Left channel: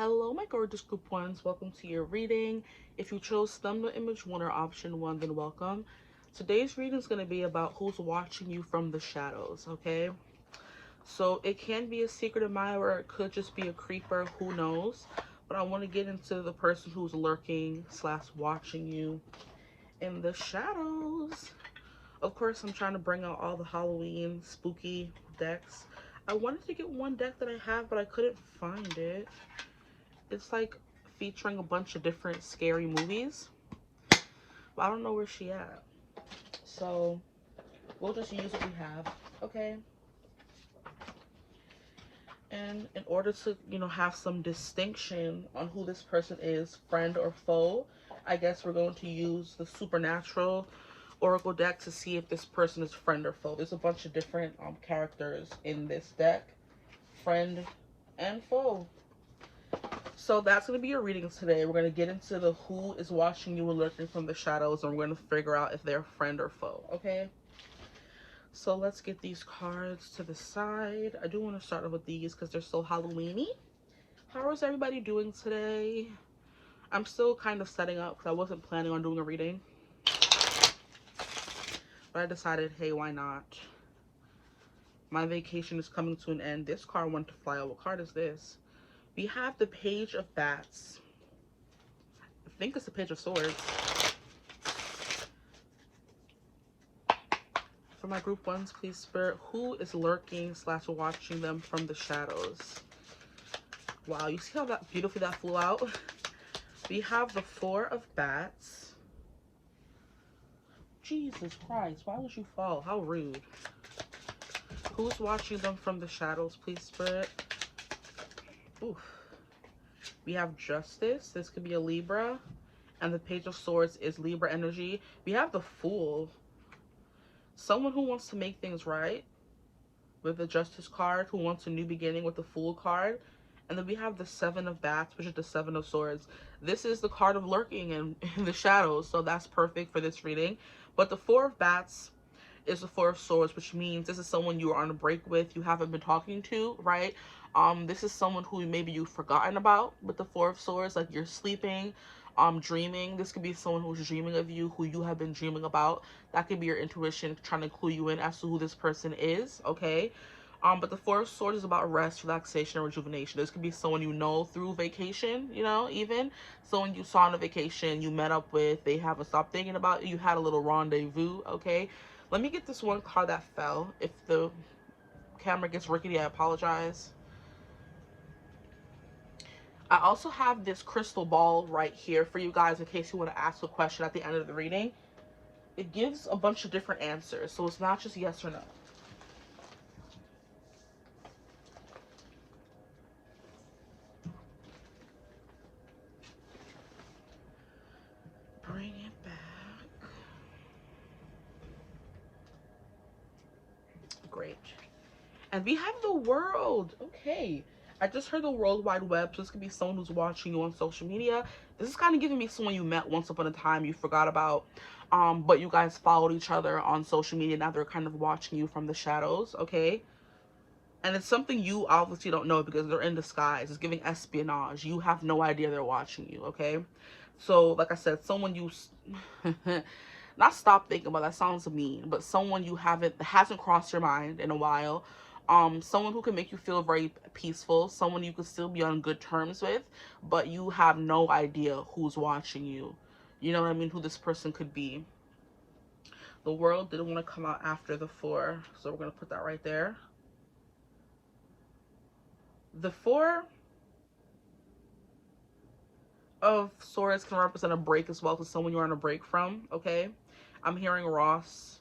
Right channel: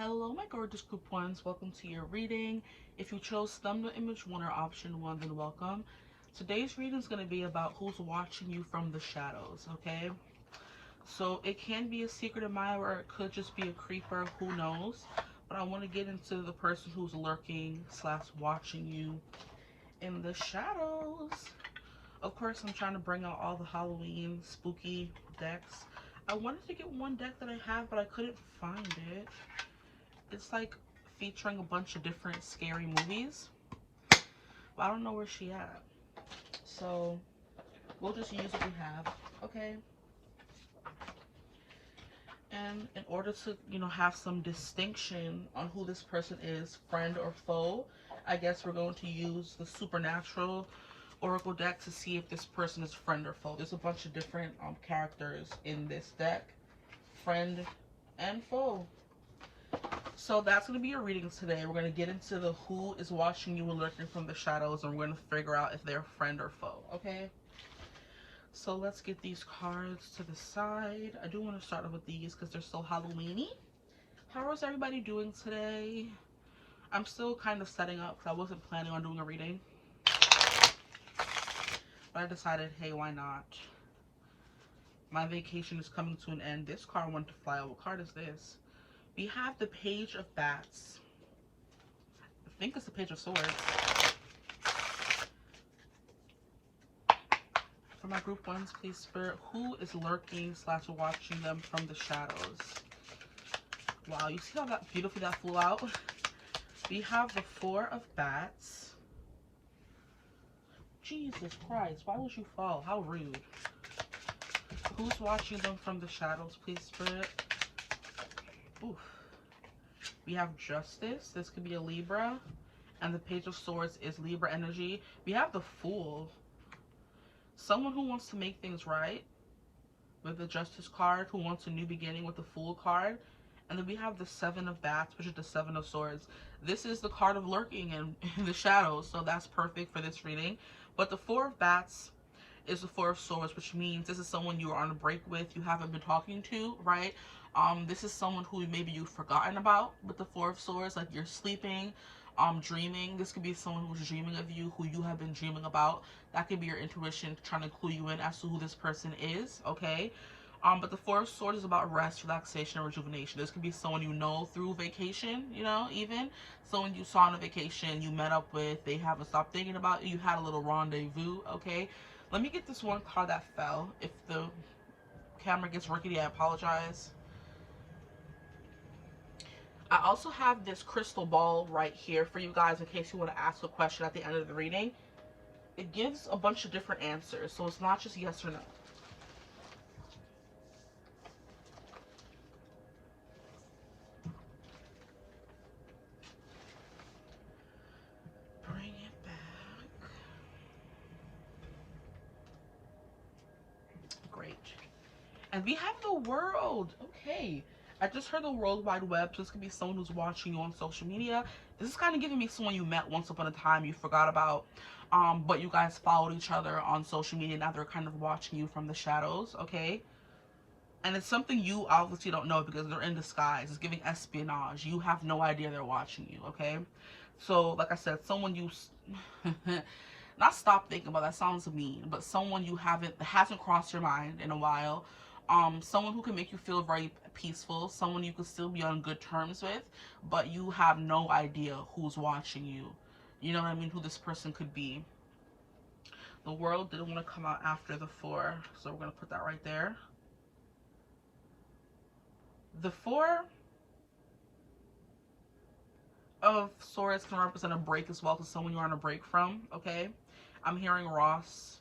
Hello, my gorgeous group ones. Welcome to your reading. If you chose thumbnail image 1 or option 1, then welcome. Today's reading is going to be about who's watching you from the shadows, okay? So it can be a secret admirer, or it could just be a creeper, who knows? But I want to get into the person who's lurking / watching you in the shadows. Of course, I'm trying to bring out all the Halloween spooky decks. I wanted to get one deck that I have, but I couldn't find it. It's like featuring a bunch of different scary movies, but I don't know where she at. So we'll just use what we have, okay? And in order to, have some distinction on who this person is, friend or foe, I guess we're going to use the Supernatural Oracle deck to see if this person is friend or foe. There's a bunch of different characters in this deck, friend and foe. So that's going to be your readings today. We're going to get into the who is watching you and lurking from the shadows, and we're going to figure out if they're friend or foe, okay? So let's get these cards to the side. I do want to start off with these because they're so Halloween-y. How is everybody doing today? I'm still kind of setting up because I wasn't planning on doing a reading, but I decided, hey, why not? My vacation is coming to an end. This card wanted to fly out. What card is this? We have the Page of Bats. I think it's the Page of Swords. For my group ones, please, Spirit, who is lurking / watching them from the shadows? Wow, you see how that beautifully that flew out? We have the Four of Bats. Jesus Christ, why would you fall? How rude. Who's watching them from the shadows, please, Spirit? Oof. We have Justice. This could be a Libra. And the Page of Swords is Libra energy. We have the Fool. Someone who wants to make things right with the Justice card, who wants a new beginning with the Fool card. And then we have the Seven of Bats, which is the Seven of Swords. This is the card of lurking in the shadows, so that's perfect for this reading. But the Four of Bats is the Four of Swords, which means this is someone you are on a break with, you haven't been talking to, right? This is someone who maybe you've forgotten about with the Four of Swords, like you're sleeping, dreaming. This could be someone who's dreaming of you, who you have been dreaming about. That could be your intuition trying to clue you in as to who this person is, okay? But the Four of Swords is about rest, relaxation, and rejuvenation. This could be someone you know through vacation, even someone you saw on a vacation, you met up with, they haven't stopped thinking about you, you had a little rendezvous, okay? Let me get this one card that fell. If the camera gets rickety, I apologize. I also have this crystal ball right here for you guys in case you want to ask a question at the end of the reading. It gives a bunch of different answers, so it's not just yes or no. Bring it back. Great. And we have the World. Okay. I just heard the World Wide Web, so this could be someone who's watching you on social media. This is kind of giving me someone you met once upon a time, you forgot about, but you guys followed each other on social media. Now they're kind of watching you from the shadows, okay? And it's something you obviously don't know because they're in disguise. It's giving espionage. You have no idea they're watching you, okay? So, like I said, someone you... not stop thinking about, that sounds mean, but someone you hasn't crossed your mind in a while. Someone who can make you feel very peaceful, someone you could still be on good terms with, but you have no idea who's watching you. You know what I mean? Who this person could be. The World didn't want to come out after the Four, so we're going to put that right there. The Four of Swords can represent a break as well, to someone you're on a break from, okay? I'm hearing Ross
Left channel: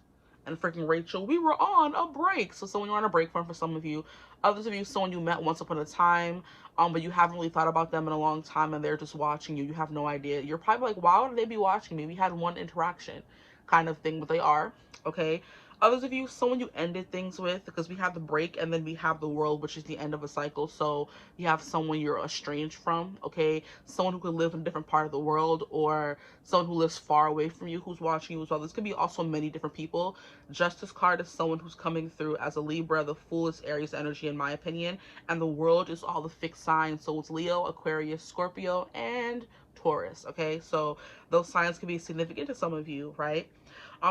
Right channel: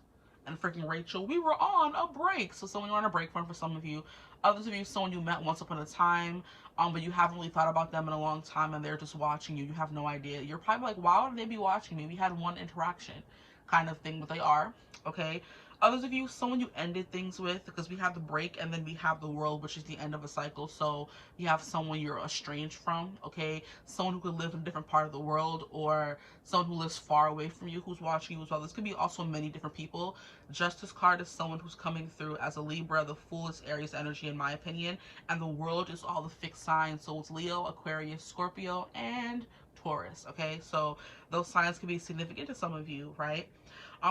and freaking Rachel. We were on a break. So someone you're on a break from for some of you. Others of you, someone you met once upon a time, but you haven't really thought about them in a long time and they're just watching you. You have no idea. You're probably like, why would they be watching me? We had one interaction. kind of thing, but they are, okay? Others of you, someone you ended things with, because we have the break and then we have the world, which is the end of a cycle. So you have someone you're estranged from, okay? Someone who could live in a different part of the world, or someone who lives far away from you who's watching you as well. This could be also many different people. Justice card is someone who's coming through as a Libra. The Fool is Aries energy, in my opinion. And the world is all the fixed signs. So it's Leo, Aquarius, Scorpio, and Taurus, okay? So those signs can be significant to some of you, right?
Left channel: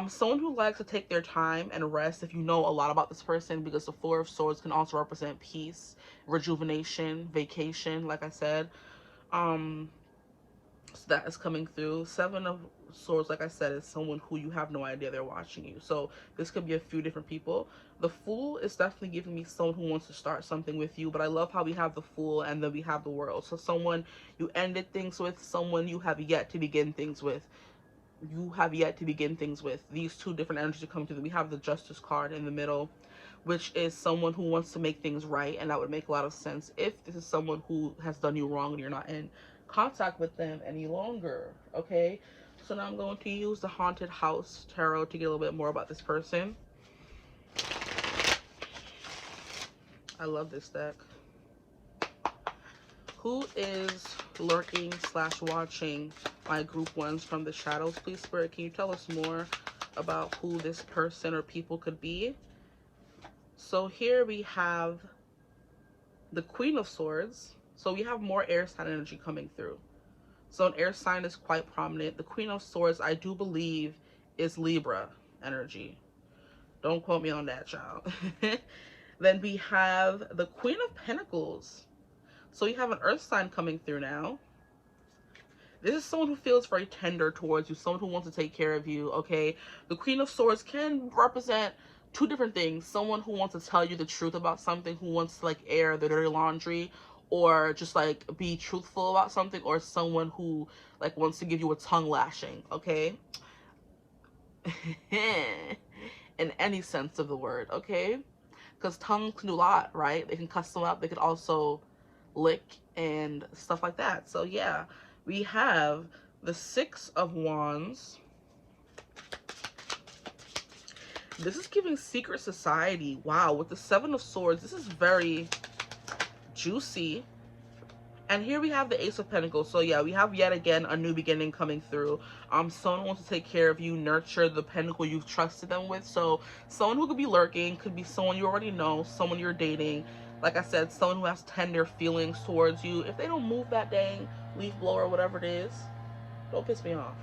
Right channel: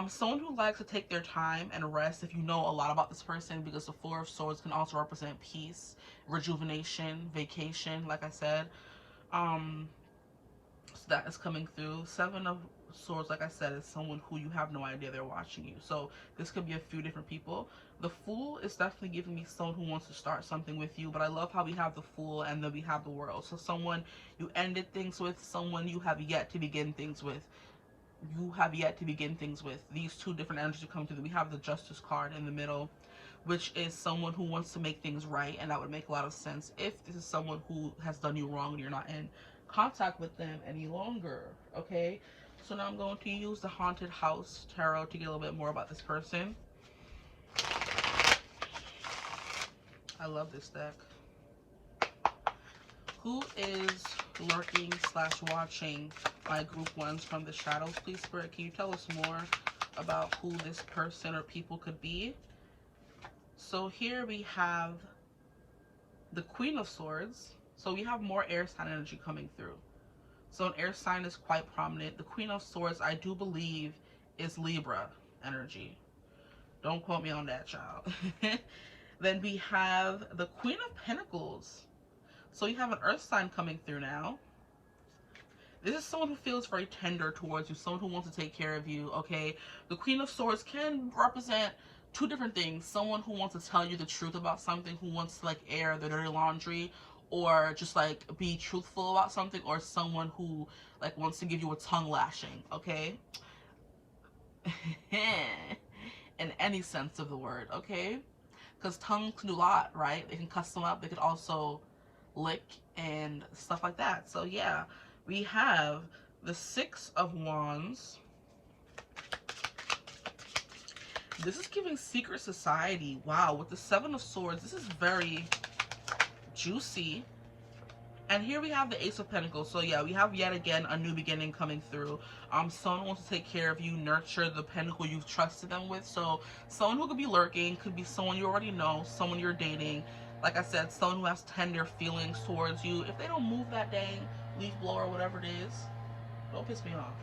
Someone who likes to take their time and rest, if you know a lot about this person, because the Four of Swords can also represent peace, rejuvenation, vacation, like I said. So that is coming through. Seven of Swords, like I said, is someone who you have no idea they're watching you. So this could be a few different people. The Fool is definitely giving me someone who wants to start something with you, but I love how we have the Fool and then we have the World. So someone you ended things with, someone you have yet to begin things with. These two different energies are coming through. We have the Justice card in the middle, which is someone who wants to make things right, and that would make a lot of sense if this is someone who has done you wrong and you're not in contact with them any longer, okay? So now I'm going to use the Haunted House Tarot to get a little bit more about this person. I love this deck. Who is lurking / watching my group ones from the shadows? Please, Spirit, can you tell us more about who this person or people could be? So here we have the Queen of Swords. So we have more air sign energy coming through. So an air sign is quite prominent. The Queen of Swords, I do believe, is Libra energy. Don't quote me on that, child. Then we have the Queen of Pentacles. So you have an earth sign coming through now. This is someone who feels very tender towards you, someone who wants to take care of you, okay? The Queen of Swords can represent two different things. Someone who wants to tell you the truth about something, who wants to like air the dirty laundry, or just like be truthful about something, or someone who like wants to give you a tongue lashing, okay? In any sense of the word, okay? Because tongues can do a lot, right? They can cuss them up. They could also lick and stuff like that. So yeah, we have the Six of Wands. This is giving secret society. Wow, with the Seven of Swords, this is very juicy. And here we have the Ace of Pentacles. So yeah, we have yet again a new beginning coming through. Someone wants to take care of you, nurture the pentacle you've trusted them with. So someone who could be lurking, could be someone you already know, someone you're dating. Like I said, someone who has tender feelings towards you. If they don't move that dang leaf blower or whatever it is, don't piss me off,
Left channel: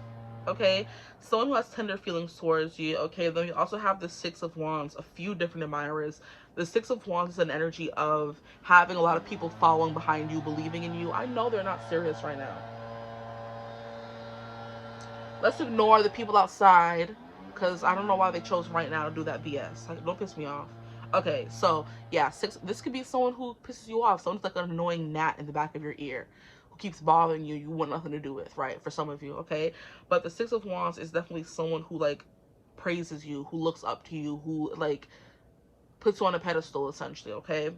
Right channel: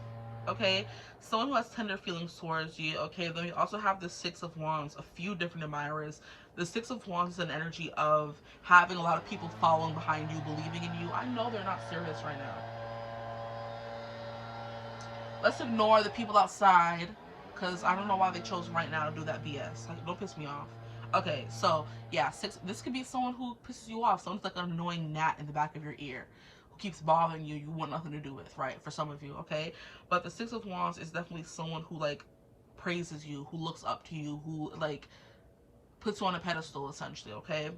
okay? Someone who has tender feelings towards you, okay? Then we also have the Six of Wands, a few different admirers. The Six of Wands is an energy of having a lot of people following behind you, believing in you. I know they're not serious right now. Let's ignore the people outside, because I don't know why they chose right now to do that BS. Like, don't piss me off. Okay, so yeah, this could be someone who pisses you off. Someone's like an annoying gnat in the back of your ear who keeps bothering you, you want nothing to do with, right? For some of you, okay? But the Six of Wands is definitely someone who like praises you, who looks up to you, who like puts you on a pedestal, essentially, okay?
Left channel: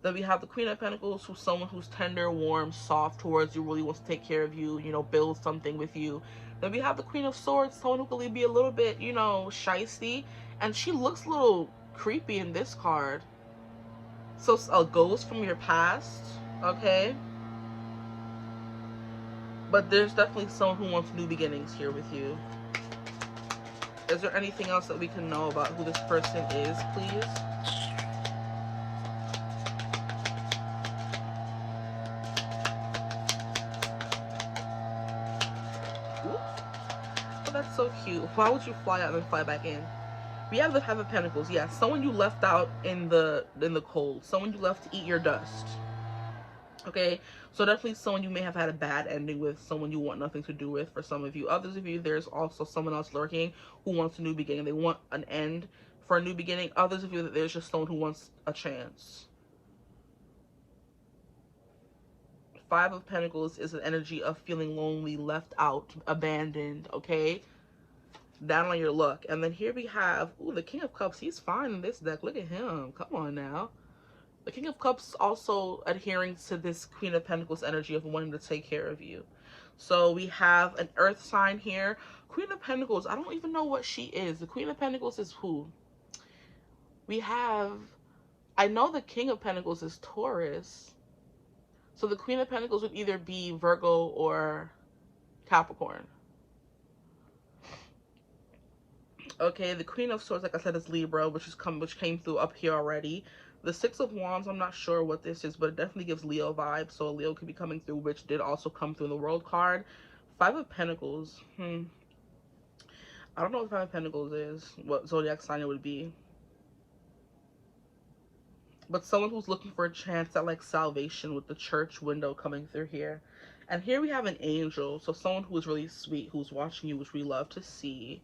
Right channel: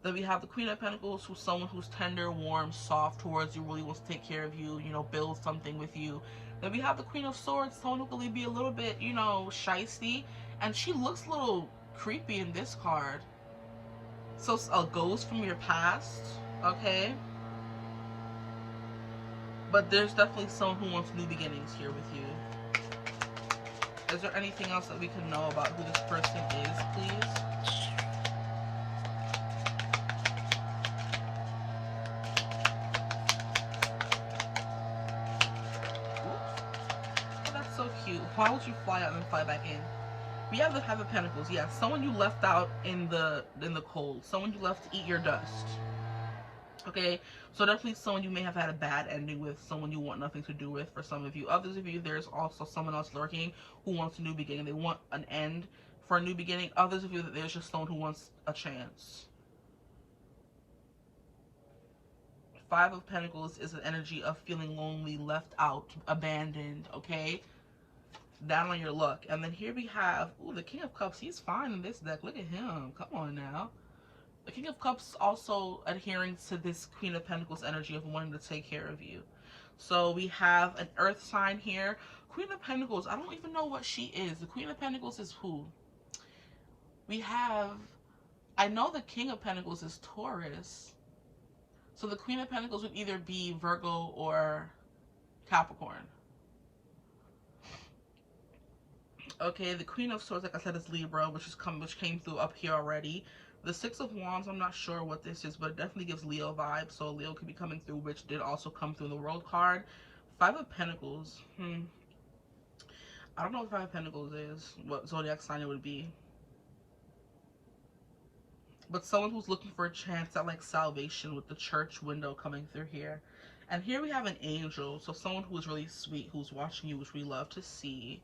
Then we have the Queen of Pentacles, who's someone who's tender, warm, soft towards you, really wants to take care of you, you know, build something with you. Then we have the Queen of Swords, someone who can be a little bit, you know, shysty, and she looks a little creepy in this card. So a ghost from your past, okay? But there's definitely someone who wants new beginnings here with you. Is there anything else that we can know about who this person is, please? Oh, that's so cute. Why would you fly out and then fly back in? We have the Five of Pentacles. Yeah, someone you left out in the cold. Someone you left to eat your dust. Okay, so definitely someone you may have had a bad ending with, someone you want nothing to do with for some of you. Others of you, there's also someone else lurking who wants a new beginning. They want an end for a new beginning. Others of you, there's just someone who wants a chance. Five of Pentacles is an energy of feeling lonely, left out, abandoned, okay? Down on your luck. And then here we have, ooh, the King of Cups. He's fine in this deck. Look at him. Come on now. The King of Cups also adhering to this Queen of Pentacles energy of wanting to take care of you. So we have an earth sign here Queen of Pentacles, I don't even know what she is. The Queen of Pentacles is who? We have, I know the King of Pentacles is Taurus. So the Queen of Pentacles would either be Virgo or Capricorn. Okay, the Queen of Swords, like I said, is Libra, which came through up here already. The Six of Wands, I'm not sure what this is, but it definitely gives Leo vibes. So Leo could be coming through, which did also come through in the World card. Five of Pentacles. I don't know what Five of Pentacles is, what zodiac sign it would be. But someone who's looking for a chance at like salvation with the Church window coming through here. And here we have an angel. So someone who is really sweet, who's watching you, which we love to see.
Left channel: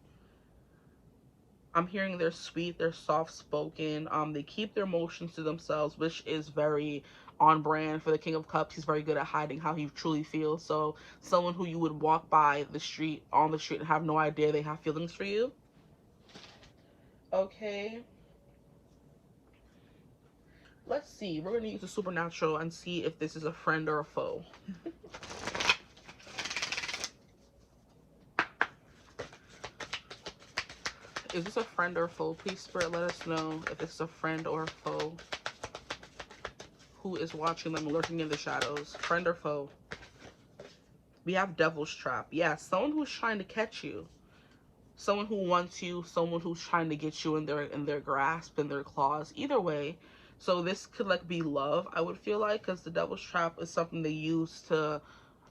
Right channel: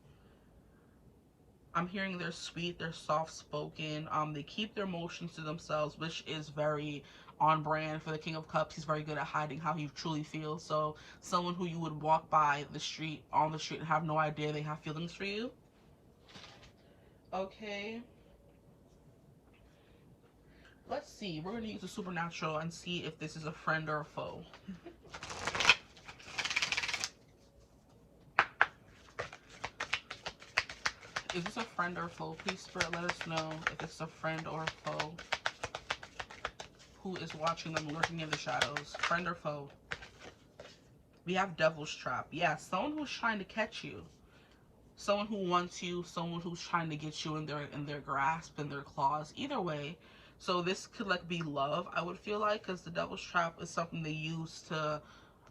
I'm hearing they're sweet, they're soft-spoken. They keep their emotions to themselves, which is very on brand for the King of Cups. He's very good at hiding how he truly feels. So someone who you would walk by the street, on the street, and have no idea they have feelings for you. Okay. Let's see. We're going to use the supernatural and see if this is a friend or a foe. Is this a friend or a foe? Please, Spirit, let us know if it's a friend or a foe. Who is watching them lurking in the shadows? Friend or foe? We have Devil's Trap. Yeah, someone who's trying to catch you. Someone who wants you. Someone who's trying to get you in their grasp, in their claws. Either way. So this could like be love, I would feel like, because the Devil's Trap is something they use to,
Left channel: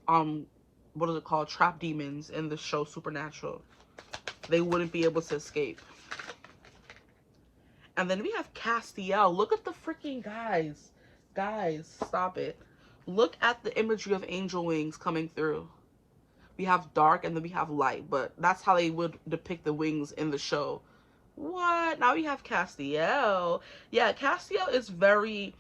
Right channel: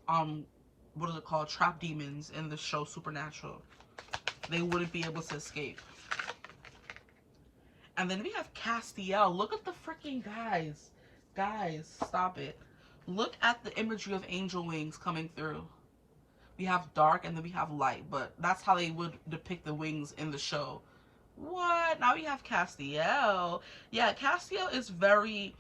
what is it called? Trap demons in the show Supernatural. They wouldn't be able to escape. And then we have Castiel. Look at the freaking guys. Guys, stop it. Look at the imagery of angel wings coming through. We have dark and then we have light, but that's how they would depict the wings in the show. What? Now we have Castiel. Yeah, Castiel is very,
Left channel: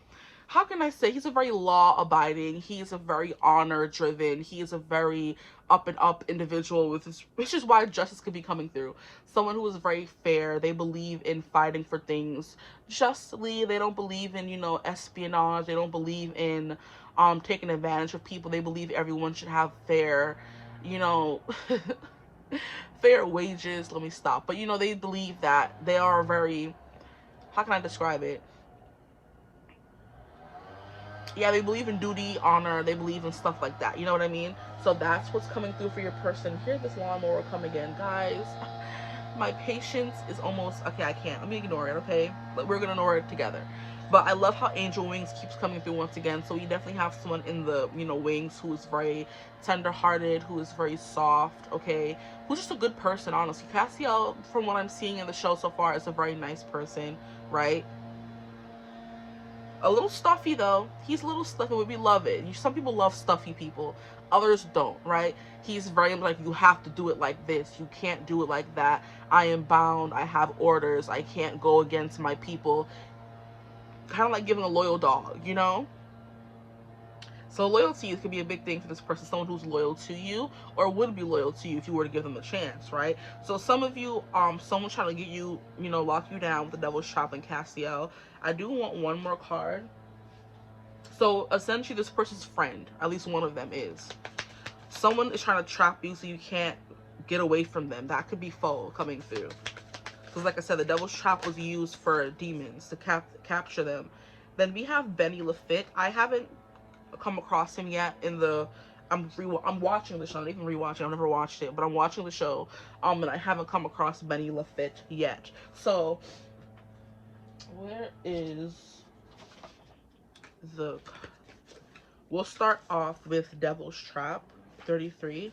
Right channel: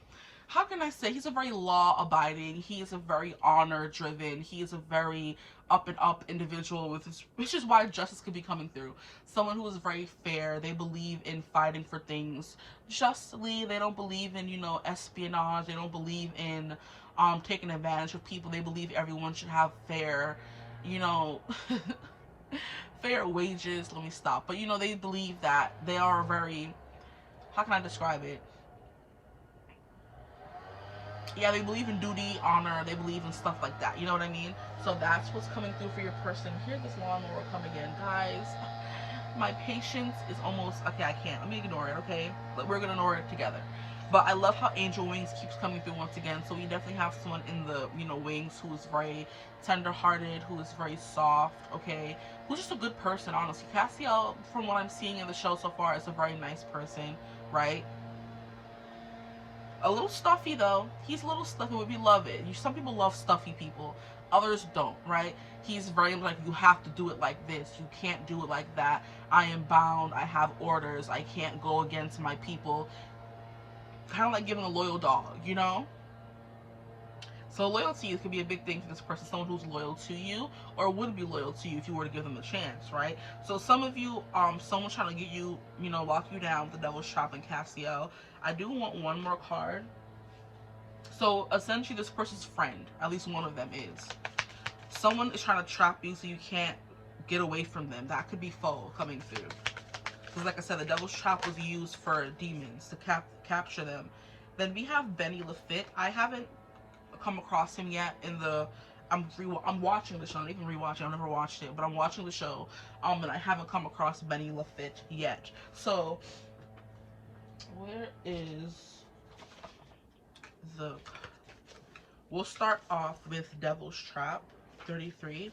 how can I say, he's a very law-abiding, he's a very honor-driven, he's a very up-and-up individual, with his, which is why justice could be coming through. Someone who is very fair. They believe in fighting for things justly. They don't believe in, you know, espionage. They don't believe in taking advantage of people. They believe everyone should have fair, you know, fair wages. Let me stop. But, you know, they believe that they are very, how can I describe it? Yeah, they believe in duty, honor, they believe in stuff like that. You know what I mean? So that's what's coming through for your person. Hear this lawnmower come again. Guys, my patience is almost, okay, I can't. Let me ignore it, okay? But we're going to ignore it together. But I love how Angel Wings keeps coming through once again. So we definitely have someone in the, you know, wings who is very tender-hearted, who is very soft, okay? Who's just a good person, honestly. Castiel, from what I'm seeing in the show so far, is a very nice person, right? A little stuffy though. He's a little stuffy, but we love it. Some people love stuffy people. Others don't, right? He's very like, you have to do it like this. You can't do it like that. I am bound. I have orders. I can't go against my people. Kind of like giving a loyal dog, you know? So loyalty could be a big thing for this person. Someone who's loyal to you or would be loyal to you if you were to give them a chance, right? So some of you, someone trying to get you, you know, lock you down with the Devil's Trap and Castiel. I do want one more card. So essentially this person's friend, at least one of them is. Someone is trying to trap you so you can't get away from them. That could be foe coming through. Because like I said, the Devil's Trap was used for demons to capture them. Then we have Benny Lafitte. I haven't come across him yet in the, I'm watching the show, not even rewatching, I've never watched it, but I'm watching the show, and I haven't come across Benny Lafitte yet. So, where is the, we'll start off with Devil's Trap, 33.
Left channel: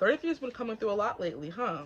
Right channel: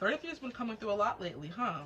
33 has been coming through a lot lately, huh?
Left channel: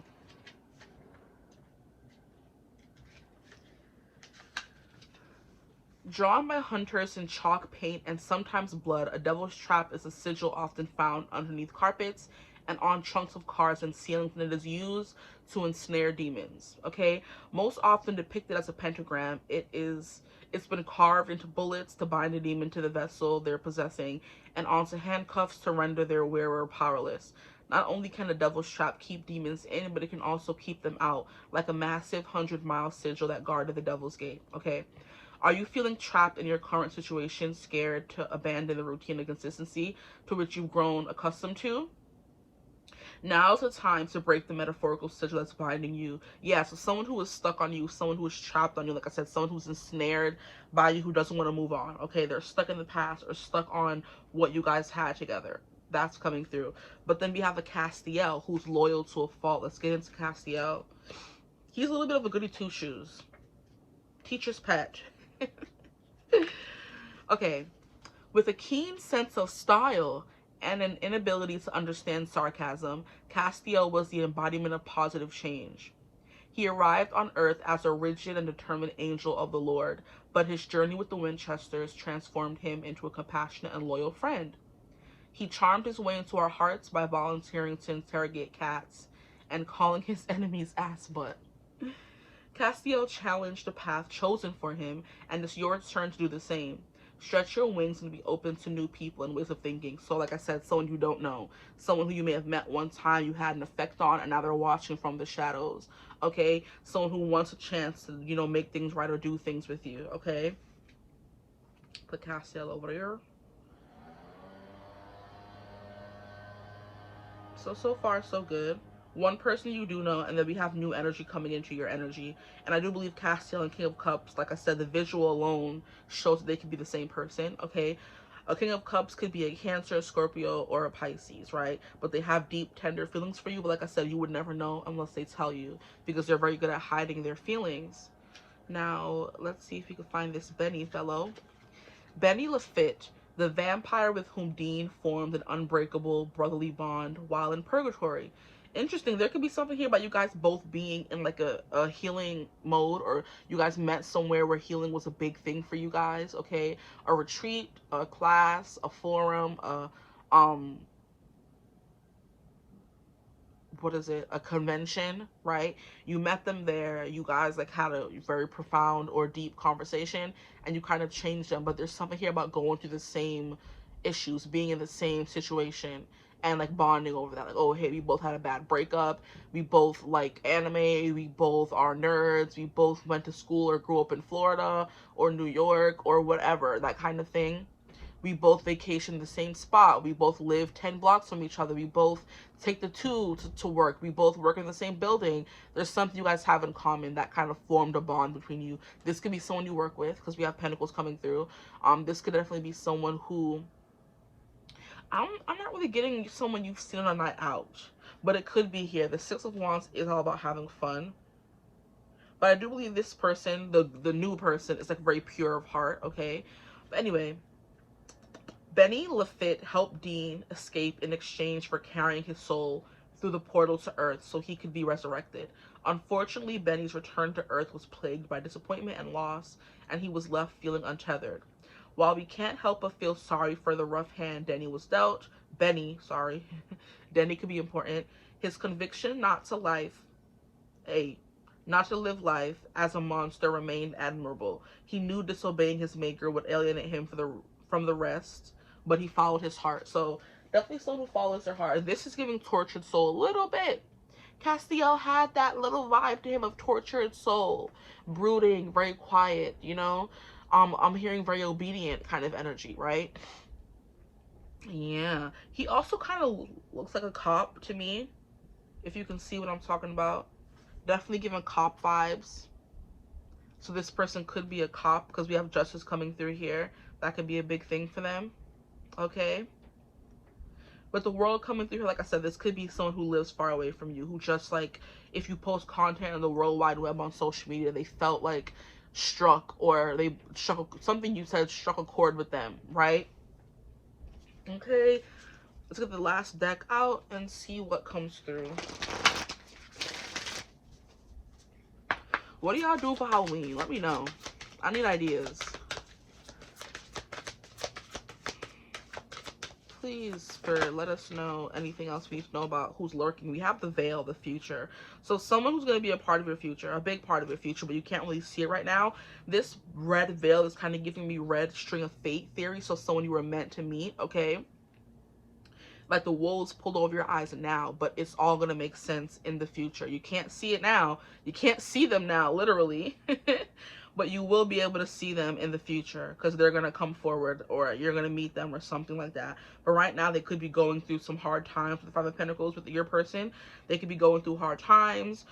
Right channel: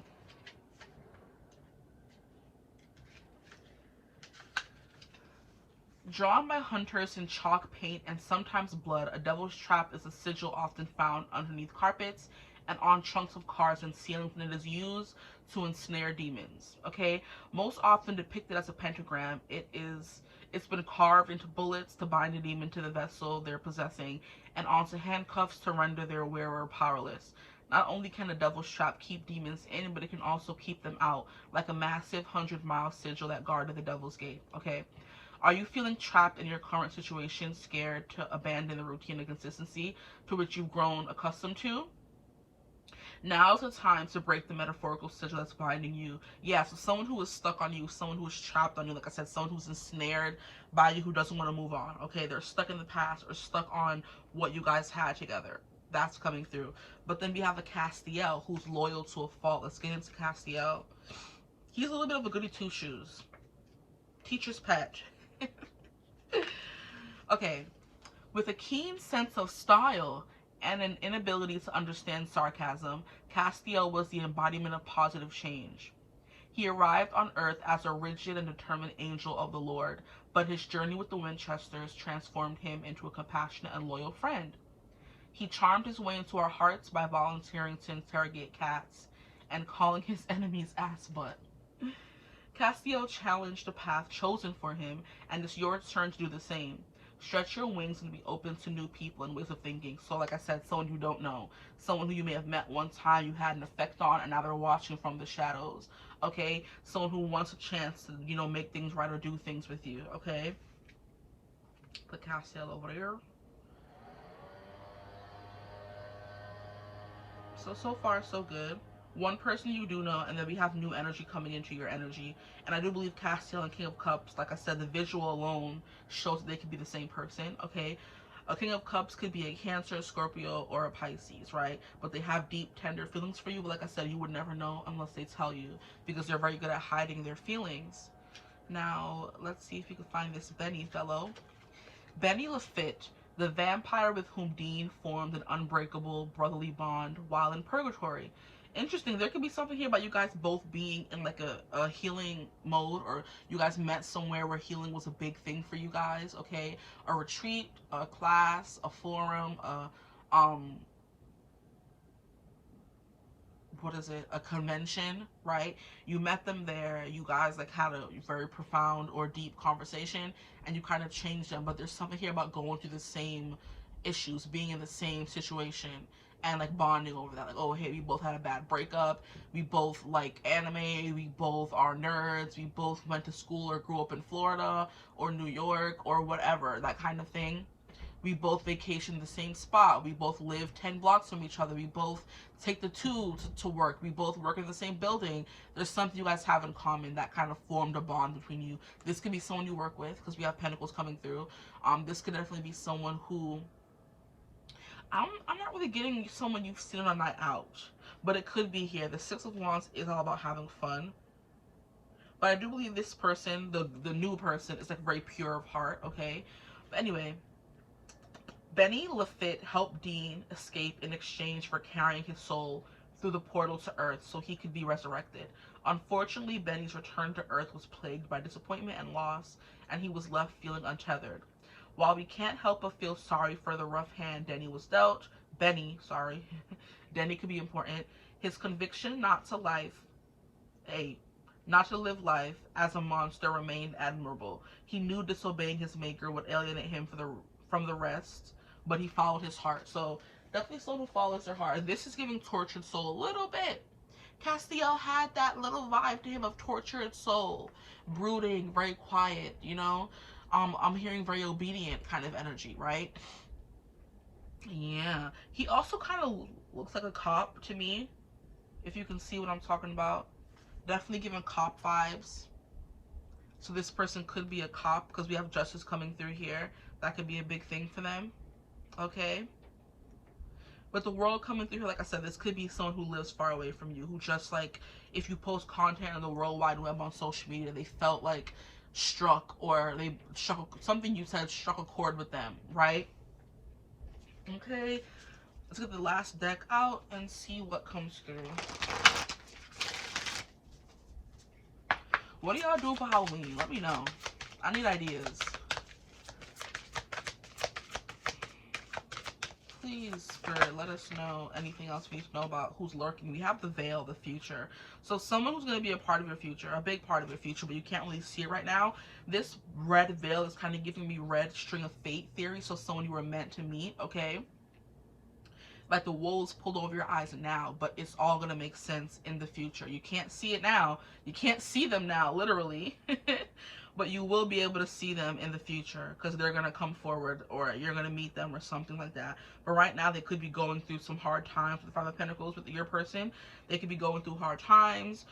Drawn by hunters in chalk paint and sometimes blood, a devil's trap is a sigil often found underneath carpets and on trunks of cars and ceilings, and it is used to ensnare demons. Okay, most often depicted as a pentagram, it's been carved into bullets to bind a demon to the vessel they're possessing and onto handcuffs to render their wearer powerless. Not only can the devil's trap keep demons in, but it can also keep them out, like a massive 100-mile sigil that guarded the devil's gate. Okay. Are you feeling trapped in your current situation, scared to abandon the routine and consistency to which you've grown accustomed to? Now's the time to break the metaphorical sigil that's binding you. Yeah, so someone who is stuck on you, someone who is trapped on you, like I said, someone who's ensnared by you, who doesn't want to move on, okay? They're stuck in the past or stuck on what you guys had together. That's coming through. But then we have a Castiel who's loyal to a fault. Let's get into Castiel. He's a little bit of a goody two-shoes. Teacher's pet. Okay. With a keen sense of style and an inability to understand sarcasm, Castiel was the embodiment of positive change. He arrived on Earth as a rigid and determined angel of the Lord, but his journey with the Winchesters transformed him into a compassionate and loyal friend. He charmed his way into our hearts by volunteering to interrogate cats and calling his enemies ass butt. Castiel challenged the path chosen for him, and it's your turn to do the same. Stretch your wings and be open to new people and ways of thinking. So like I said, someone you don't know, someone who you may have met one time, you had an effect on, and now they're watching from the shadows, okay? Someone who wants a chance to, you know, make things right or do things with you, okay? Put Castiel over there. So far, so good. One person you do know, and then we have new energy coming into your energy. And I do believe Castiel and King of Cups, like I said, the visual alone shows that they could be the same person, okay? A King of Cups could be a Cancer, Scorpio, or a Pisces, right? But they have deep, tender feelings for you. But like I said, you would never know unless they tell you, because they're very good at hiding their feelings. Now, let's see if you can find this Benny fellow. Benny 𝐓𝐡𝐮𝐦𝐻, the vampire with whom Dean formed an unbreakable brotherly bond while in purgatory. Interesting. There could be something here about you guys both being in like a healing mode, or you guys met somewhere where healing was a big thing for you guys, okay? A retreat, a class, a forum, what is it, a convention, right? You met them there, you guys like had a very profound or deep conversation, and you kind of changed them. But there's something here about going through the same issues, being in the same situation, and like bonding over that. Like, oh hey, we both had a bad breakup, we both like anime, we both are nerds, we both went to school or grew up in Florida or New York or whatever, that kind of thing. We both vacation the same spot. We both live 10 blocks from each other. We both take the tube to work. We both work in the same building. There's something you guys have in common that kind of formed a bond between you. This could be someone you work with, because we have Pentacles coming through. This could definitely be someone who... I'm not really getting someone you've seen on a night out, but it could be here. The Six of Wands is all about having fun. But I do believe this person, the new person, is like very pure of heart, okay? But anyway... Benny 𝐓𝐡𝐮 helped Dean escape in exchange for carrying his soul through the portal to Earth so he could be resurrected. Unfortunately, Benny's return to Earth was plagued by disappointment and loss, and he was left feeling untethered. While we can't help but feel sorry for the rough hand Denny could be important. His conviction not to live as a monster remained admirable. He knew disobeying his maker would alienate him from the rest, but he followed his heart. So definitely someone who follows their heart. This is giving tortured soul a little bit. Castiel had that little vibe to him of tortured soul, brooding, very quiet, you know. I'm hearing very obedient kind of energy, right? Yeah. He also kind of looks like a cop to me, if you can see what I'm talking about. Definitely giving cop vibes. So this person could be a cop, because we have justice coming through here. That could be a big thing for them. Okay? With the world coming through here, like I said, this could be someone who lives far away from you, who just like, if you post content on the World Wide Web on social media, they felt like struck, or they struck, something you said struck a chord with them, right? Okay? Let's get the last deck out and see what comes through. What do y'all do for Halloween? Let me know. I need ideas. Please, Spirit, let us know anything else we need to know about who's lurking. We have the veil, the future. So someone who's going to be a part of your future, a big part of your future, but you can't really see it right now. This red veil is kind of giving me red string of fate theory. So someone you were meant to meet, okay? Like the wool is pulled over your eyes now, but it's all going to make sense in the future. You can't see it now. You can't see them now, literally. but you will be able to see them in the future because they're going to come forward or you're going to meet them or something like that. But right now they could be going through some hard times with the Five of Pentacles with your person. They could be going through hard times,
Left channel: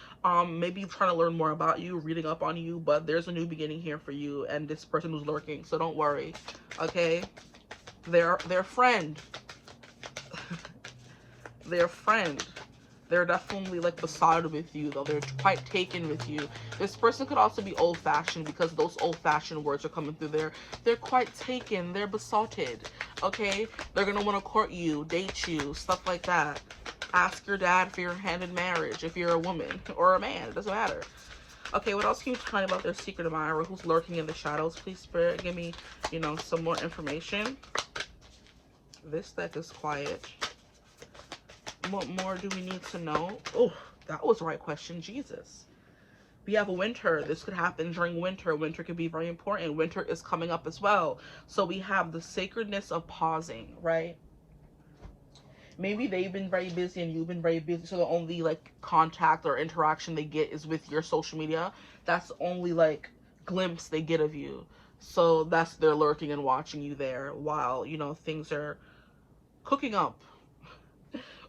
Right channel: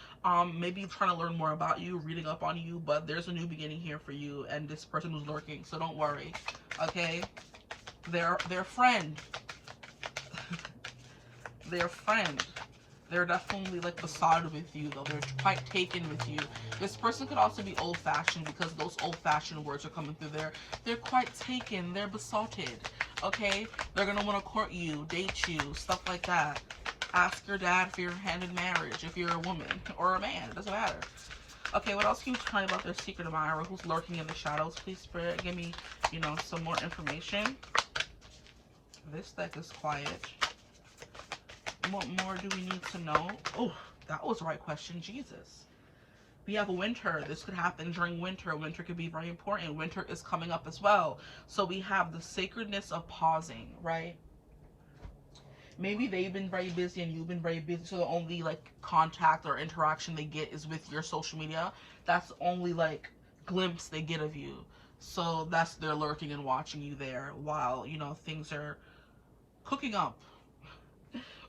maybe trying to learn more about you, reading up on you, but there's a new beginning here for you and this person who's lurking, so don't worry, okay? Their friend. Their friend. They're definitely like besotted with you, though. They're quite taken with you. This person could also be old-fashioned because those old-fashioned words are coming through there. They're quite taken. They're besotted, okay? They're going to want to court you, date you, stuff like that. Ask your dad for your hand in marriage if you're a woman or a man. It doesn't matter. Okay, what else can you tell me about their secret admirer who's lurking in the shadows? Please, Spirit, give me, you know, some more information. This deck is quiet. What more do we need to know? Oh, that was the right question. Jesus. We have winter. This could happen during winter. Winter could be very important. Winter is coming up as well. So we have the sacredness of pausing, right? Maybe they've been very busy and you've been very busy. So the only like contact or interaction they get is with your social media. That's the only like glimpse they get of you. So that's they're lurking and watching you there while, you know, things are cooking up.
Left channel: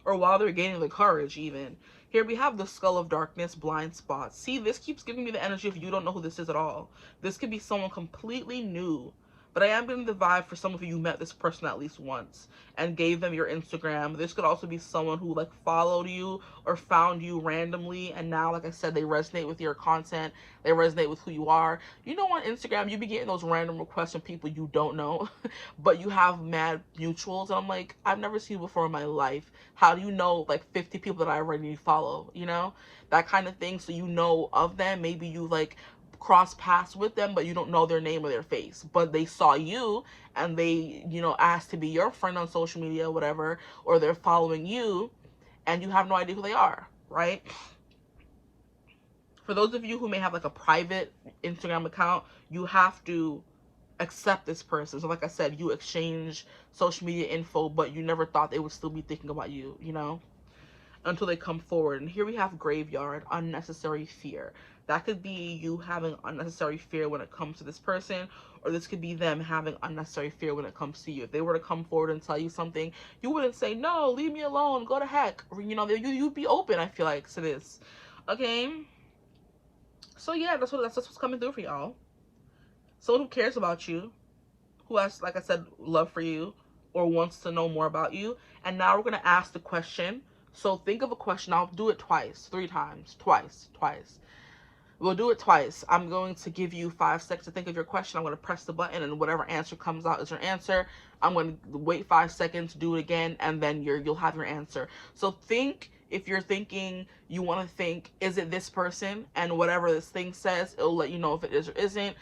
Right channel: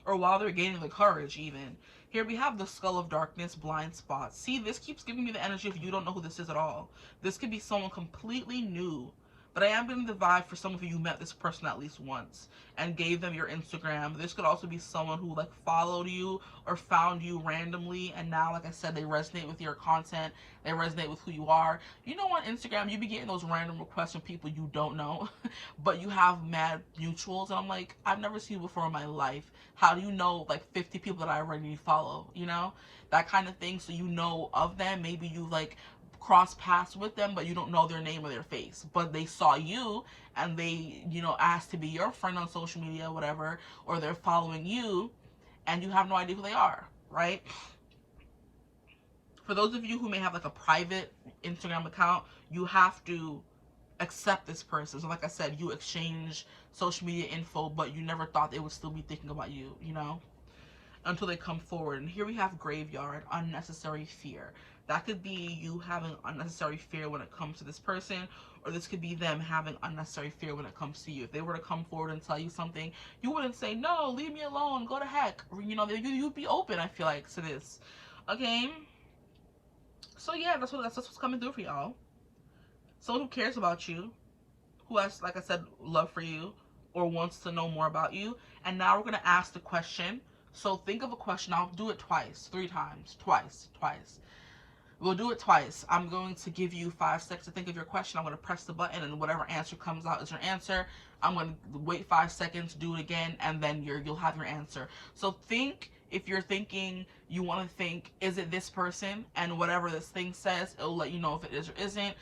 Or while they're gaining the courage even. Here we have the Skull of Darkness, blind spots. See, this keeps giving me the energy of you don't know who this is at all. This could be someone completely new. But I am getting the vibe for some of you met this person at least once and gave them your Instagram. This could also be someone who like followed you or found you randomly. And now, like I said, they resonate with your content. They resonate with who you are. You know, on Instagram, you be getting those random requests from people you don't know, but you have mad mutuals. And I'm like, I've never seen you before in my life. How do you know like 50 people that I already follow, you know? That kind of thing. So you know of them. Maybe you like cross paths with them, but you don't know their name or their face, but they saw you and they, you know, asked to be your friend on social media, whatever, or they're following you and you have no idea who they are, right? For those of you who may have like a private Instagram account, you have to accept this person. So like I said, you exchange social media info, but you never thought they would still be thinking about you, you know, until they come forward. And here we have graveyard, unnecessary fear. That could be you having unnecessary fear when it comes to this person, or this could be them having unnecessary fear when it comes to you. If they were to come forward and tell you something, you wouldn't say, no, leave me alone, go to heck. Or, you know, you'd be open, I feel like, to this. Okay? So yeah, that's what's coming through for y'all. Someone who cares about you, who has, like I said, love for you, or wants to know more about you. And now we're going to ask the question. So think of a question. I'll do it twice, 3 times, twice. We'll do it twice. I'm going to give you 5 seconds to think of your question. I'm going to press the button and whatever answer comes out is your answer. I'm going to wait 5 seconds, do it again, and then you'll have your answer. So think, if you're thinking, you want to think, is it this person? And whatever this thing says, it'll let you know if it is or isn't.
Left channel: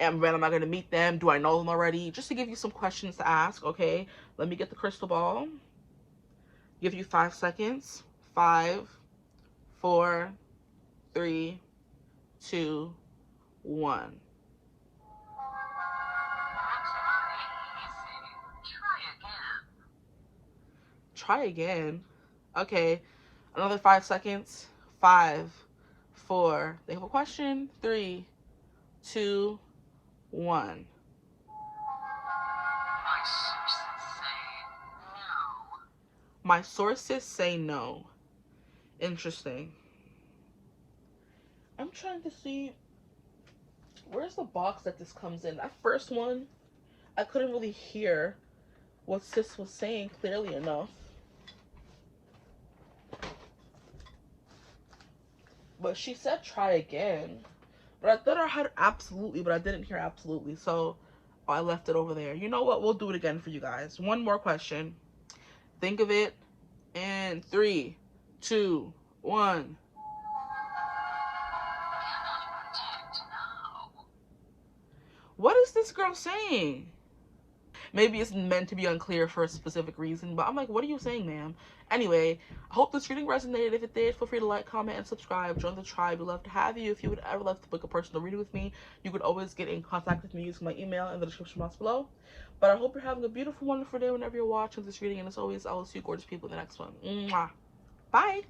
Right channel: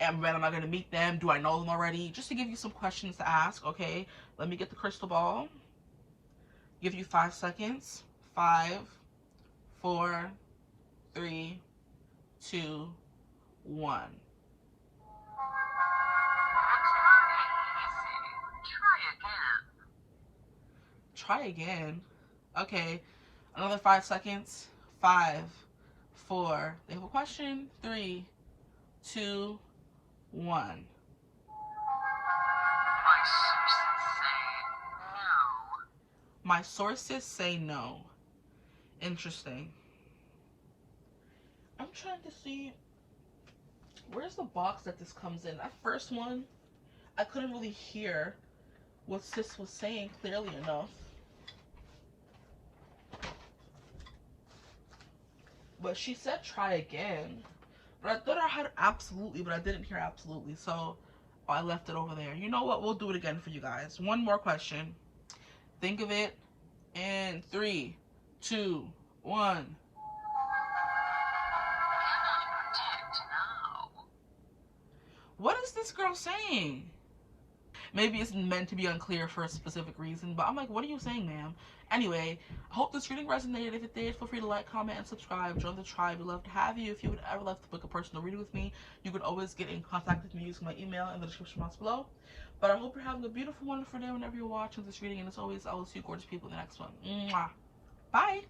And when am I going to meet them? Do I know them already? Just to give you some questions to ask, okay? Let me get the crystal ball. Give you 5 seconds. 5, 4, 3, 2, 1. Try again. Okay. Another 5 seconds. 5, 4. They have a question. 3, 2, 1. My sources say no. Interesting. I'm trying to see, where's the box that this comes in? That first one, I couldn't really hear what sis was saying clearly enough. But she said try again. But I thought I had absolutely, but I didn't hear absolutely. So I left it over there. You know what? We'll do it again for you guys. One more question. Think of it in 3, 2, 1. What is this girl saying? Maybe it's meant to be unclear for a specific reason, but I'm like, what are you saying, ma'am? Anyway, I hope this reading resonated. If it did, feel free to like, comment, and subscribe. Join the tribe. We'd love to have you. If you would ever like to book a personal reading with me, you could always get in contact with me using my email in the description box below. But I hope you're having a beautiful, wonderful day whenever you're watching this reading. And as always, I will see you gorgeous people in the next one. Mwah. Bye.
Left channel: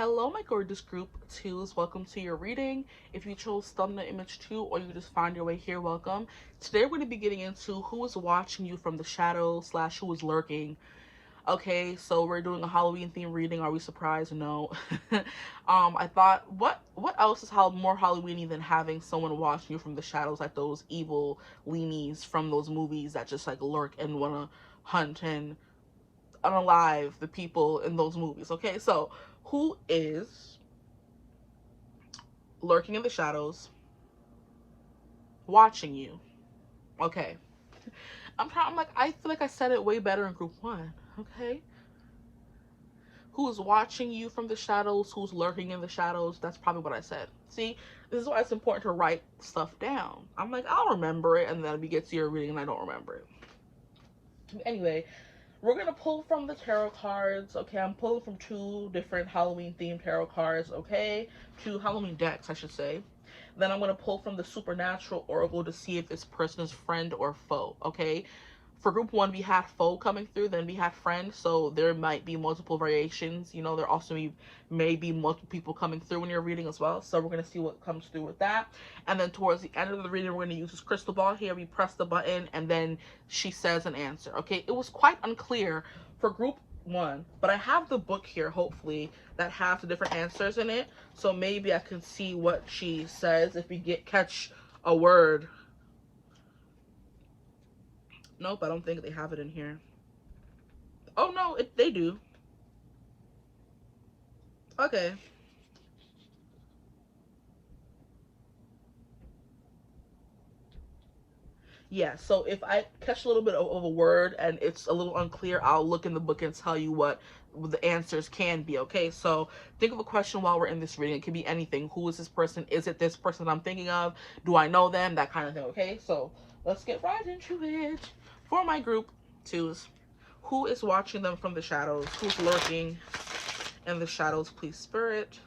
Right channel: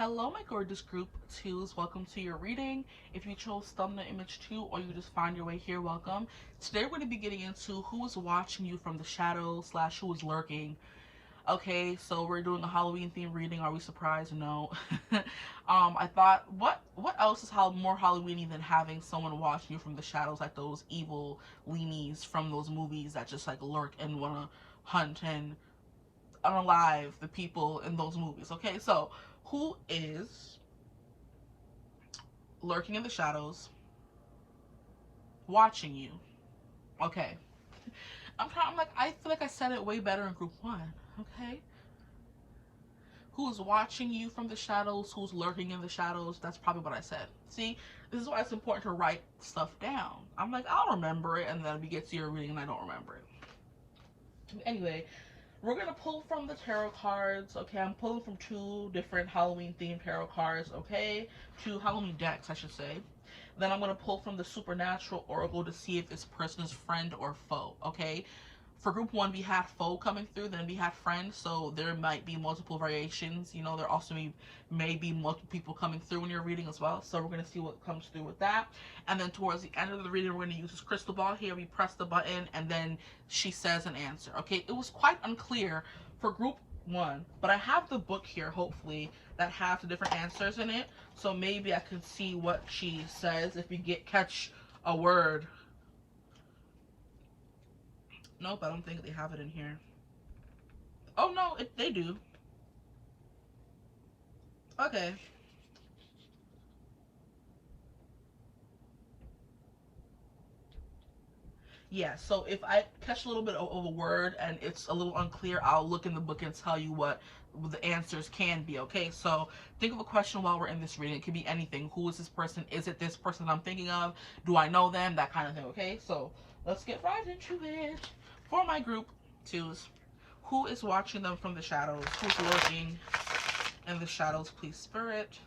Hello, my gorgeous group twos. Welcome to your reading. If you chose thumbnail image 2 or you just find your way here, welcome. Today we're going to be getting into who is watching you from the shadows / who is lurking. Okay, so we're doing a Halloween theme reading. Are we surprised? No. I thought, what else is more Halloweeny than having someone watching you from the shadows, like those evil leanies from those movies that just like lurk and want to hunt and unalive the people in those movies. Okay, so who is lurking in the shadows watching you? Okay, I feel like I said it way better in group 1. Okay, who's watching you from the shadows, who's lurking in the shadows? That's probably what I said. See, this is why it's important to write stuff down. I'm like, I'll remember it, and then we get to your reading and I don't remember it. Anyway, we're going to pull from the tarot cards, okay? I'm pulling from 2 different Halloween-themed tarot cards, okay? 2 Halloween decks, I should say. Then I'm going to pull from the Supernatural Oracle to see if this person is friend or foe, okay? For group 1, we had foe coming through, then we had friend, so there might be multiple variations. You know, there also may be multiple people coming through when you're reading as well, so we're going to see what comes through with that. And then towards the end of the reading, we're going to use this crystal ball here. We press the button, and then she says an answer, okay? It was quite unclear for group 1, but I have the book here, hopefully, that has the different answers in it, so maybe I can see what she says if we catch a word. Nope, I don't think they have it in here. Oh, no, they do. Okay. Yeah, so if I catch a little bit of a word and it's a little unclear, I'll look in the book and tell you what the answers can be, okay? So think of a question while we're in this reading. It could be anything. Who is this person? Is it this person I'm thinking of? Do I know them? That kind of thing, okay? So let's get right into it. For my group 2s, who is watching them from the shadows? Who's lurking in the shadows, please, Spirit?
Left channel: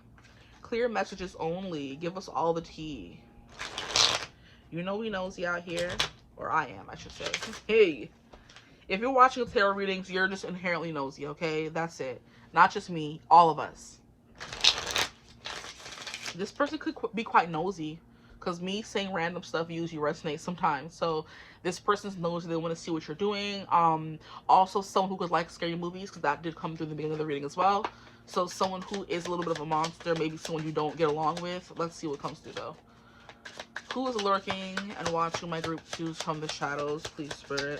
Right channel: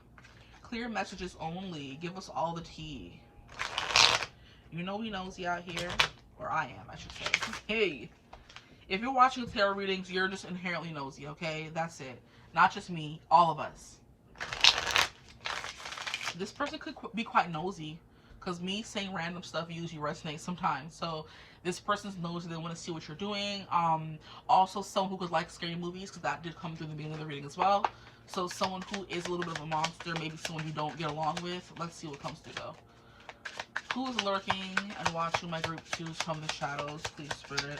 Clear messages only. Give us all the tea. You know we nosy out here. Or I am, I should say. Hey, if you're watching tarot readings, you're just inherently nosy, okay? That's it. Not just me, all of us. This person could be quite nosy, because me saying random stuff usually resonates sometimes. So this person's nosy. They want to see what you're doing. Also someone who could like scary movies, because that did come through the beginning of the reading as well. So someone who is a little bit of a monster, maybe someone you don't get along with. Let's see what comes through though. Who is lurking and watching my group 2s from the shadows, please, Spirit?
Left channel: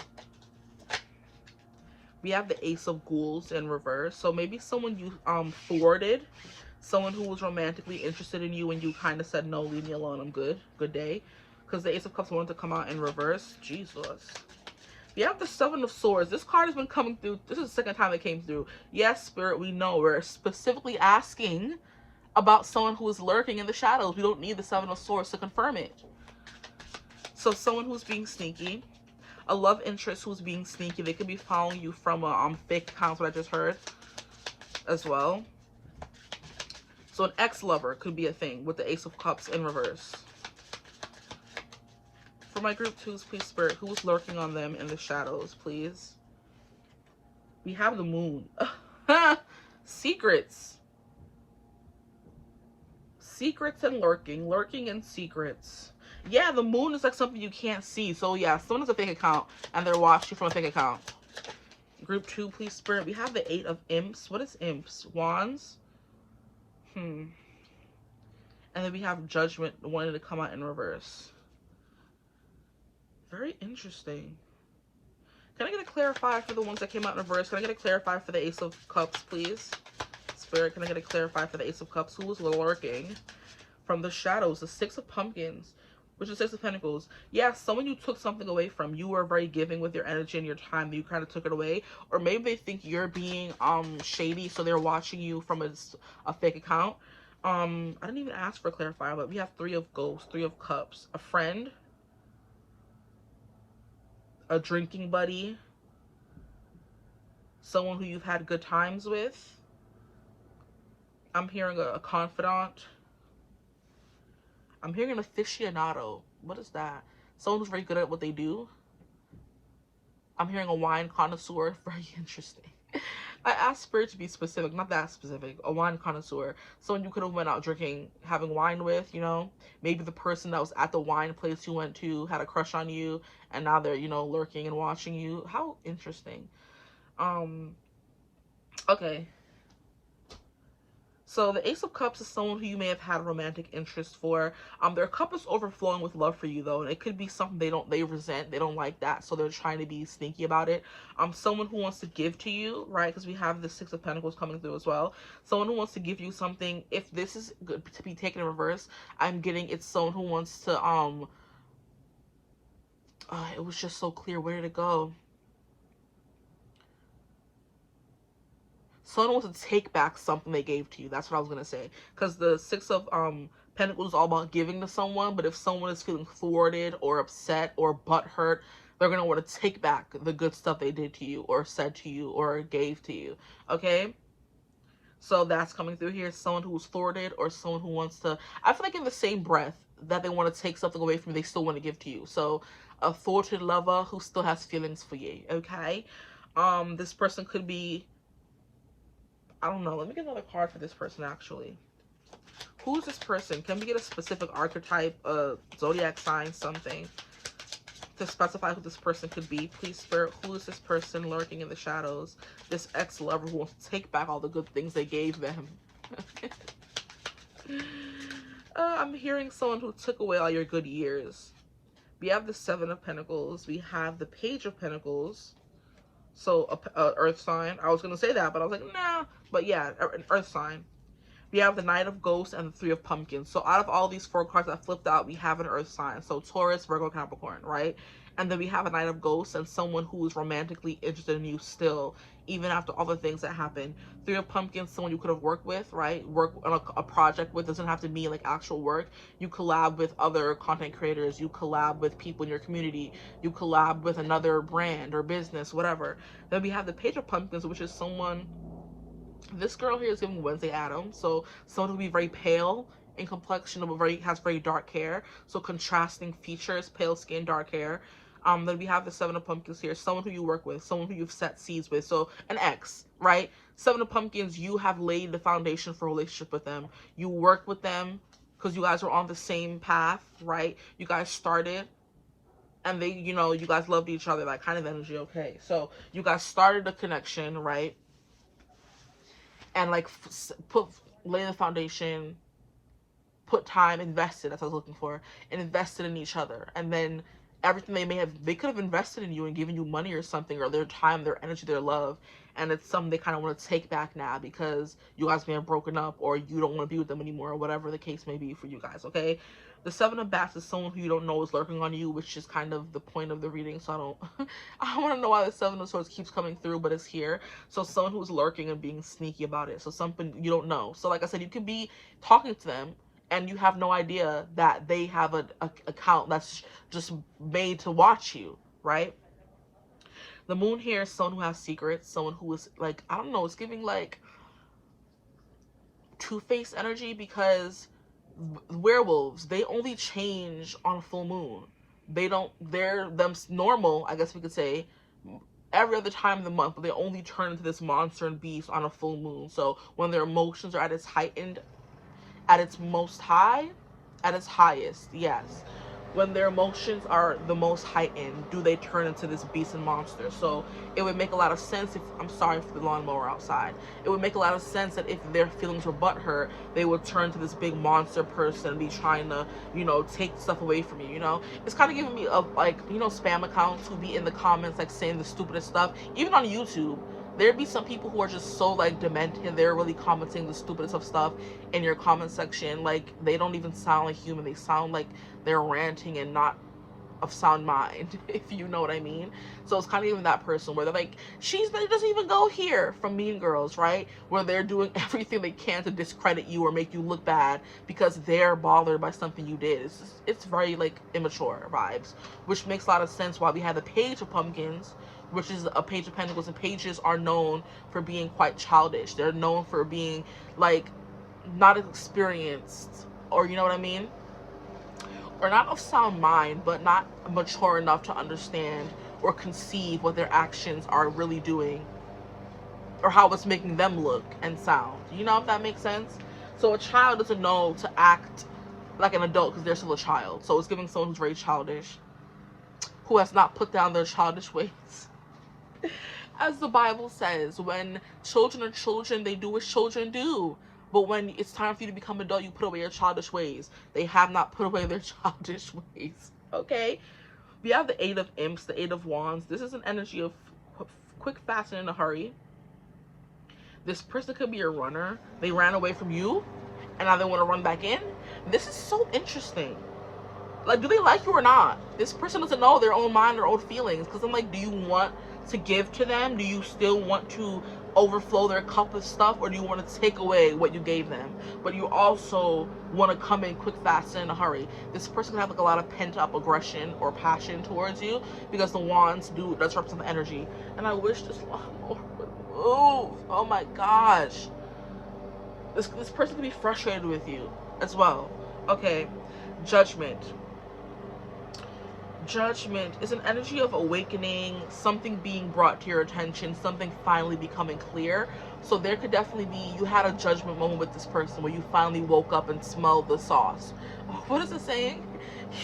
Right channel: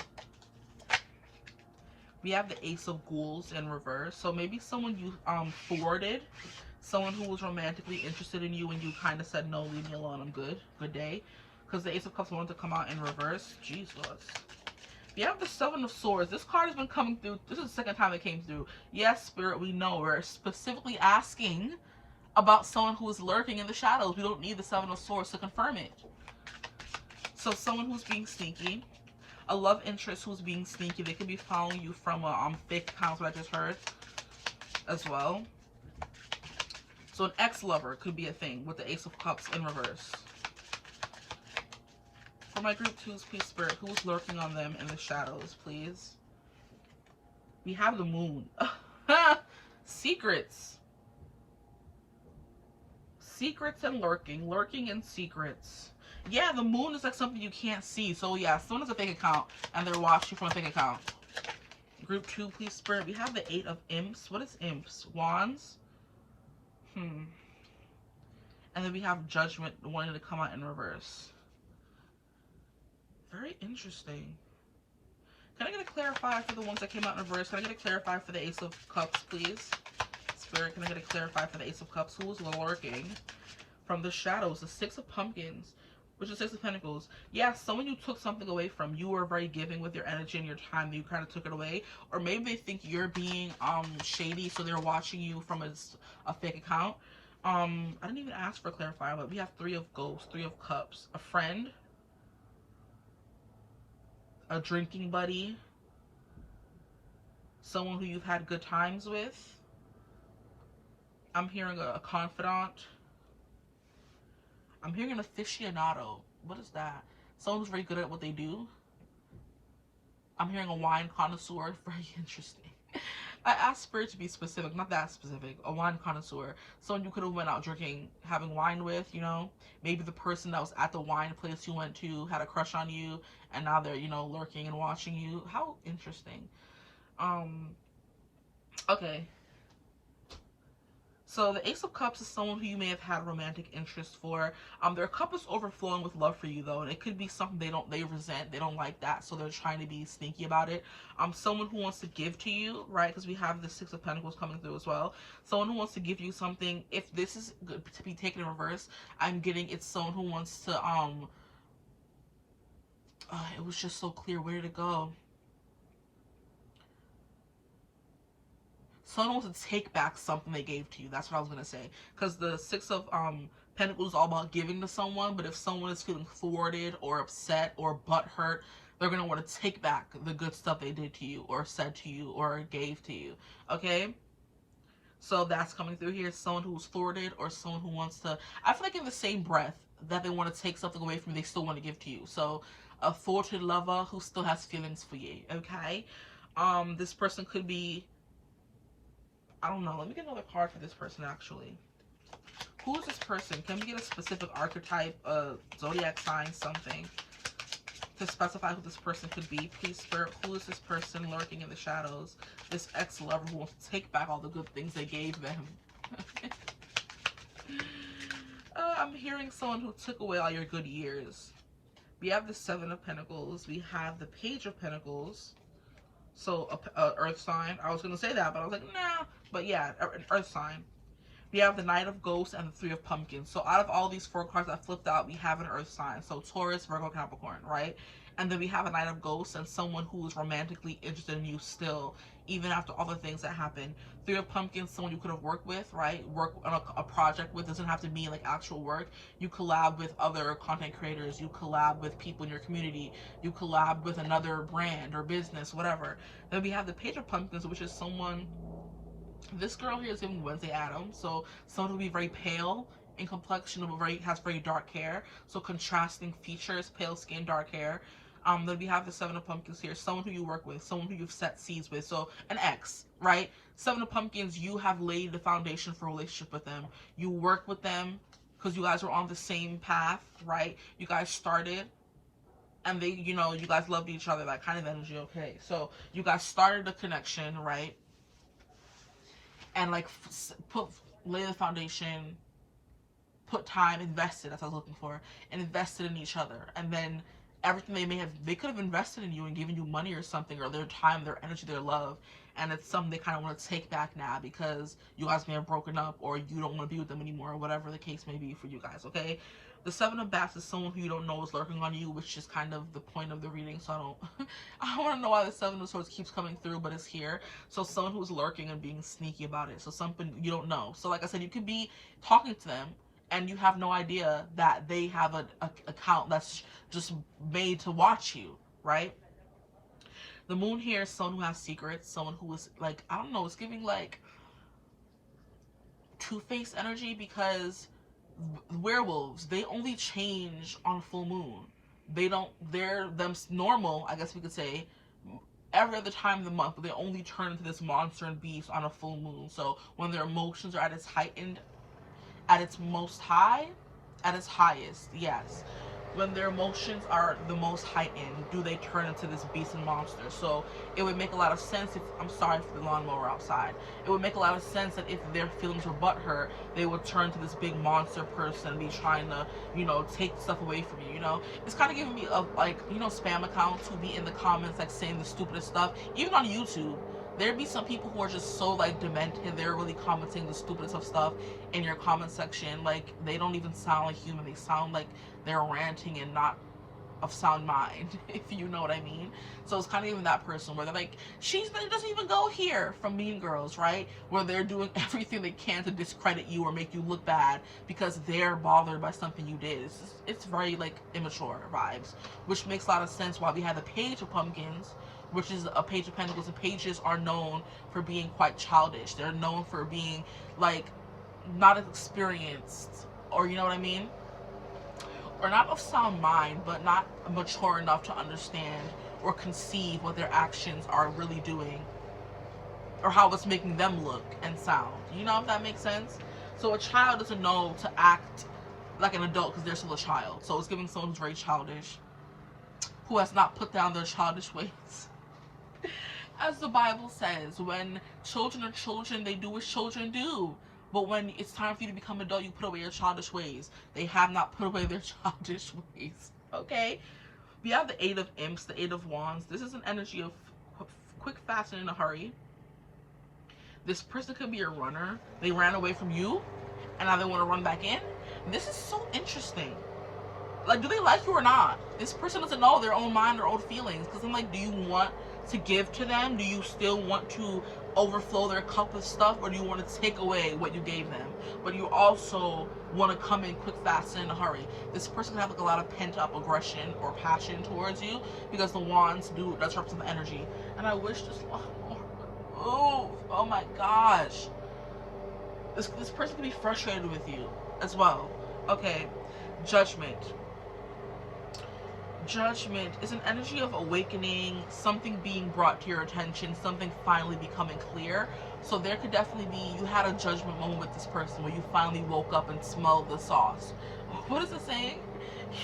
We have the Ace of Ghouls in reverse. So maybe someone you thwarted, someone who was romantically interested in you and you kind of said, no, leave me alone, I'm good. Good day. Because the Ace of Cups wanted to come out in reverse. Jesus. We have the 7 of Swords. This card has been coming through. This is the second time it came through. Yes, Spirit, we know. We're specifically asking about someone who is lurking in the shadows. We don't need the 7 of Swords to confirm it. So someone who's being sneaky. A love interest who's being sneaky. They could be following you from a fake account, what I just heard as well. So an ex-lover could be a thing with the Ace of Cups in reverse. For my group 2s, please, Spirit, who is lurking on them in the shadows, please? We have the Moon. Secrets. Secrets and lurking. Lurking and secrets. Yeah, the Moon is like something you can't see. So yeah, someone has a fake account and they're watching from a fake account. Group 2, please, Spirit. We have the 8 of Imps. What is Imps? Wands? And then we have Judgment wanting to come out in reverse. Very interesting. Can I get a clarifier for the ones that came out in reverse? Can I get a clarifier for the Ace of Cups, please? Spirit, can I get a clarifier for the Ace of Cups? Who was lurking from the shadows? The 6 of Pumpkins, which is 6 of Pentacles. Yeah, someone you took something away from. You were very giving with your energy and your time. You kind of took it away. Or maybe they think you're being shady, so they're watching you from a fake account. I didn't even ask for a clarifier, but we have 3 of Ghosts, 3 of Cups. A friend. A drinking buddy. Someone who you've had good times with. I'm hearing a confidant. I'm hearing an aficionado. What is that? Someone who's very good at what they do. I'm hearing a wine connoisseur. Very interesting. I asked Spirit to be specific, not that specific. A wine connoisseur. Someone you could have went out drinking, having wine with, you know. Maybe the person that was at the wine place you went to had a crush on you, and now they're, you know, lurking and watching you. How interesting. Okay. So the Ace of Cups is someone who you may have had a romantic interest for. Their cup is overflowing with love for you though, and it could be something they resent, they don't like that, so they're trying to be sneaky about it. Someone who wants to give to you, right? Because we have the Six of Pentacles coming through as well. Someone who wants to give you something. If this is good to be taken in reverse, I'm getting it's someone who wants to it was just so clear. Where did it go? Someone wants to take back something they gave to you. That's what I was going to say. Because the Six of Pentacles is all about giving to someone. But if someone is feeling thwarted or upset or butthurt, they're going to want to take back the good stuff they did to you or said to you or gave to you. Okay? So that's coming through here. Someone who's thwarted or someone who wants to... I feel like in the same breath that they want to take something away from you, they still want to give to you. So a thwarted lover who still has feelings for you. Okay? This person could be... I don't know. Let me get another card for this person, actually. Who is this person? Can we get a specific archetype, zodiac sign, something, to specify who this person could be? Please, Spirit, who is this person lurking in the shadows? This ex-lover who wants to take back all the good things they gave them. I'm hearing someone who took away all your good years. We have the Seven of Pentacles. We have the Page of Pentacles. So, earth sign. I was going to say that, but I was like, nah. But yeah, an earth sign. We have the Knight of Ghosts and the Three of Pumpkins. So out of all these 4 cards that flipped out, we have an earth sign. So Taurus, Virgo, Capricorn, right? And then we have a Knight of Ghosts and someone who is romantically interested in you still, even after all the things that happen. Three of Pumpkins, someone you could have worked with, right? Work on a project with. Doesn't have to be like actual work. You collab with other content creators. You collab with people in your community. You collab with another brand or business, whatever. Then we have the Page of Pumpkins, which is someone... This girl here is giving Wednesday Addams. So someone who will be very pale in complexion, but has very dark hair. So contrasting features, pale skin, dark hair. Then we have the Seven of Pumpkins here. Someone who you work with, someone who you've set seeds with. So an ex, right? Seven of Pumpkins, you have laid the foundation for a relationship with them. You work with them because you guys were on the same path, right? You guys started and they, you know, you guys loved each other, that kind of energy. Okay, so you guys started a connection, right? And like lay the foundation, put time, invested, that's what I was looking for, and invested in each other. And then everything they could have invested in you and given you money or something, or their time, their energy, their love, and it's something they kind of want to take back now because you guys may have broken up or you don't want to be with them anymore, or whatever the case may be for you guys. Okay, the Seven of Bats is someone who you don't know is lurking on you, which is kind of the point of the reading. So I want to know why the Seven of Swords keeps coming through, but it's here. So someone who's lurking and being sneaky about it. So something you don't know. So like I said, you could be talking to them and you have no idea that they have an account that's just made to watch you, right? The Moon here is someone who has secrets, someone who is like, I don't know, it's giving like Two-Face energy, because werewolves, they only change on a full moon. They're normal, I guess we could say, every other time of the month, but they only turn into this monster and beast on a full moon. So when their emotions are at its heightened, at its most high, at its highest, yes. When their emotions are the most heightened, do they turn into this beast and monster? So it would make a lot of sense if, I'm sorry for the lawnmower outside, it would make a lot of sense that if their feelings were butthurt, they would turn to this big monster person and be trying to, you know, take stuff away from you, you know? It's kind of giving me of like, you know, spam accounts who be in the comments like saying the stupidest stuff, even on YouTube. There'd be some people who are just so like demented, they're really commenting the stupidest of stuff in your comment section. Like, they don't even sound like human, they sound like they're ranting and not of sound mind, if you know what I mean. So it's kind of even that person where they're like, it doesn't even go here, from Mean Girls, right? Where they're doing everything they can to discredit you or make you look bad because they're bothered by something you did. It's very like immature vibes, which makes a lot of sense why we had the Page of Pumpkins, which is a Page of Pentacles, and pages are known for being quite childish. They're known for being like not experienced, or you know what I mean? Or not of sound mind, but not mature enough to understand or conceive what their actions are really doing. or how it's making them look and sound. You know, if that makes sense? So a child doesn't know to act like an adult because they're still a child. So it's giving someone who's very childish, who has not put down their childish ways. As the Bible says, when children are children, they do as children do. But when it's time for you to become an adult, you put away your childish ways. They have not put away their childish ways. Okay? We have the Eight of Imps, the Eight of Wands. This is an energy of quick, fast, and in a hurry. This person could be a runner. They ran away from you, and now they want to run back in. This is so interesting. Like, do they like you or not? This person doesn't know their own mind or own feelings. Because I'm like, do you want to give to them? Do you still want to overflow their cup of stuff? Or do you want to take away what you gave them? But you also want to come in quick, fast, and in a hurry. This person can have like a lot of pent-up aggression or passion towards you. Because the Wands does represent the energy. And I wish this Lord would move. Oh my gosh. This person can be frustrated with you as well. Okay. Judgment. Judgment is an energy of awakening, something being brought to your attention, something finally becoming clear. So there could definitely be, you had a judgment moment with this person where you finally woke up and smelled the sauce. What is it saying?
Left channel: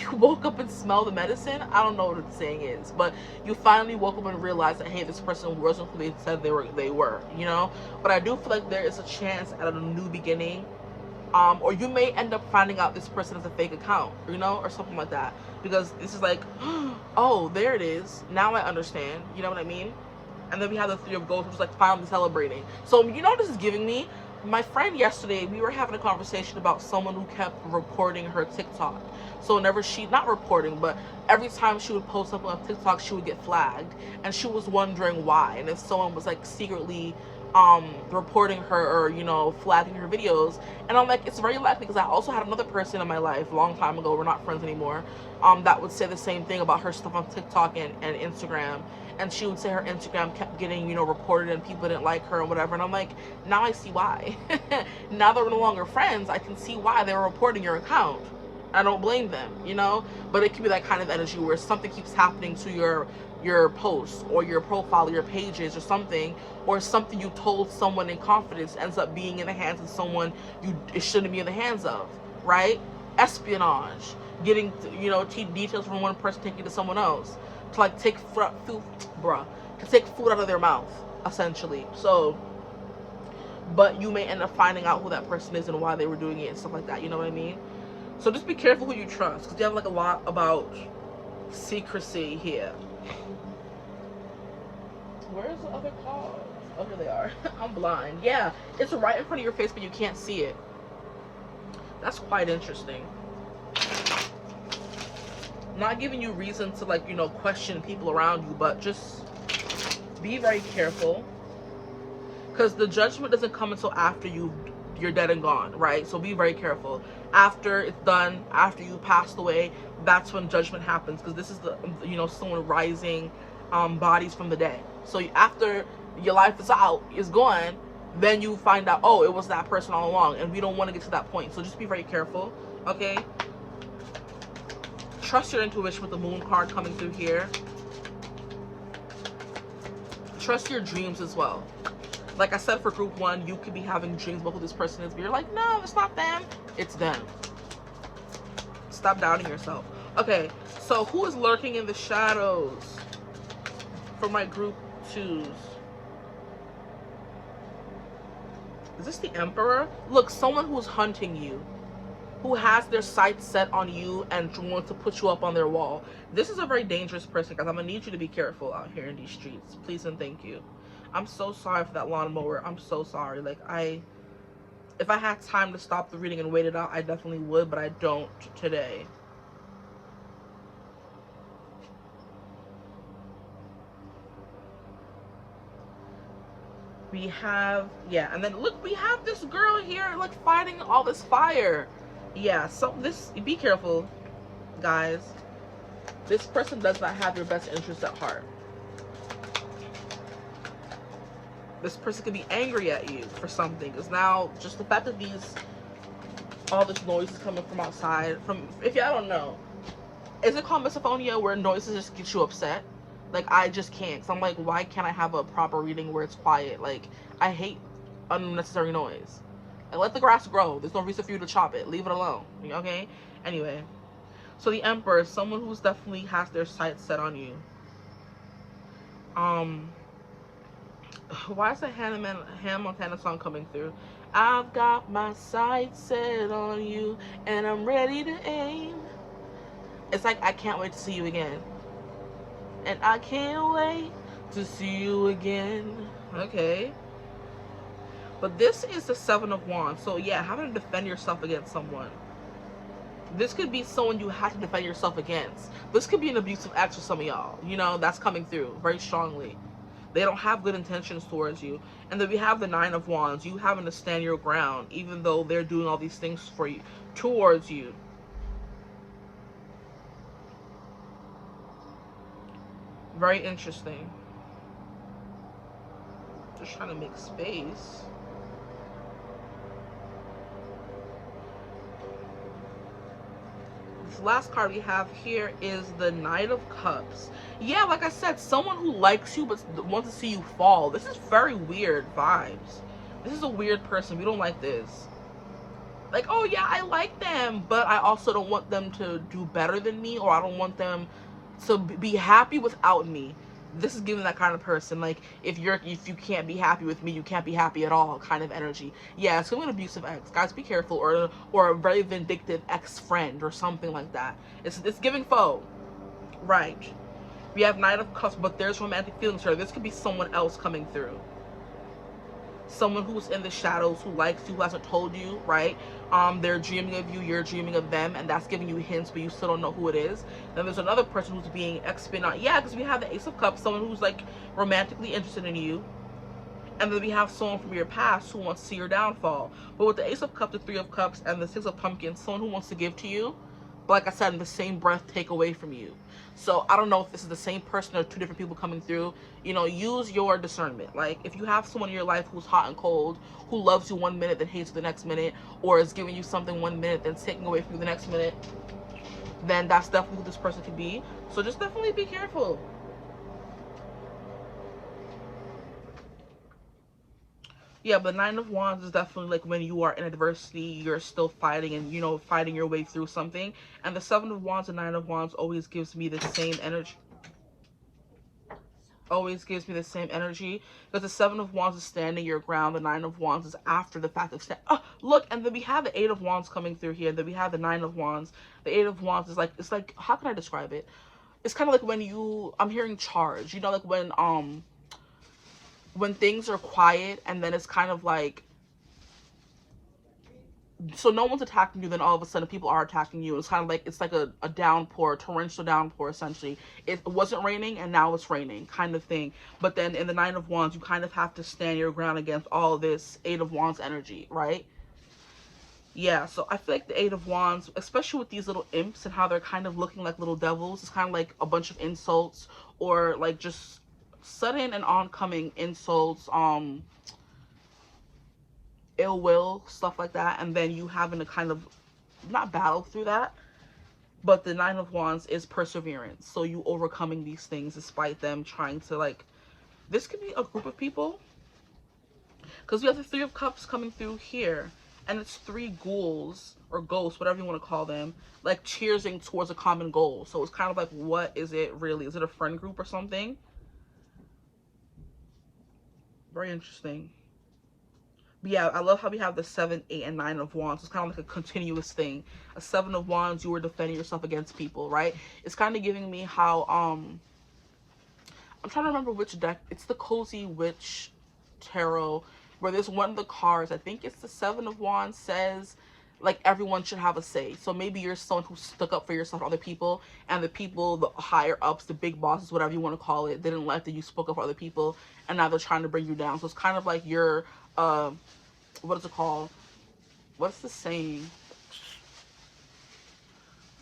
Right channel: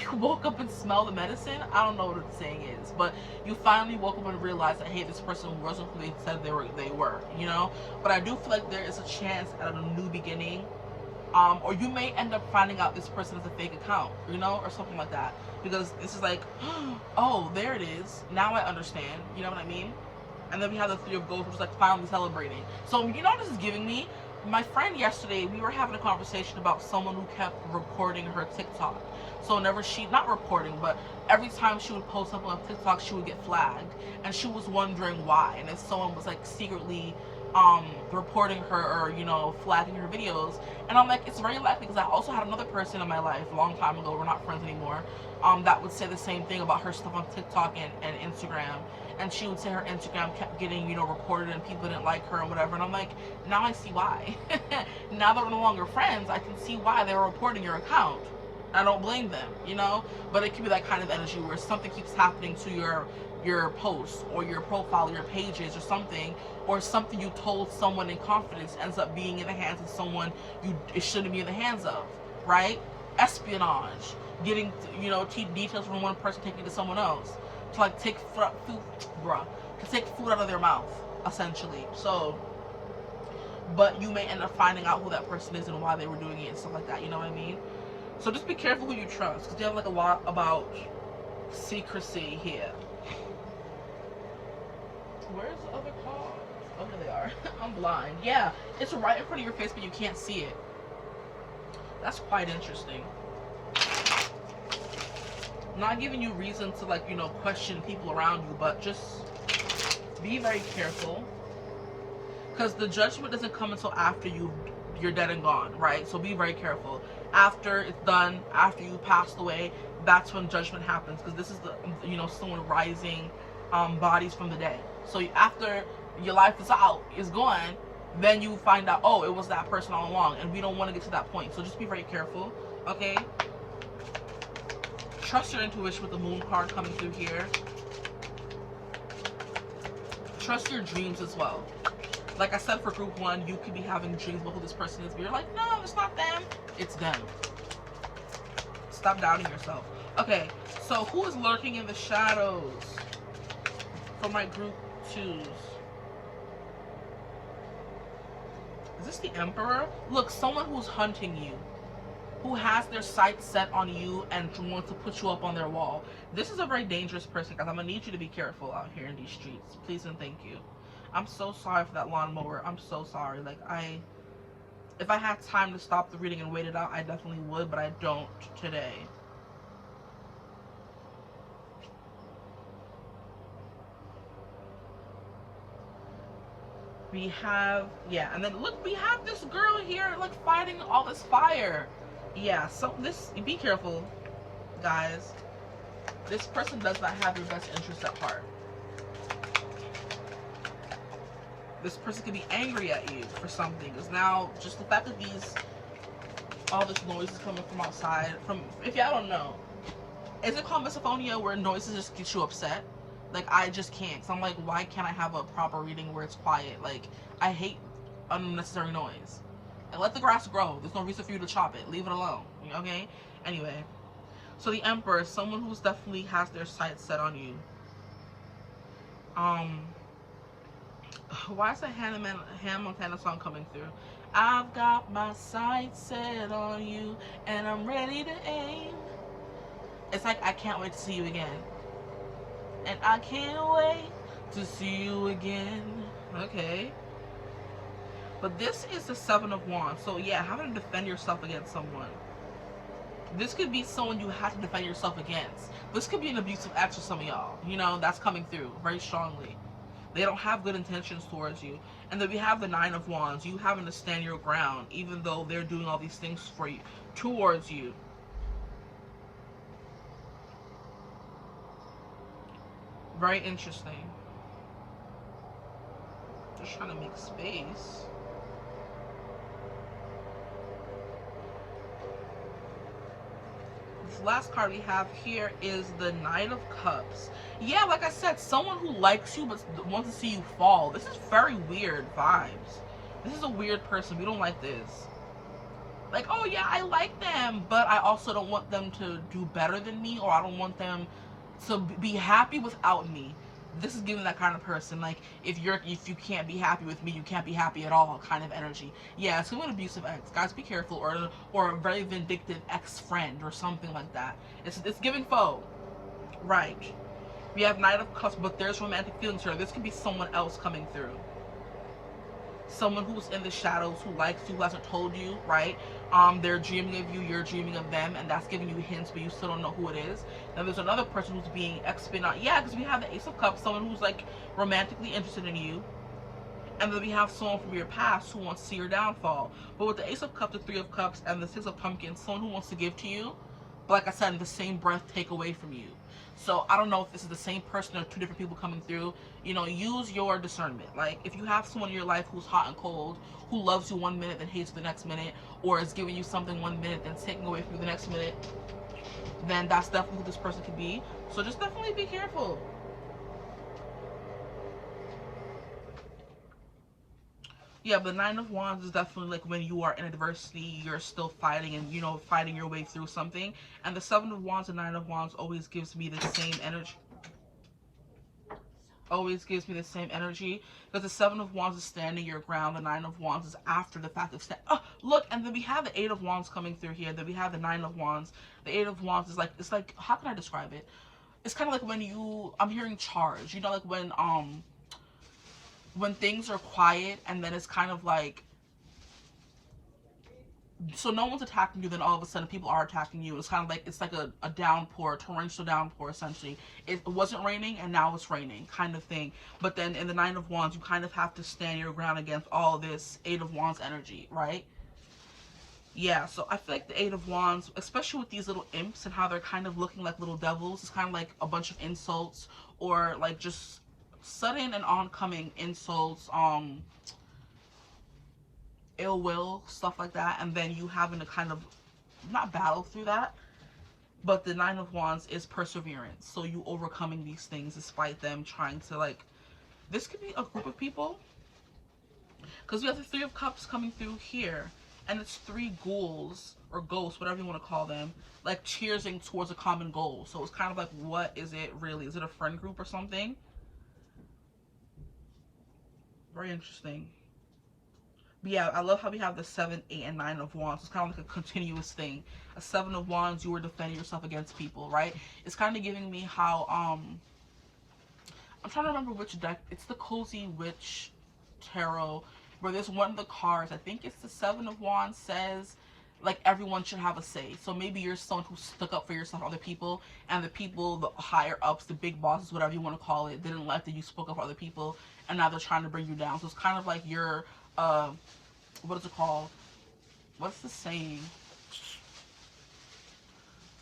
You woke up and smelled the medicine? I don't know what the saying is, but you finally woke up and realized that, hey, this person wasn't who they said they were, you know? But I do feel like there is a chance at a new beginning. Or you may end up finding out this person is a fake account, you know, or something like that. Because this is like, oh, there it is. Now I understand. You know what I mean? And then we have the Three of Goals, which is like finally celebrating. So, you know what this is giving me? My friend yesterday, we were having a conversation about someone who kept reporting her TikTok. So whenever not reporting, but every time she would post something on TikTok, she would get flagged. And she was wondering why. And if someone was like secretly reporting her or, you know, flagging her videos. And I'm like, it's very likely, because I also had another person in my life a long time ago, we're not friends anymore, that would say the same thing about her stuff on TikTok and Instagram. And she would say her Instagram kept getting, you know, reported and people didn't like her and whatever. And I'm like, now I see why. Now that we're no longer friends, I can see why they were reporting your account. I don't blame them, you know? But it could be that kind of energy where something keeps happening to your posts or your profile, your pages or something, or something you told someone in confidence ends up being in the hands of someone it shouldn't be in the hands of, right? Espionage, getting, you know, details from one person taking to someone else, to like take food out of their mouth, essentially. So, but you may end up finding out who that person is and why they were doing it and stuff like that, you know what I mean? So just be careful who you trust, because you have like a lot about secrecy here. Where's the other card? Oh, here they are. I'm blind. Yeah, it's right in front of your face, but you can't see it. That's quite interesting. Not giving you reason to, like, you know, question people around you, but just be very careful. Because the judgment doesn't come until after you're dead and gone, right? So be very careful. After it's done, after you passed away, that's when judgment happens. Because this is the, you know, someone rising bodies from the dead. So after your life is gone, then you find out, oh, it was that person all along, and we don't want to get to that point. So just be very careful, okay? Trust your intuition with the Moon card coming through here. Trust your dreams as well. Like I said, for group 1, you could be having dreams about who this person is, but you're like, no, it's not them, it's them. Stop doubting yourself. Okay, so who is lurking in the shadows for my group 2s? Is this the Emperor? Look, someone who's hunting you, who has their sights set on you and wants to put you up on their wall. This is a very dangerous person, guys. I'm gonna need you to be careful out here in these streets. Please and thank you. I'm so sorry for that lawnmower. I'm so sorry. Like, if I had time to stop the reading and wait it out, I definitely would, but I don't today. We have, yeah, and then look, we have this girl here, like, fighting all this fire. Yeah, so be careful, guys. This person does not have your best interest at heart. This person could be angry at you for something, because now just the fact that all this noise is coming from outside, if y'all don't know, is it called misophonia, where noises just get you upset? Like, I just can't. Because I'm like, why can't I have a proper reading where it's quiet? Like, I hate unnecessary noise. Like, let the grass grow. There's no reason for you to chop it. Leave it alone. Okay? Anyway. So the Emperor is someone who's definitely has their sights set on you. Why is that Hannah Montana song coming through? I've got my sights set on you, and I'm ready to aim. It's like, I can't wait to see you again. And I can't wait to see you again. Okay. But this is the Seven of Wands. So yeah, having to defend yourself against someone. This could be someone you have to defend yourself against. This could be an abusive ex for some of y'all. You know, that's coming through very strongly. They don't have good intentions towards you. And then we have the Nine of Wands. You having to stand your ground, even though they're doing all these things for you, towards you. Very interesting. Just trying to make space. This last card we have here is the Knight of Cups. Yeah, like I said, someone who likes you but wants to see you fall. This is very weird vibes. This is a weird person. We don't like this. Like, oh yeah, I like them, but I also don't want them to do better than me, or I don't want them to be happy without me. This is giving that kind of person, like, if you can't be happy with me, you can't be happy at all kind of energy. Yeah, it's gonna be an abusive ex. Guys, be careful, or a very vindictive ex-friend or something like that. It's giving foe. Right. We have Knight of Cups, but there's romantic feelings here. This could be someone else coming through. Someone who's in the shadows, who likes you, who hasn't told you, right? They're dreaming of you, you're dreaming of them, and that's giving you hints, but you still don't know who it is. Then there's another person who's being expiated. Yeah, because we have the Ace of Cups, someone who's like romantically interested in you. And then we have someone from your past who wants to see your downfall. But with the Ace of Cups, the Three of Cups, and the Six of Pumpkins, someone who wants to give to you, but like I said, in the same breath, take away from you. So I don't know if this is the same person or two different people coming through. You know, use your discernment. Like, if you have someone in your life who's hot and cold, who loves you 1 minute, then hates you the next minute, or is giving you something 1 minute, then taking away from you the next minute, then that's definitely who this person could be. So just definitely be careful. Yeah, but Nine of Wands is definitely like when you are in adversity, you're still fighting and, you know, fighting your way through something. And the Seven of Wands and Nine of Wands always gives me the same energy. Always gives me the same energy, because the Seven of Wands is standing your ground. The Nine of Wands is after the fact of oh, look, and then we have the Eight of Wands coming through here. Then we have the Nine of Wands. The Eight of Wands is like, it's like, how can I describe it? It's kind of like when I'm hearing charge, you know, like when things are quiet and then it's kind of like, so no one's attacking you, then all of a sudden people are attacking you. It's kind of like, it's like a downpour, torrential downpour, essentially. It wasn't raining and now it's raining, kind of thing. But then in the Nine of Wands, you kind of have to stand your ground against all this Eight of Wands energy, right? Yeah, so I feel like the Eight of Wands, especially with these little imps and how they're kind of looking like little devils, it's kind of like a bunch of insults, or like just sudden and oncoming insults, ill will, stuff like that, and then you having to kind of not battle through that. But the Nine of Wands is perseverance, so you overcoming these things despite them trying to, like, this could be a group of people, because we have the Three of Cups coming through here, and it's three ghouls or ghosts, whatever you want to call them, like cheersing towards a common goal. So it's kind of like, what is it really? Is it a friend group or something? Very interesting. But yeah, I love how we have the 7, 8, and 9 of Wands. It's kind of like a continuous thing. A 7 of Wands, you were defending yourself against people, right? It's kind of giving me how, I'm trying to remember which deck. It's the Cozy Witch Tarot, where there's one of the cards, I think it's the 7 of Wands, says, like, everyone should have a say. So maybe you're someone who stuck up for yourself, other people, and the people, the higher ups, the big bosses, whatever you want to call it, didn't like that you spoke up for other people, and now they're trying to bring you down. So it's kind of like you're, what is it called? What's the saying?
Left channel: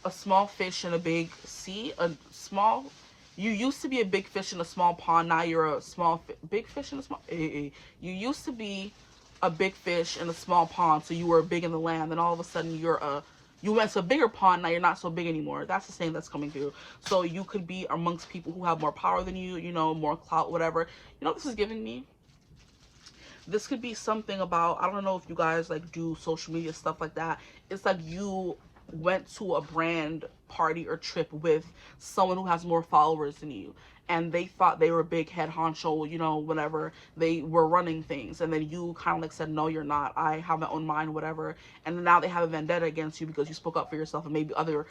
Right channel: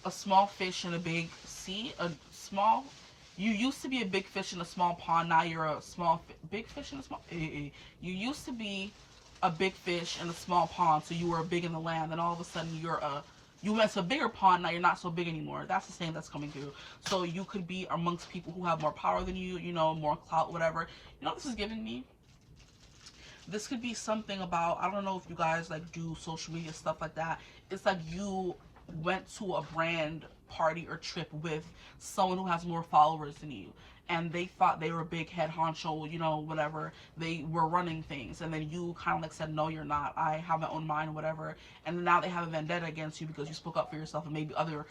A small fish in a big sea. You used to be a big fish in a small pond. Now you're a big fish in a small. You used to be a big fish in a small pond, so you were big in the land. Then all of a sudden you're a You went to a bigger pond, now you're not so big anymore. That's the saying that's coming through. So you could be amongst people who have more power than you, you know, more clout, whatever. You know what this is giving me? This could be something about, I don't know if you guys like do social media stuff like that. It's like you went to a brand party or trip with someone who has more followers than you, and they thought they were big head honcho, you know, whatever, they were running things, and then you kind of like said, no, you're not, I have my own mind, whatever, and now they have a vendetta against you because you spoke up for yourself, and maybe other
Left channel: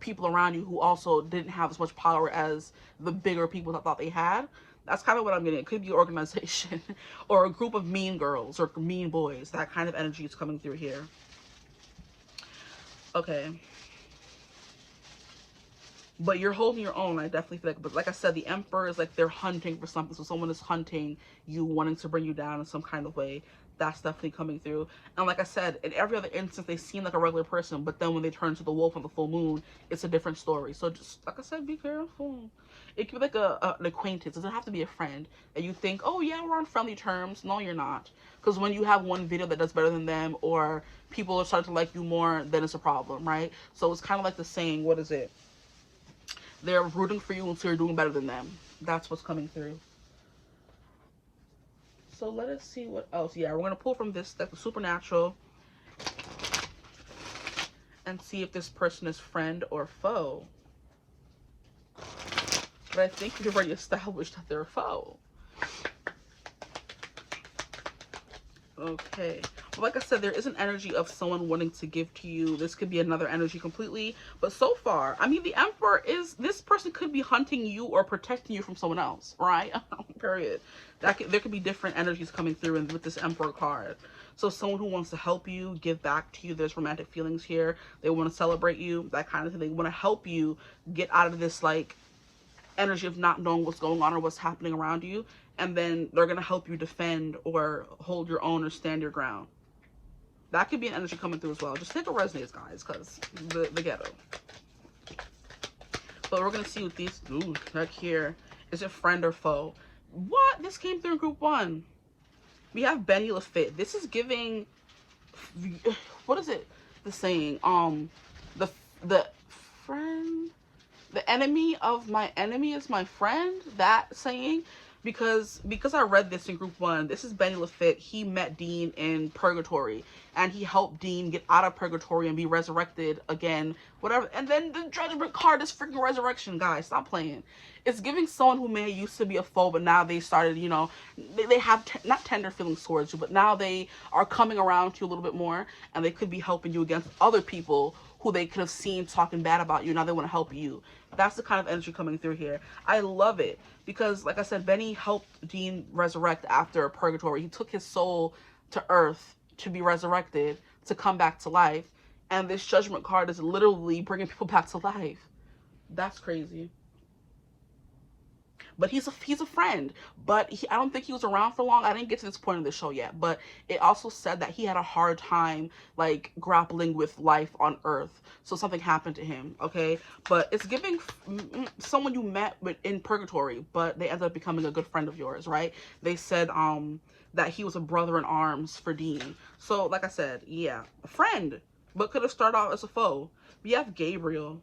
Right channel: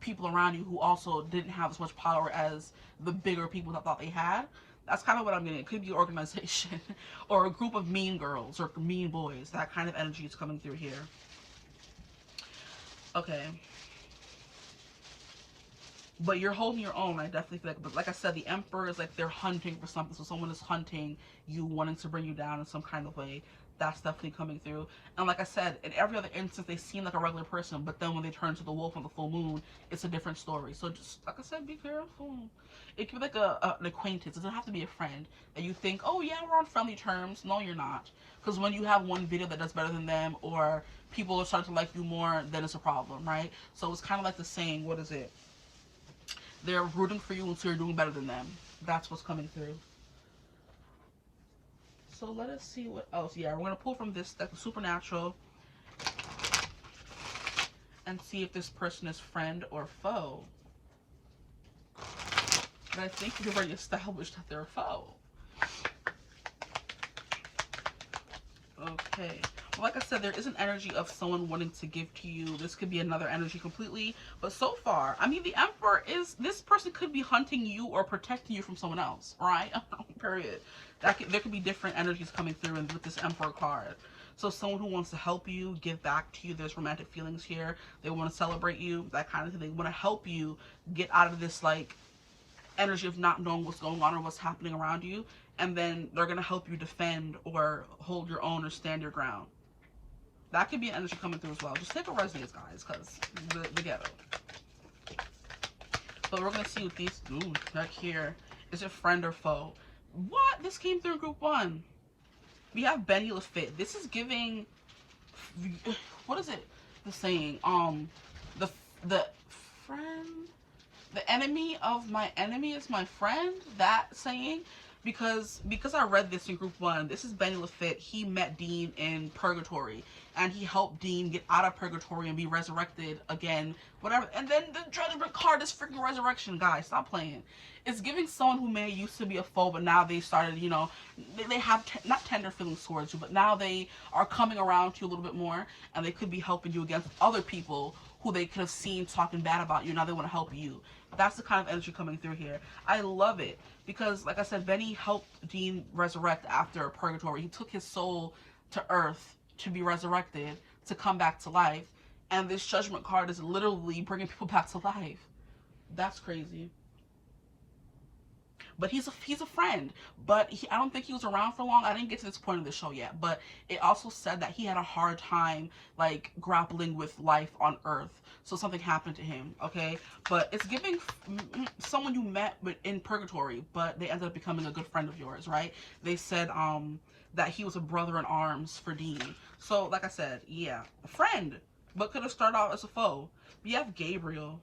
people around you who also didn't have as much power as the bigger people that thought they had. That's kind of what I'm getting. It could be an organization or a group of mean girls or mean boys. That kind of energy is coming through here. Okay. But you're holding your own, I definitely feel like. But like I said, the Emperor is like they're hunting for something. So someone is hunting you, wanting to bring you down in some kind of way. That's definitely coming through. And like I said, in every other instance, they seem like a regular person. But then when they turn to the wolf on the full moon, it's a different story. So just, like I said, be careful. It could be like an acquaintance. It doesn't have to be a friend. And you think, oh yeah, we're on friendly terms. No, you're not. Because when you have one video that does better than them, or people are starting to like you more, then it's a problem, right? So it's kind of like the saying, what is it? They're rooting for you until you're doing better than them. That's what's coming through. So let us see what else. Yeah, we're going to pull from this deck, the Supernatural, and see if this person is friend or foe. But I think we've already established that they're a foe. Okay. Well, like I said, there is an energy of someone wanting to give to you. This could be another energy completely. But so far, I mean, the Emperor is, this person could be hunting you or protecting you from someone else, right? Period. There could be different energies coming through with this Emperor card. So someone who wants to help you, give back to you. There's romantic feelings here. They want to celebrate you, that kind of thing. They want to help you get out of this, like, energy of not knowing what's going on or what's happening around you, and then they're going to help you defend or hold your own or stand your ground. That could be an energy coming through as well. Just take what resonates, guys, because the ghetto. But we're going to see what these do right here. Is it friend or foe? What? This came through in group 1. We have Benny Lafitte. This is giving, what is it? The saying, the friend, the enemy of my enemy is my friend, that saying. Because I read this in group 1, this is Benny Lafitte. He met Dean in purgatory, and he helped Dean get out of purgatory and be resurrected again, whatever. And then the judgment card is freaking resurrection, guys. Stop playing. It's giving someone who may used to be a foe, but now they started, you know, they have not tender feelings towards you, but now they are coming around to you a little bit more, and they could be helping you against other people who they could have seen talking bad about you. Now they want to help you. That's the kind of energy coming through here. I love it because, like I said, Benny helped Dean resurrect after purgatory. He took his soul to Earth to be resurrected, to come back to life. And this judgment card is literally bringing people back to life. That's crazy. But he's a friend. But I don't think he was around for long. I didn't get to this point of the show yet. But it also said that he had a hard time, like, grappling with life on Earth. So something happened to him, okay? But it's giving someone you met in purgatory, but they ended up becoming a good friend of yours, right? They said that he was a brother in arms for Dean. So, like I said, yeah, a friend, but could have started out as a foe. We have Gabriel.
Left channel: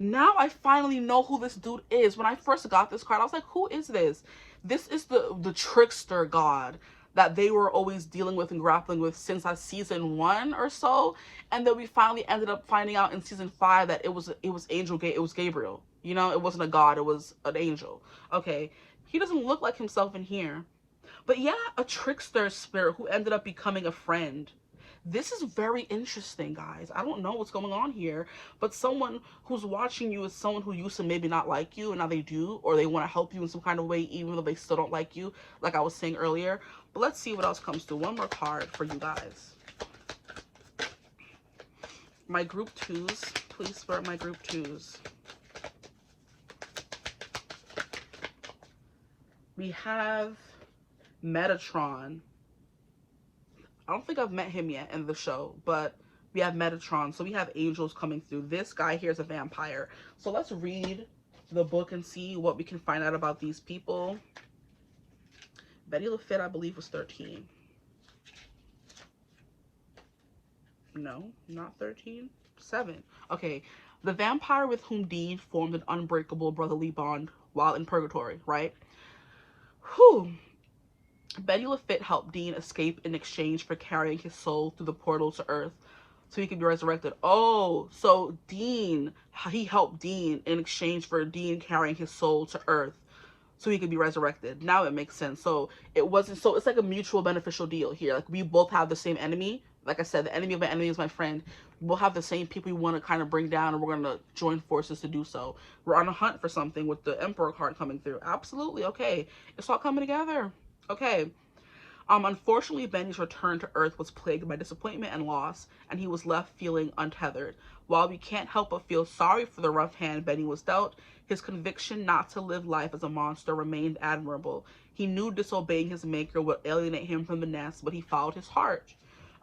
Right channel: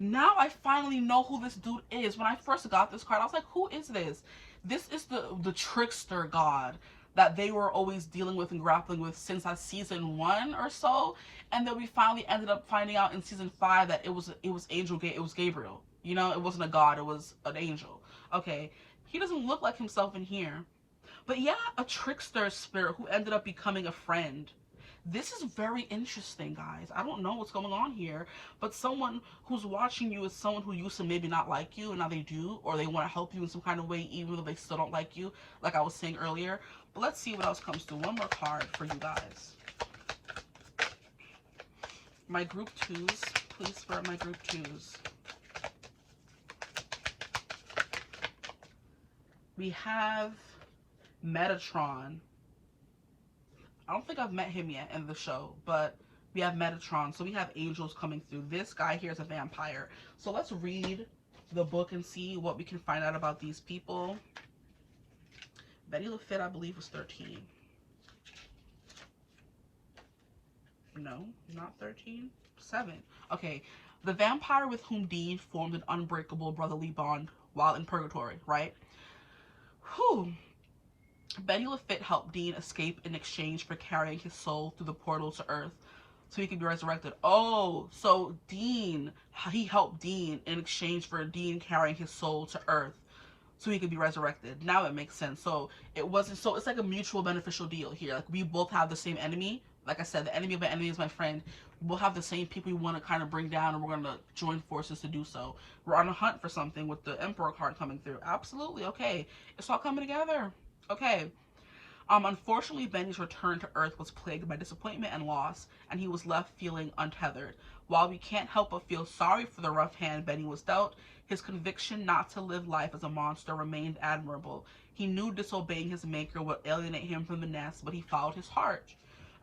Now I finally know who this dude is. When I first got this card, I was like, who is this? This is the trickster god that they were always dealing with and grappling with since season 1 or so. And then we finally ended up finding out in season 5 that it was Gabriel. You know, it wasn't a god, it was an angel. Okay, he doesn't look like himself in here. But yeah, a trickster spirit who ended up becoming a friend. This is very interesting, guys. I don't know what's going on here, but someone who's watching you is someone who used to maybe not like you, and now they do, or they want to help you in some kind of way, even though they still don't like you, like I was saying earlier. But let's see what else comes through. One more card for you guys. My group 2s. Please spirit my group 2s. We have Metatron. I don't think I've met him yet in the show, but we have Metatron. So we have angels coming through. This guy here is a vampire. So let's read the book and see what we can find out about these people. Betty Lafitte, I believe, was 13. No, not 13. 7. Okay. The vampire with whom Dean formed an unbreakable brotherly bond while in purgatory, right? Whew. Betty LaFitte helped Dean escape in exchange for carrying his soul through the portal to Earth so he could be resurrected. Oh, so Dean, he helped Dean in exchange for Dean carrying his soul to Earth so he could be resurrected. Now it makes sense. So it wasn't, so it's like a mutual beneficial deal here. Like, we both have the same enemy. Like I said, the enemy of my enemy is my friend. We'll have the same people we want to kind of bring down, and we're going to join forces to do so. We're on a hunt for something with the Emperor card coming through. Absolutely. Okay. It's all coming together. Okay. Unfortunately, Benny's return to Earth was plagued by disappointment and loss, and he was left feeling untethered. While we can't help but feel sorry for the rough hand Benny was dealt, his conviction not to live life as a monster remained admirable. He knew disobeying his maker would alienate him from the nest, but he followed his heart.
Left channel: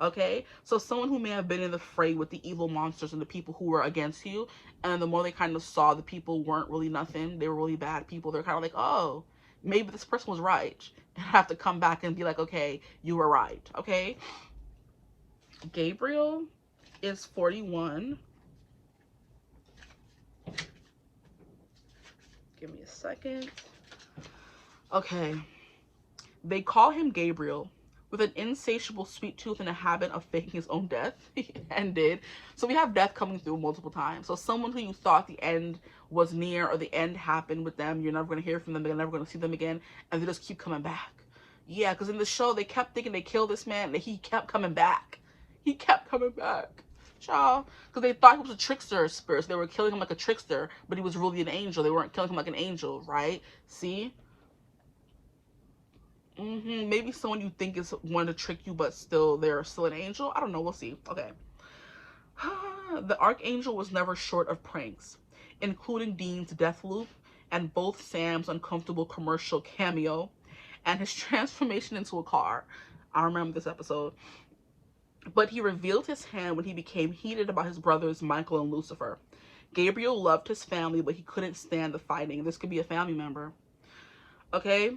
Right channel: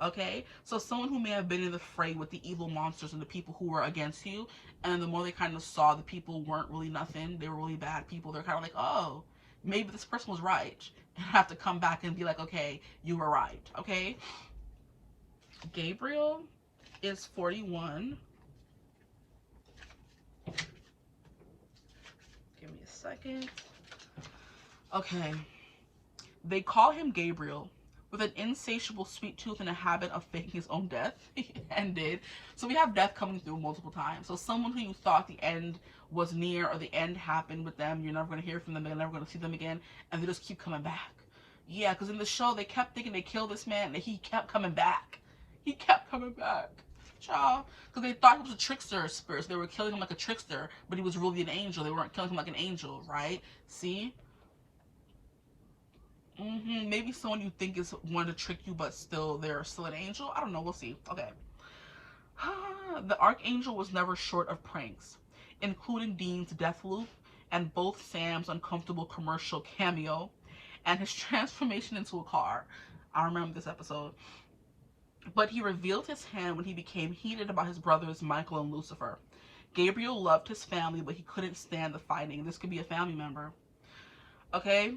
Okay, so someone who may have been in the fray with the evil monsters and the people who were against you, and the more they kind of saw the people weren't really nothing, they were really bad people, they're kind of like, oh, maybe this person was right. And have to come back and be like, okay, you were right. Okay. Gabriel is 41. Give me a second. Okay. They call him Gabriel. With an insatiable sweet tooth and a habit of faking his own death. And did. So we have death coming through multiple times. So someone who you thought the end was near or the end happened with them, you're never going to hear from them, you're never going to see them again, and they just keep coming back. Yeah, because in the show, they kept thinking they killed this man, and he kept coming back. He kept coming back. Child. Because they thought he was a trickster spirit. So they were killing him like a trickster, but he was really an angel. They weren't killing him like an angel, right? See? Maybe someone you think is wanting to trick you, but still, they're still an angel. I don't know. We'll see. Okay. The Archangel was never short of pranks, including Dean's death loop and both Sam's uncomfortable commercial cameo and his transformation into a car. I remember this episode. But he revealed his hand when he became heated about his brothers Michael and Lucifer. Gabriel loved his family, but he couldn't stand the fighting. This could be a family member. Okay?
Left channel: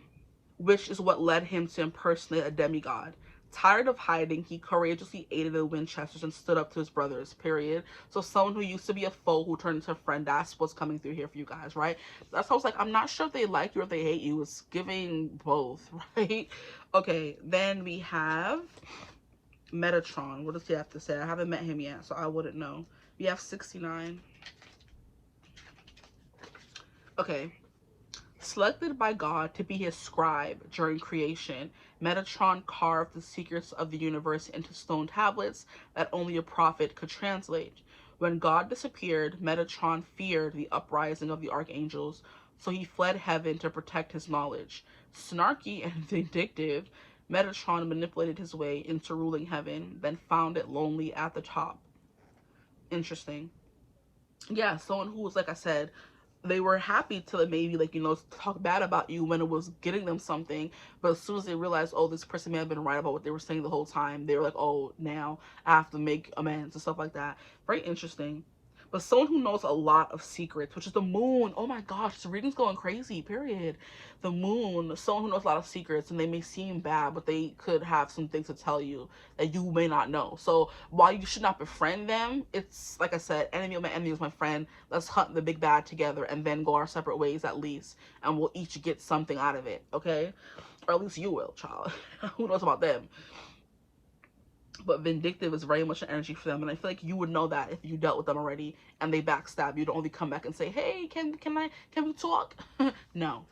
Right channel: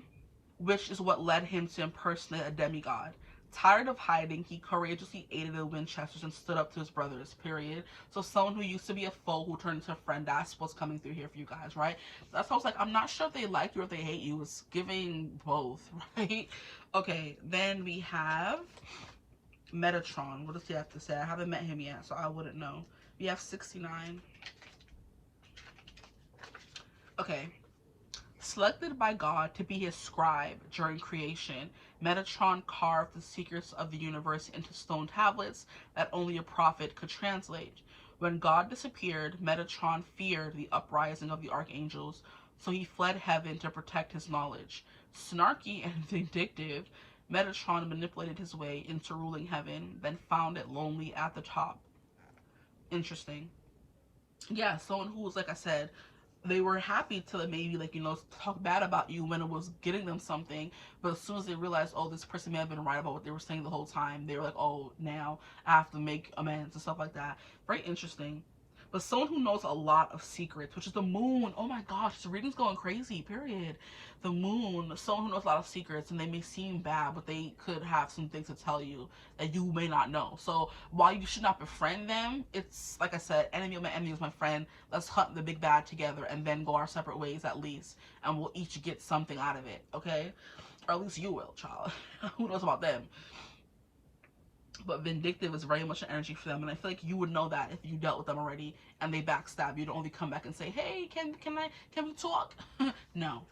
Which is what led him to impersonate a demigod. Tired of hiding, he courageously aided the Winchesters and stood up to his brothers, period. So someone who used to be a foe who turned into a friend, that's what's coming through here for you guys, right? That's how I was like, I'm not sure if they like you or if they hate you. It's giving both, right? Okay, then we have Metatron. What does he have to say? I haven't met him yet, so I wouldn't know. We have 69. Okay. Selected by God to be his scribe during creation, Metatron carved the secrets of the universe into stone tablets that only a prophet could translate. When God disappeared, Metatron feared the uprising of the archangels, so he fled heaven to protect his knowledge. Snarky and vindictive, Metatron manipulated his way into ruling heaven, then found it lonely at the top. Interesting. Yeah, someone who was, like I said, they were happy to maybe, like, you know, talk bad about you when it was getting them something, but as soon as they realized, oh, this person may have been right about what they were saying the whole time, they were like, oh, now I have to make amends and stuff like that. Very interesting. But someone who knows a lot of secrets, which is the moon. Oh my gosh, this reading's going crazy, period. The moon, someone who knows a lot of secrets, and they may seem bad, but they could have some things to tell you that you may not know. So while you should not befriend them, it's like I said, enemy of my enemy is my friend. Let's hunt the big bad together and then go our separate ways at least. And we'll each get something out of it, okay? Or at least you will, child. Who knows about them? But vindictive is very much an energy for them, and I feel like you would know that if you dealt with them already and they backstab you. Don't only come back and say, hey, can we talk? No.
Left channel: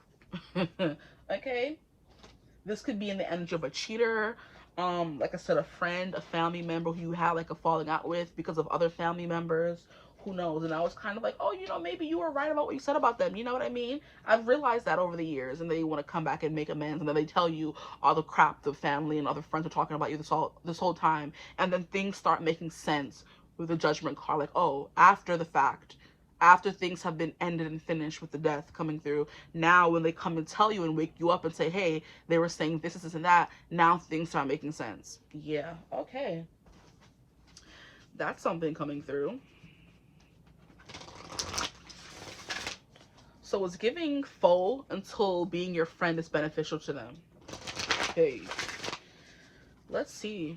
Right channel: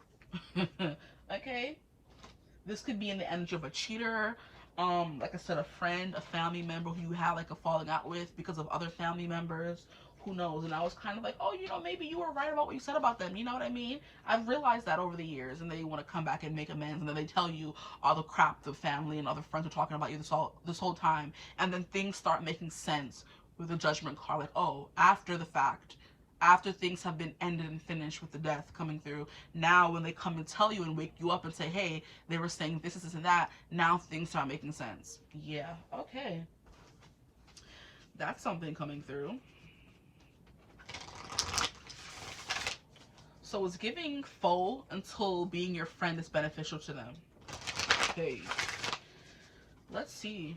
Okay, this could be in the energy of a cheater, like I said, a friend, a family member who you had like a falling out with because of other family members. Who knows? And I was kind of like, oh, you know, maybe you were right about what you said about them. You know what I mean? I've realized that over the years, and they want to come back and make amends, and then they tell you all the crap the family and other friends are talking about you this whole time, and then things start making sense with the judgment card. Like, oh, after the fact, after things have been ended and finished with the death coming through, now when they come and tell you and wake you up and say, hey, they were saying this, and that, now things start making sense. Yeah, okay. That's something coming through. So it's giving foe until being your friend is beneficial to them. Okay. Let's see.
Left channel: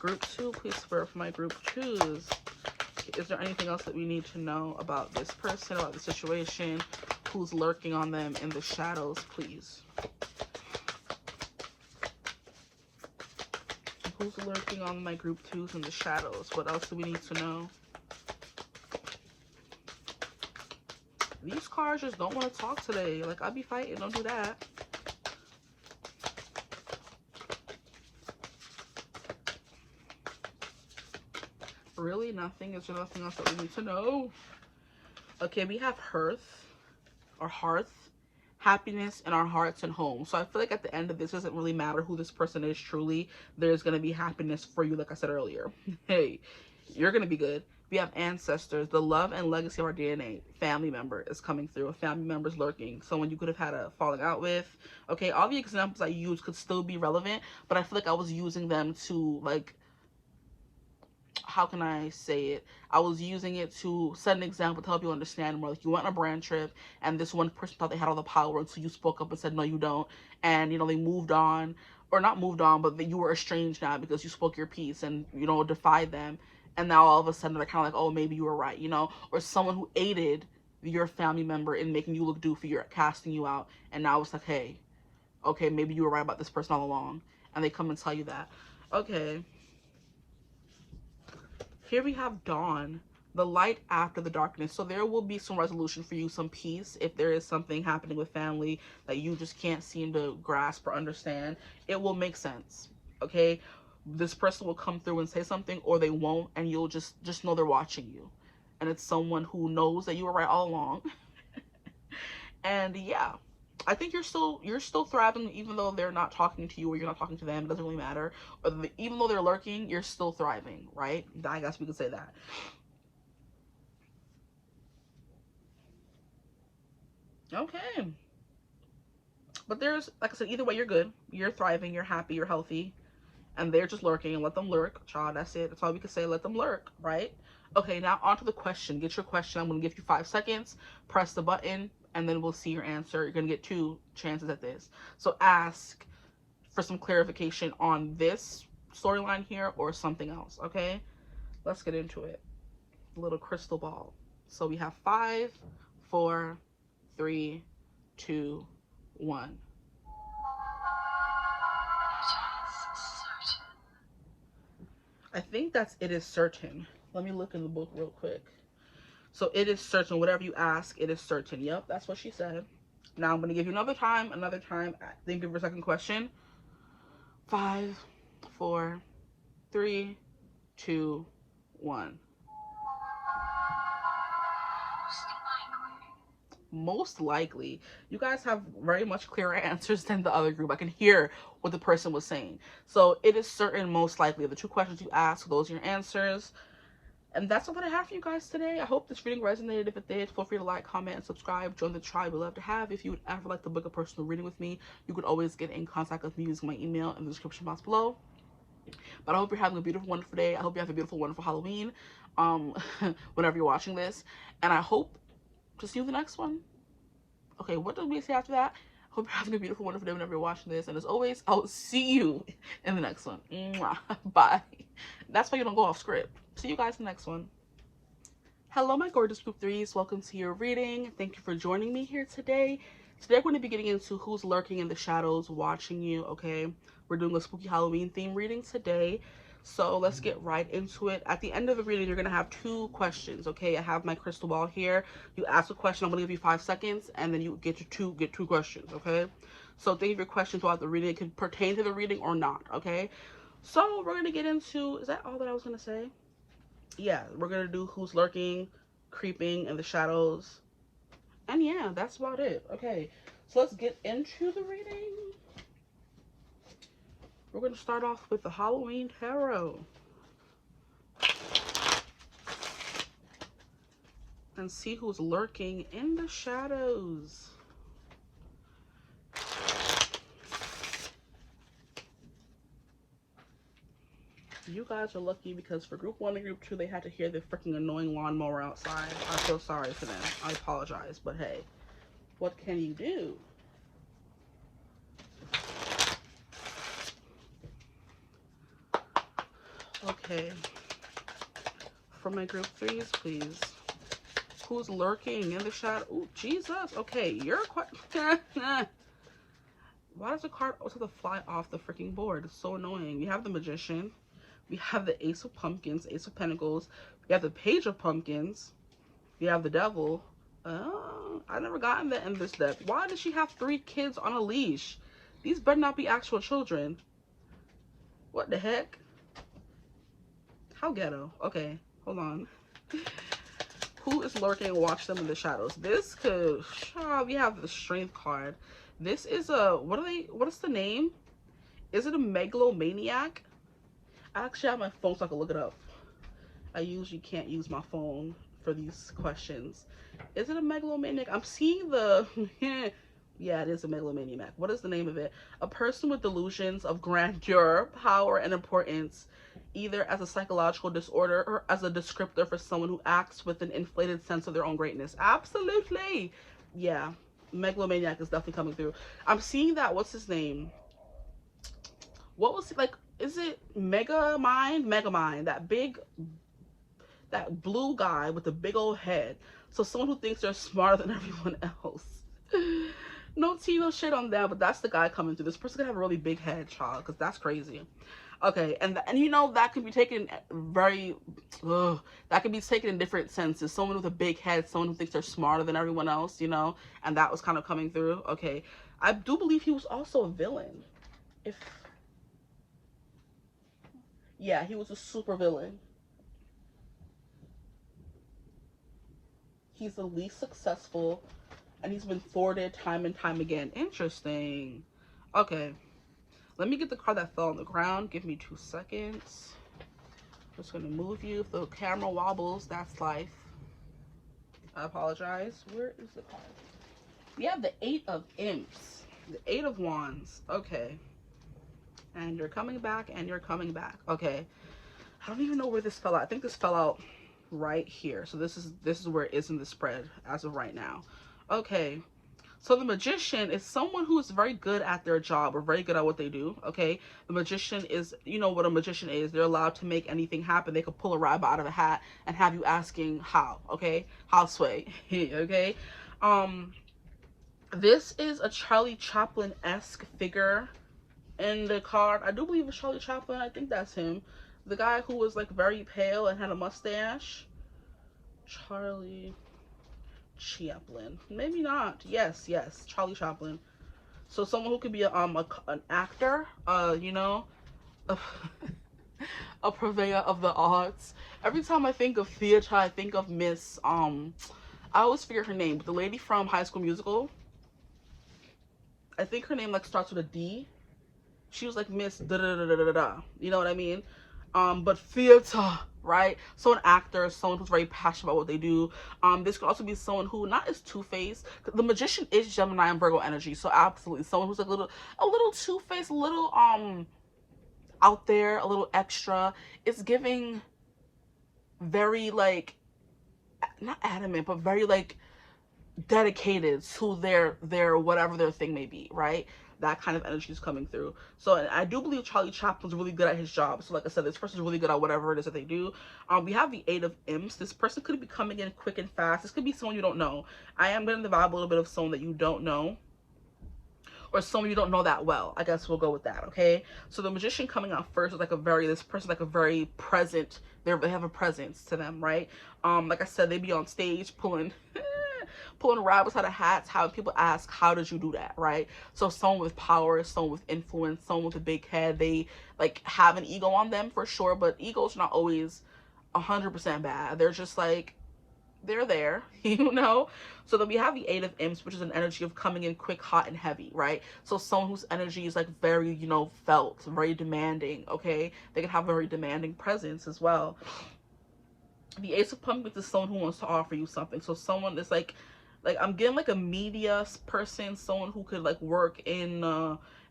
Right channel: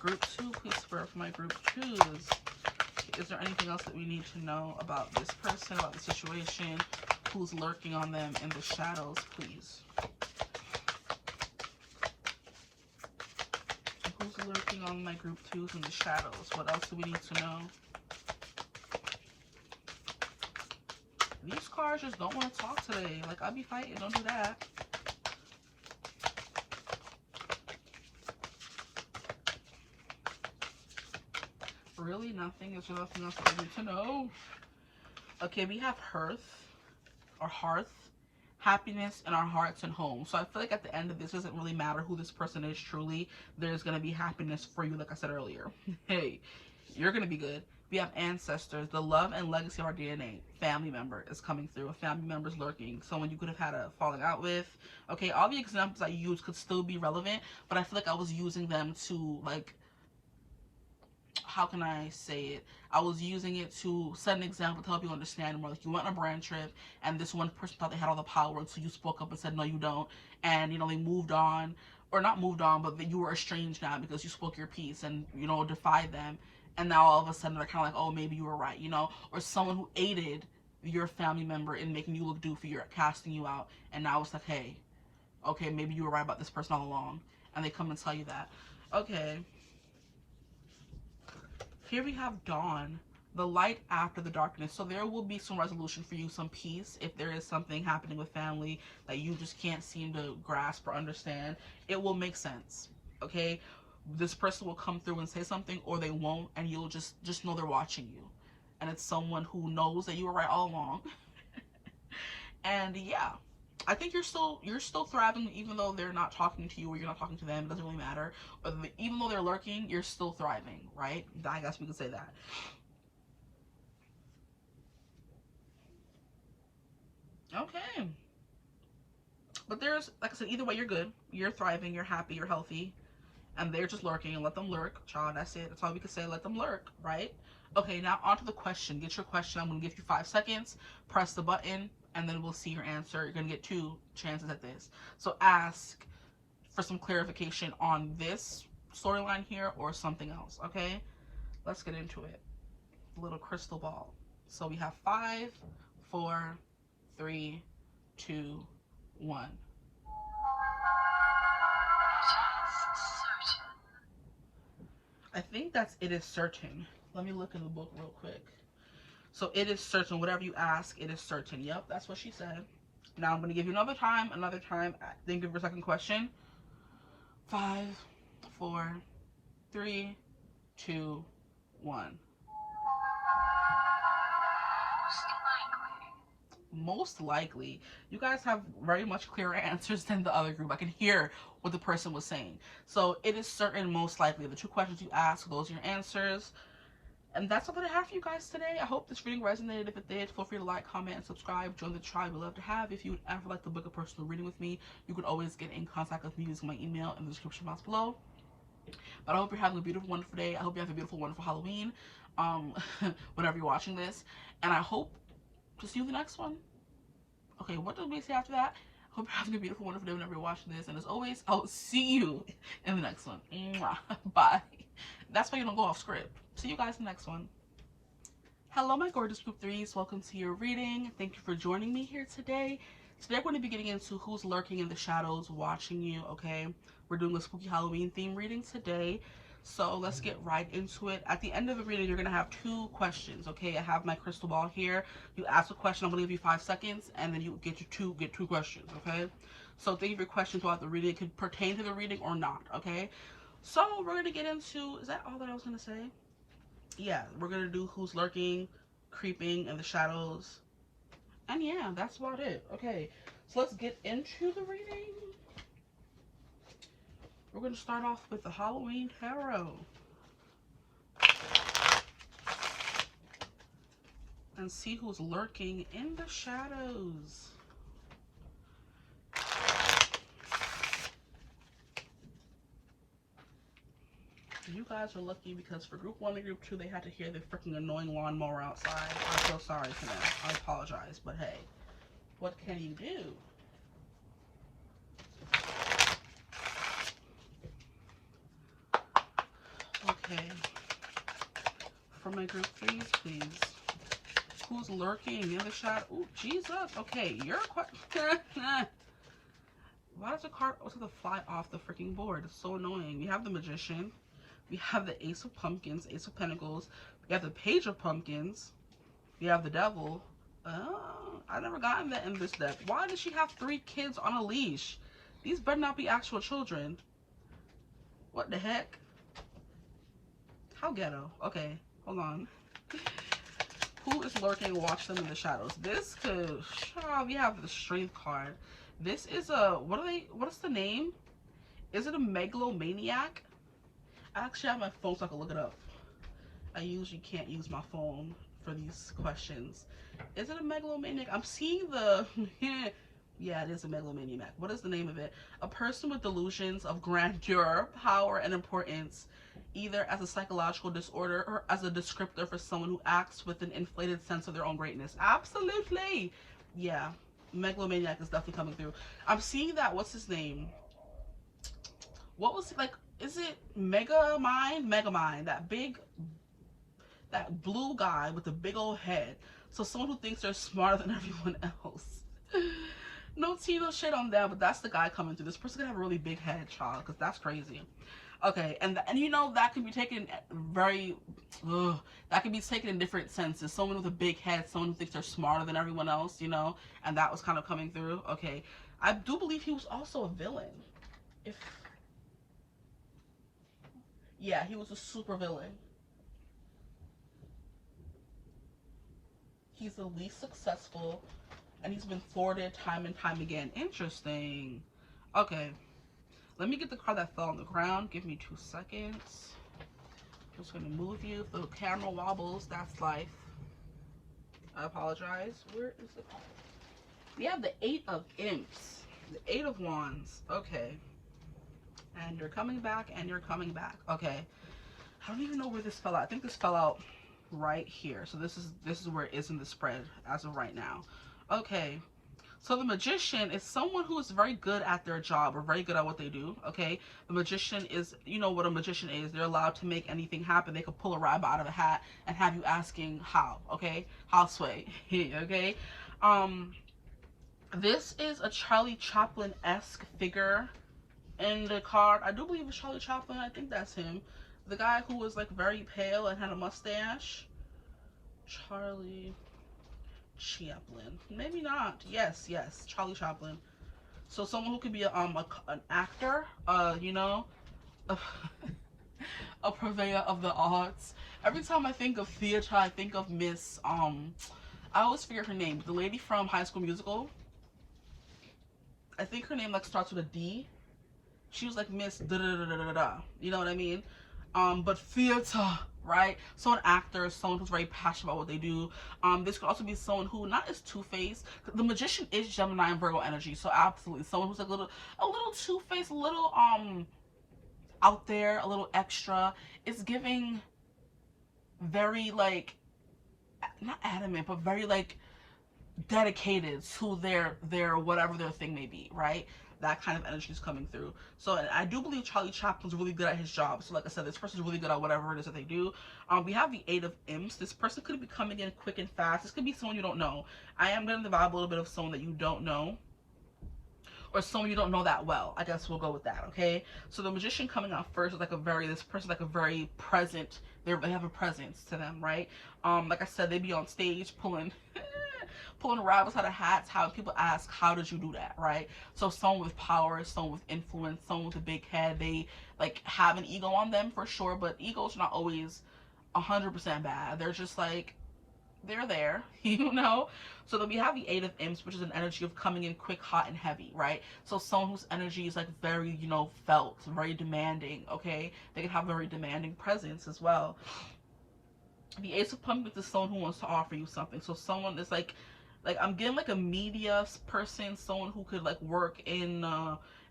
Group 2, please Spirit, for my Group 2s. Is there anything else that we need to know about this person, about the situation? Who's lurking on them in the shadows, please? Who's lurking on my Group 2s in the shadows? What else do we need to know? These cards just don't want to talk today. Like, I'll be fighting. Don't do that. Really? Nothing? Is there nothing else that we need to know? Okay, we have hearth, or hearth, happiness in our hearts and home. So I feel like at the end of this, it doesn't really matter who this person is truly. There's going to be happiness for you, like I said earlier. Hey, you're going to be good. We have ancestors, the love and legacy of our DNA. Family member is coming through. A family member is lurking. Someone you could have had a falling out with. Okay, all the examples I used could still be relevant, but I feel like I was using them to, like, how can I say it? I was using it to set an example to help you understand more. Like, you went on a brand trip and this one person thought they had all the power until you spoke up and said, no, you don't. And, you know, they moved on, or not moved on, but you were estranged now because you spoke your piece and, you know, defied them. And now all of a sudden they're kind of like, oh, maybe you were right, you know? Or someone who aided your family member in making you look doofy or casting you out. And now it's like, hey, okay, maybe you were right about this person all along. And they come and tell you that. Okay. Here we have dawn, the light after the darkness. So there will be some resolution for you, some peace. If there is something happening with family that you just can't seem to grasp or understand, it will make sense, okay? This person will come through and say something, or they won't, and you'll just know they're watching you. And it's someone who knows that you were right all along. And yeah, I think you're still thriving, even though they're not talking to you or you're not talking to them. It doesn't really matter. Even though they're lurking, you're still thriving, right? I guess we could say that. Okay. But there's, like I said, either way, you're good. You're thriving. You're happy. You're healthy. And they're just lurking, and let them lurk. Child, that's it. That's all we can say. Let them lurk, right? Okay, now on to the question. Get your question. I'm going to give you 5 seconds. Press the button, and then we'll see your answer. You're going to get 2 chances at this. So ask for some clarification on this storyline here or something else, okay? Let's get into it. Little crystal ball. So we have 5, 4, 3, 2, 1. I think that's it is certain. Let me look in the book real quick. So it is certain. Whatever you ask, it is certain. Yep, that's what she said. Now I'm going to give you another time. Think of your second question. 5, 4, 3, 2, 1. Most likely. You guys have very much clearer answers than the other group. I can hear what the person was saying. So it is certain, most likely. The 2 questions you ask, those are your answers. And that's all that I have for you guys today. I hope this reading resonated. If it did, feel free to like, comment, and subscribe. Join the tribe we love to have. If you would ever like to book a personal reading with me, you could always get in contact with me using my email in the description box below. But I hope you're having a beautiful, wonderful day. I hope you have a beautiful, wonderful Halloween, whenever you're watching this. And I hope to see you in the next one. Okay, what do we say after that? Hope you're having a beautiful, wonderful day whenever you're watching this. And as always, I'll see you in the next one. Mwah. Bye. That's why you don't go off script. See you guys in the next one. Hello, my gorgeous group 3s. Welcome to your reading. Thank you for joining me here today. Today, we're going to be getting into who's lurking in the shadows watching you, okay? We're doing a spooky Halloween theme reading today. So let's get right into it. At the end of the reading, you're going to have 2 questions, okay? I have my crystal ball here. You ask a question, I'm going to give you 5 seconds, and then you get your 2 questions, okay? So think of your questions throughout the reading. It could pertain to the reading or not, okay? So we're going to get into, is that all that I was going to say? Yeah, we're going to do who's lurking, creeping in the shadows. And yeah, that's about it. Okay, so let's get into the reading. We're going to start off with the Halloween Tarot. And see who's lurking in the shadows. You guys are lucky because for group 1 and group 2, they had to hear the freaking annoying lawnmower outside. I'm so sorry for them. I apologize, but hey, what can you do? Okay. For my group threes, please. Who's lurking in the shadow? Oh, Jesus. Okay, you're quite... Why does the card also have to fly off the freaking board? It's so annoying. We have the Magician. We have the Ace of Pumpkins, Ace of Pentacles. We have the Page of Pumpkins. We have the Devil. Oh, I never gotten that in this deck. Why does she have 3 kids on a leash? These better not be actual children. What the heck? How ghetto. Okay, hold on. Who is lurking? Watch them in the shadows. This could... we have the Strength card. This is a... What is the name? Is it a megalomaniac? I actually have my phone so I can look it up. I usually can't use my phone for these questions. Is it a megalomaniac? I'm seeing the... Yeah, it is a megalomaniac. What is the name of it? A person with delusions of grandeur, power, and importance, either as a psychological disorder or as a descriptor for someone who acts with an inflated sense of their own greatness. Absolutely. Yeah, megalomaniac is definitely coming through. I'm seeing that. What's his name? What was it like? Is it Megamind? That blue guy with the big old head. So someone who thinks they're smarter than everyone else. No tea, no shit on them, but that's the guy coming through. This person could have a really big head, child, because that's crazy. Okay, and you know, that can be taken very, that can be taken in different senses. Someone with a big head, someone who thinks they're smarter than everyone else, you know, and that was kind of coming through. Okay, I do believe he was also a villain. Yeah, he was a super villain. He's the least successful, and he's been thwarted time and time again. Interesting. Okay. Let me get the card that fell on the ground. Give me 2 seconds. Just going to move you. If the camera wobbles, that's life. I apologize. Where is the card? We have the 8 of Imps. The 8 of Wands. Okay. And you're coming back, and you're coming back. Okay. I don't even know where this fell out. I think this fell out right here. So this is where it is in the spread as of right now. Okay. So the Magician is someone who is very good at their job or very good at what they do, okay? The Magician is, you know what a magician is. They're allowed to make anything happen. They could pull a rabbit out of a hat and have you asking how, okay? How sway, okay? This is a Charlie Chaplin-esque figure in the card. I do believe it's Charlie Chaplin. I think that's him. The guy who was, like, very pale and had a mustache. Charlie Chaplin. Maybe not. Yes, Charlie Chaplin. So someone who could be an actor, you know, a purveyor of the arts. Every time I think of theater, I think of Miss, I always forget her name, but the lady from High School Musical. I think her name, like, starts with a D. She was like Miss da-da-da-da-da-da. You know what I mean? But theater, right? So an actor, someone who's very passionate about what they do. This could also be someone who not is two-faced. The Magician is Gemini and Virgo energy, so absolutely someone who's like a little two-faced, a little out there, a little extra. It's giving very, like, not adamant, but very, like, dedicated to their whatever their thing may be, right? That kind of energy is coming through. So, and I do believe Charlie Chaplin's really good at his job. So like I said, this person's really good at whatever it is that they do. We have the 8 of Imps. This person could be coming in quick and fast. This could be someone you don't know. I am getting the vibe a little bit of someone that you don't know, or someone you don't know that well. I guess we'll go with that, okay? So the Magician coming out first is like this person's like a very present, they have a presence to them, right? Like I said, they be on stage pulling rabbits out of hats. How people ask, how did you do that, right? So someone with power, someone with influence, someone with a big head, they like have an ego on them for sure, but egos are not always 100% bad. They're just like, they're there, you know? So then we have the 8 of Imps, which is an energy of coming in quick, hot, and heavy, right? So someone whose energy is like very, you know, felt, very demanding, okay? They can have a very demanding presence as well. The Ace of Pumpkins is someone who wants to offer you something. So someone is like I'm getting like a media person, someone who could like work in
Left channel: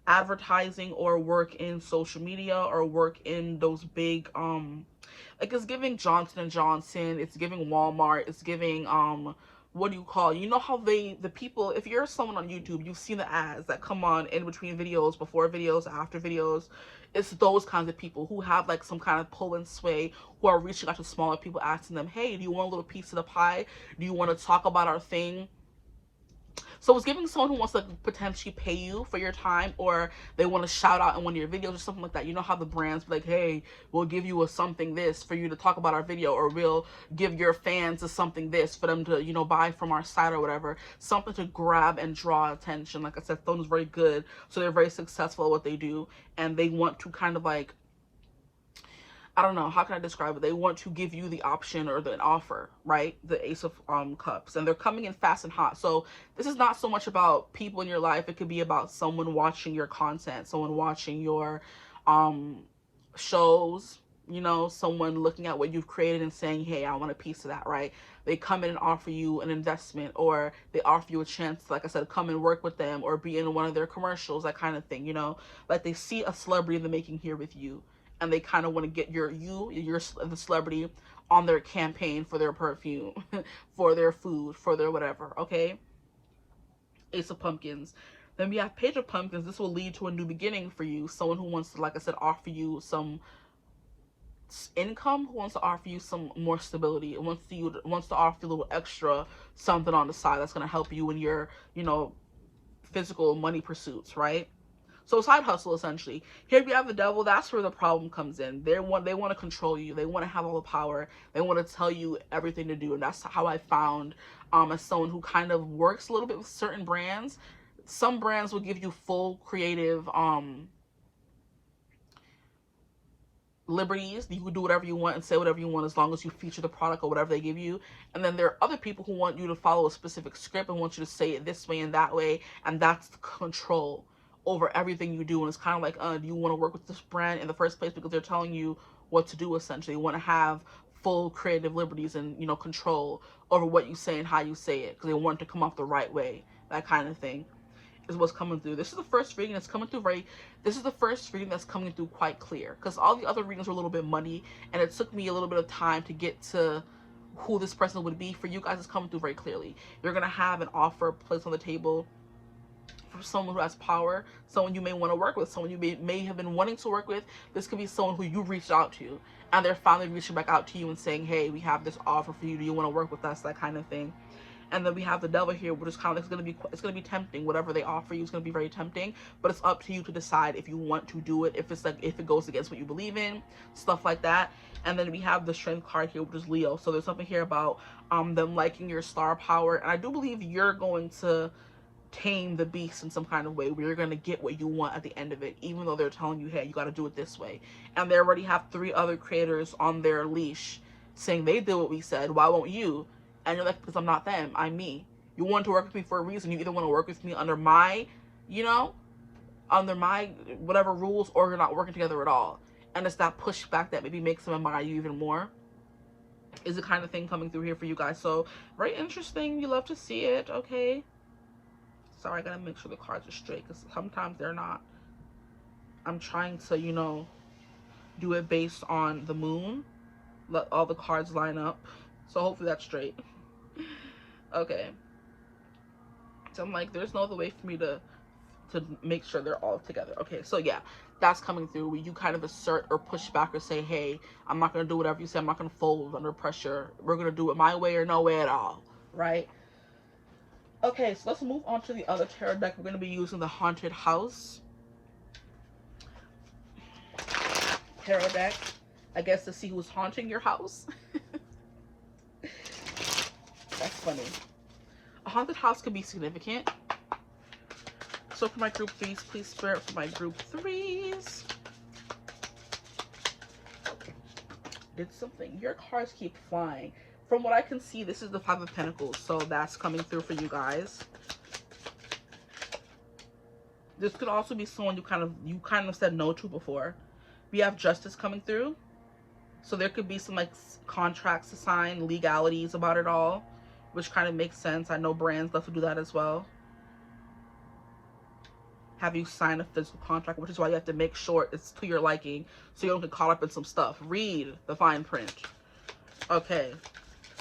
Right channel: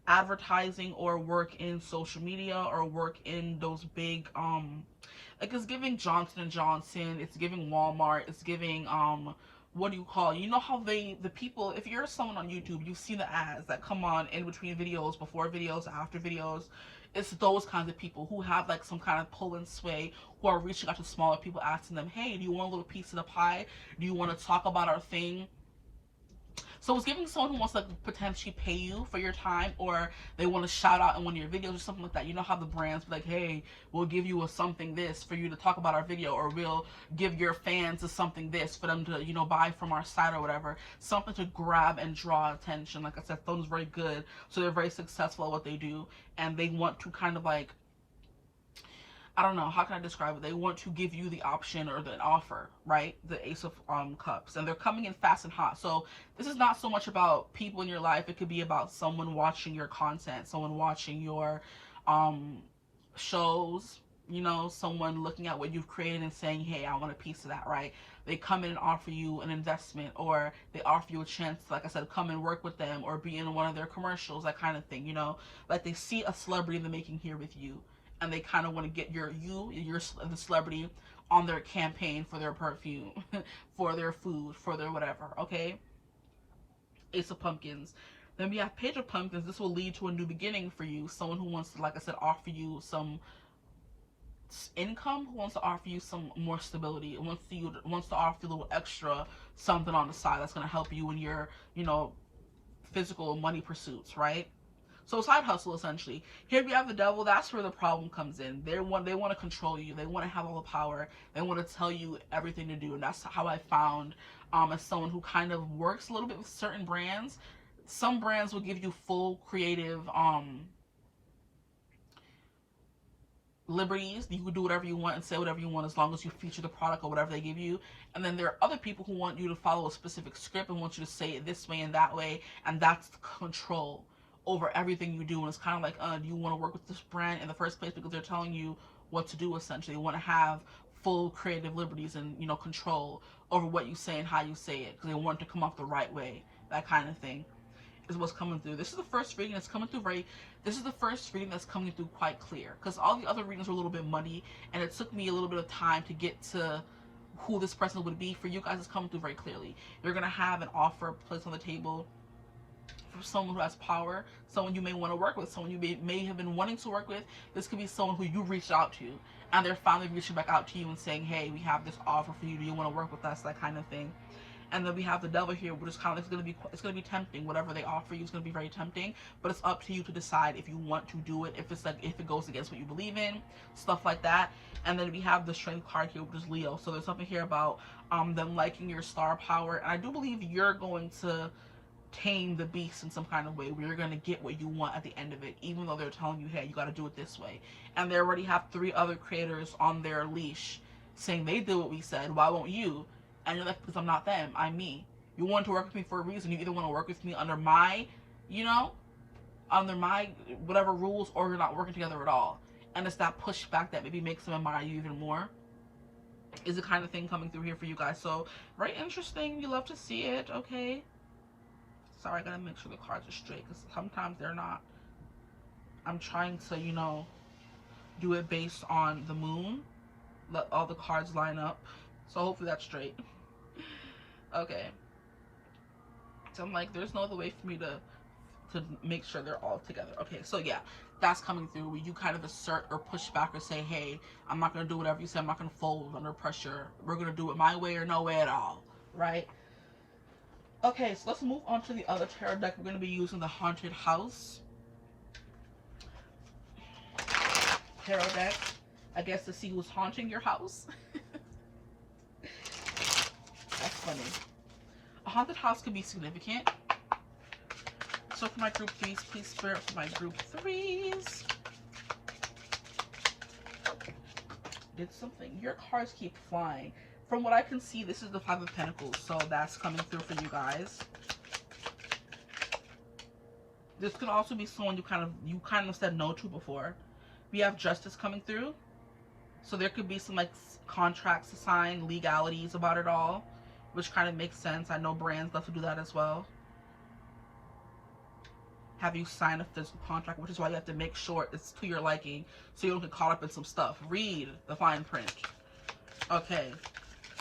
advertising or work in social media or work in those big like it's giving Johnson & Johnson, it's giving Walmart, it's giving what do you call, you know how the people, if you're someone on YouTube, you've seen the ads that come on in between videos, before videos, after videos. It's those kinds of people who have like some kind of pull and sway, who are reaching out to smaller people, asking them, hey, do you want a little piece of the pie? Do you want to talk about our thing? So it's giving someone who wants to potentially pay you for your time, or they want to shout out in one of your videos or something like that. You know how the brands be like, hey, we'll give you a something this for you to talk about our video, or we'll give your fans a something this for them to, you know, buy from our site or whatever. Something to grab and draw attention. Like I said, Stone is very good, so they're very successful at what they do, and they want to kind of like, I don't know, how can I describe it? They want to give you the option or the offer, right? The Ace of Cups. And they're coming in fast and hot. So this is not so much about people in your life. It could be about someone watching your content, someone watching your shows, you know, someone looking at what you've created and saying, hey, I want a piece of that, right? They come in and offer you an investment, or they offer you a chance to, like I said, come and work with them or be in one of their commercials, that kind of thing, you know? Like they see a celebrity in the making here with you, and they kind of want to get the celebrity on their campaign for their perfume, for their food, for their whatever, okay? Ace of Pumpkins. Then we have Page of Pumpkins. This will lead to a new beginning for you. Someone who wants to, like I said, offer you some income, who wants to offer you some more stability, wants to offer you a little extra something on the side that's going to help you in your, you know, physical money pursuits, right? So side hustle, essentially. Here we have the Devil. That's where the problem comes in. They want to control you. They want to have all the power. They want to tell you everything to do. And that's how I found as someone who kind of works a little bit with certain brands. Some brands will give you full creative liberties. You can do whatever you want and say whatever you want as long as you feature the product or whatever they give you. And then there are other people who want you to follow a specific script and want you to say it this way and that way. And that's the control over everything you do. And it's kind of like, do you want to work with this brand in the first place? Because they're telling you what to do, essentially. They want to have full creative liberties and, you know, control over what you say and how you say it, because they want it to come off the right way. That kind of thing is what's coming through. This is the first reading that's coming through this is the first reading that's coming through quite clear, because all the other readings were a little bit muddy, and it took me a little bit of time to get to who this person would be. For you guys, it's coming through very clearly. You're going to have an offer placed on the table for someone who has power, someone you may want to work with, someone you may have been wanting to work with. This could be someone who you reached out to, and they're finally reaching back out to you and saying, hey, we have this offer for you. Do you want to work with us? That kind of thing. And then we have the Devil here, which is kind of like, it's gonna be tempting. Whatever they offer you is gonna be very tempting, but it's up to you to decide if you want to do it, if it goes against what you believe in, stuff like that. And then we have the Strength card here, which is Leo. So there's something here about them liking your star power, and I do believe you're going to tame the beast in some kind of way, where you're going to get what you want at the end of it, even though they're telling you, hey, you got to do it this way. And they already have 3 other creators on their leash saying they did what we said, why won't you? And you're like, because I'm not them, I'm me. You want to work with me for a reason. You either want to work with me under my, you know, under my whatever rules, or you're not working together at all. And it's that pushback that maybe makes them admire you even more, is the kind of thing coming through here for you guys. So very interesting. You love to see it. Okay, sorry, I gotta make sure the cards are straight, because sometimes they're not. I'm trying to, you know, do it based on the moon, let all the cards line up, so hopefully that's straight. Okay, so I'm like, there's no other way for me to make sure they're all together. Okay, so yeah, that's coming through, where you kind of assert or push back or say, hey, I'm not gonna do whatever you say. I'm not gonna fold under pressure. We're gonna do it my way or no way at all, right? Okay, so let's move on to the other tarot deck. We're going to be using the Haunted House tarot deck, I guess, to see who's haunting your house. That's funny. A haunted house could be significant. So for my group 3s, please spirit for my group 3s. Did something. Your cards keep flying. From what I can see, this is the 5 of Pentacles, so that's coming through for you guys. This could also be someone you kind of said no to before. We have Justice coming through, so there could be some like contracts to sign, legalities about it all, which kind of makes sense. I know brands love to do that as well. Have you sign a physical contract, which is why you have to make sure it's to your liking, so you don't get caught up in some stuff. Read the fine print. Okay.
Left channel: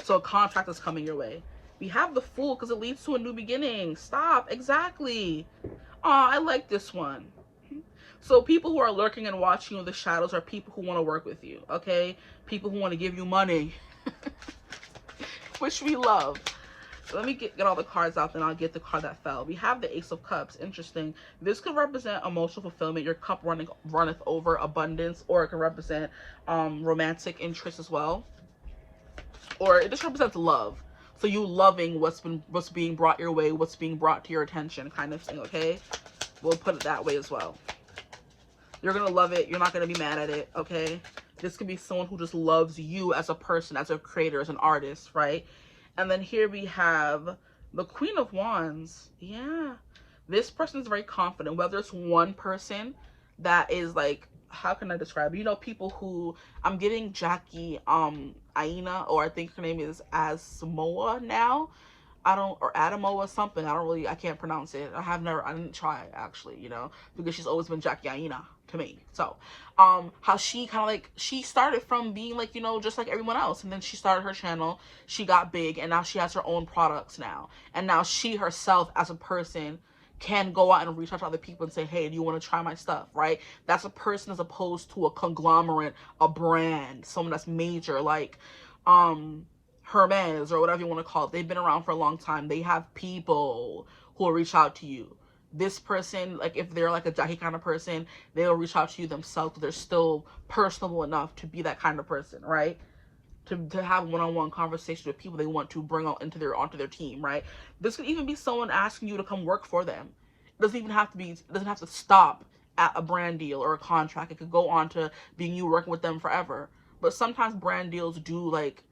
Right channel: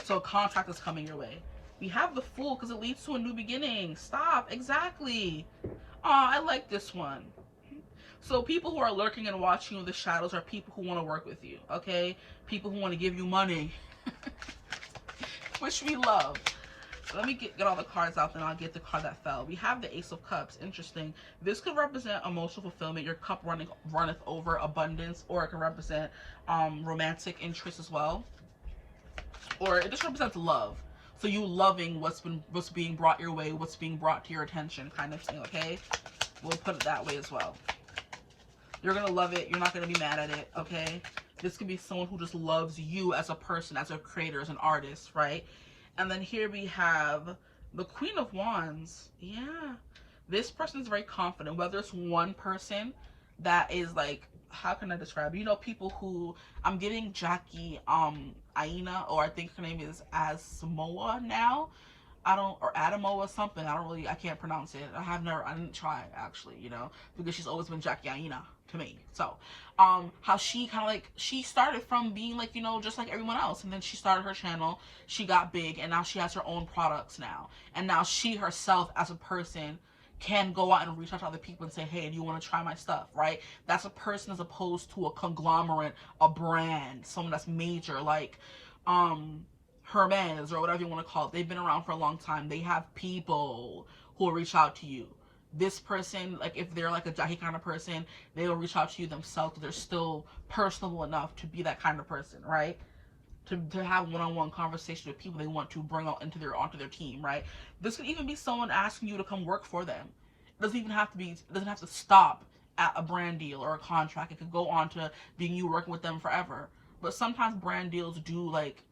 So a contract is coming your way. We have the Fool because it leads to a new beginning. Stop. Exactly. Aw, I like this one. So people who are lurking and watching you in the shadows are people who want to work with you, okay? People who want to give you money, which we love. Let me get all the cards out, then I'll get the card that fell. We have the Ace of Cups. Interesting. This could represent emotional fulfillment. Your cup runneth over, abundance, or it can represent romantic interest as well. Or it just represents love. So you loving what's being brought your way, what's being brought to your attention, kind of thing, okay? We'll put it that way as well. You're gonna love it. You're not gonna be mad at it, okay? This could be someone who just loves you as a person, as a creator, as an artist, right? And then here we have the Queen of Wands. Yeah. This person is very confident. Whether it's one person that is like, how can I describe it? You know, people who, I'm getting Jackie Aina, or I think her name is Asmoa now. Or Adamo or something. I can't pronounce it. I didn't try actually, you know, because she's always been Jackie Aina to me. So, how she kind of like, she started from being like, you know, just like everyone else. And then she started her channel, she got big, and now she has her own products now. And now she herself as a person can go out and reach out to other people and say, hey, do you want to try my stuff, right? That's a person as opposed to a conglomerate, a brand, someone that's major, like, Hermes or whatever you want to call it. They've been around for a long time. They have people who will reach out to you. This person, like if they're like a Jackie kind of person, they'll reach out to you themselves, but they're still personable enough to be that kind of person, right? To have one-on-one conversations with people they want to bring onto their team, right? This could even be someone asking you to come work for them. It doesn't even have to be, it doesn't have to stop at a brand deal or a contract. It could go on to being you working with them forever. But sometimes brand deals do like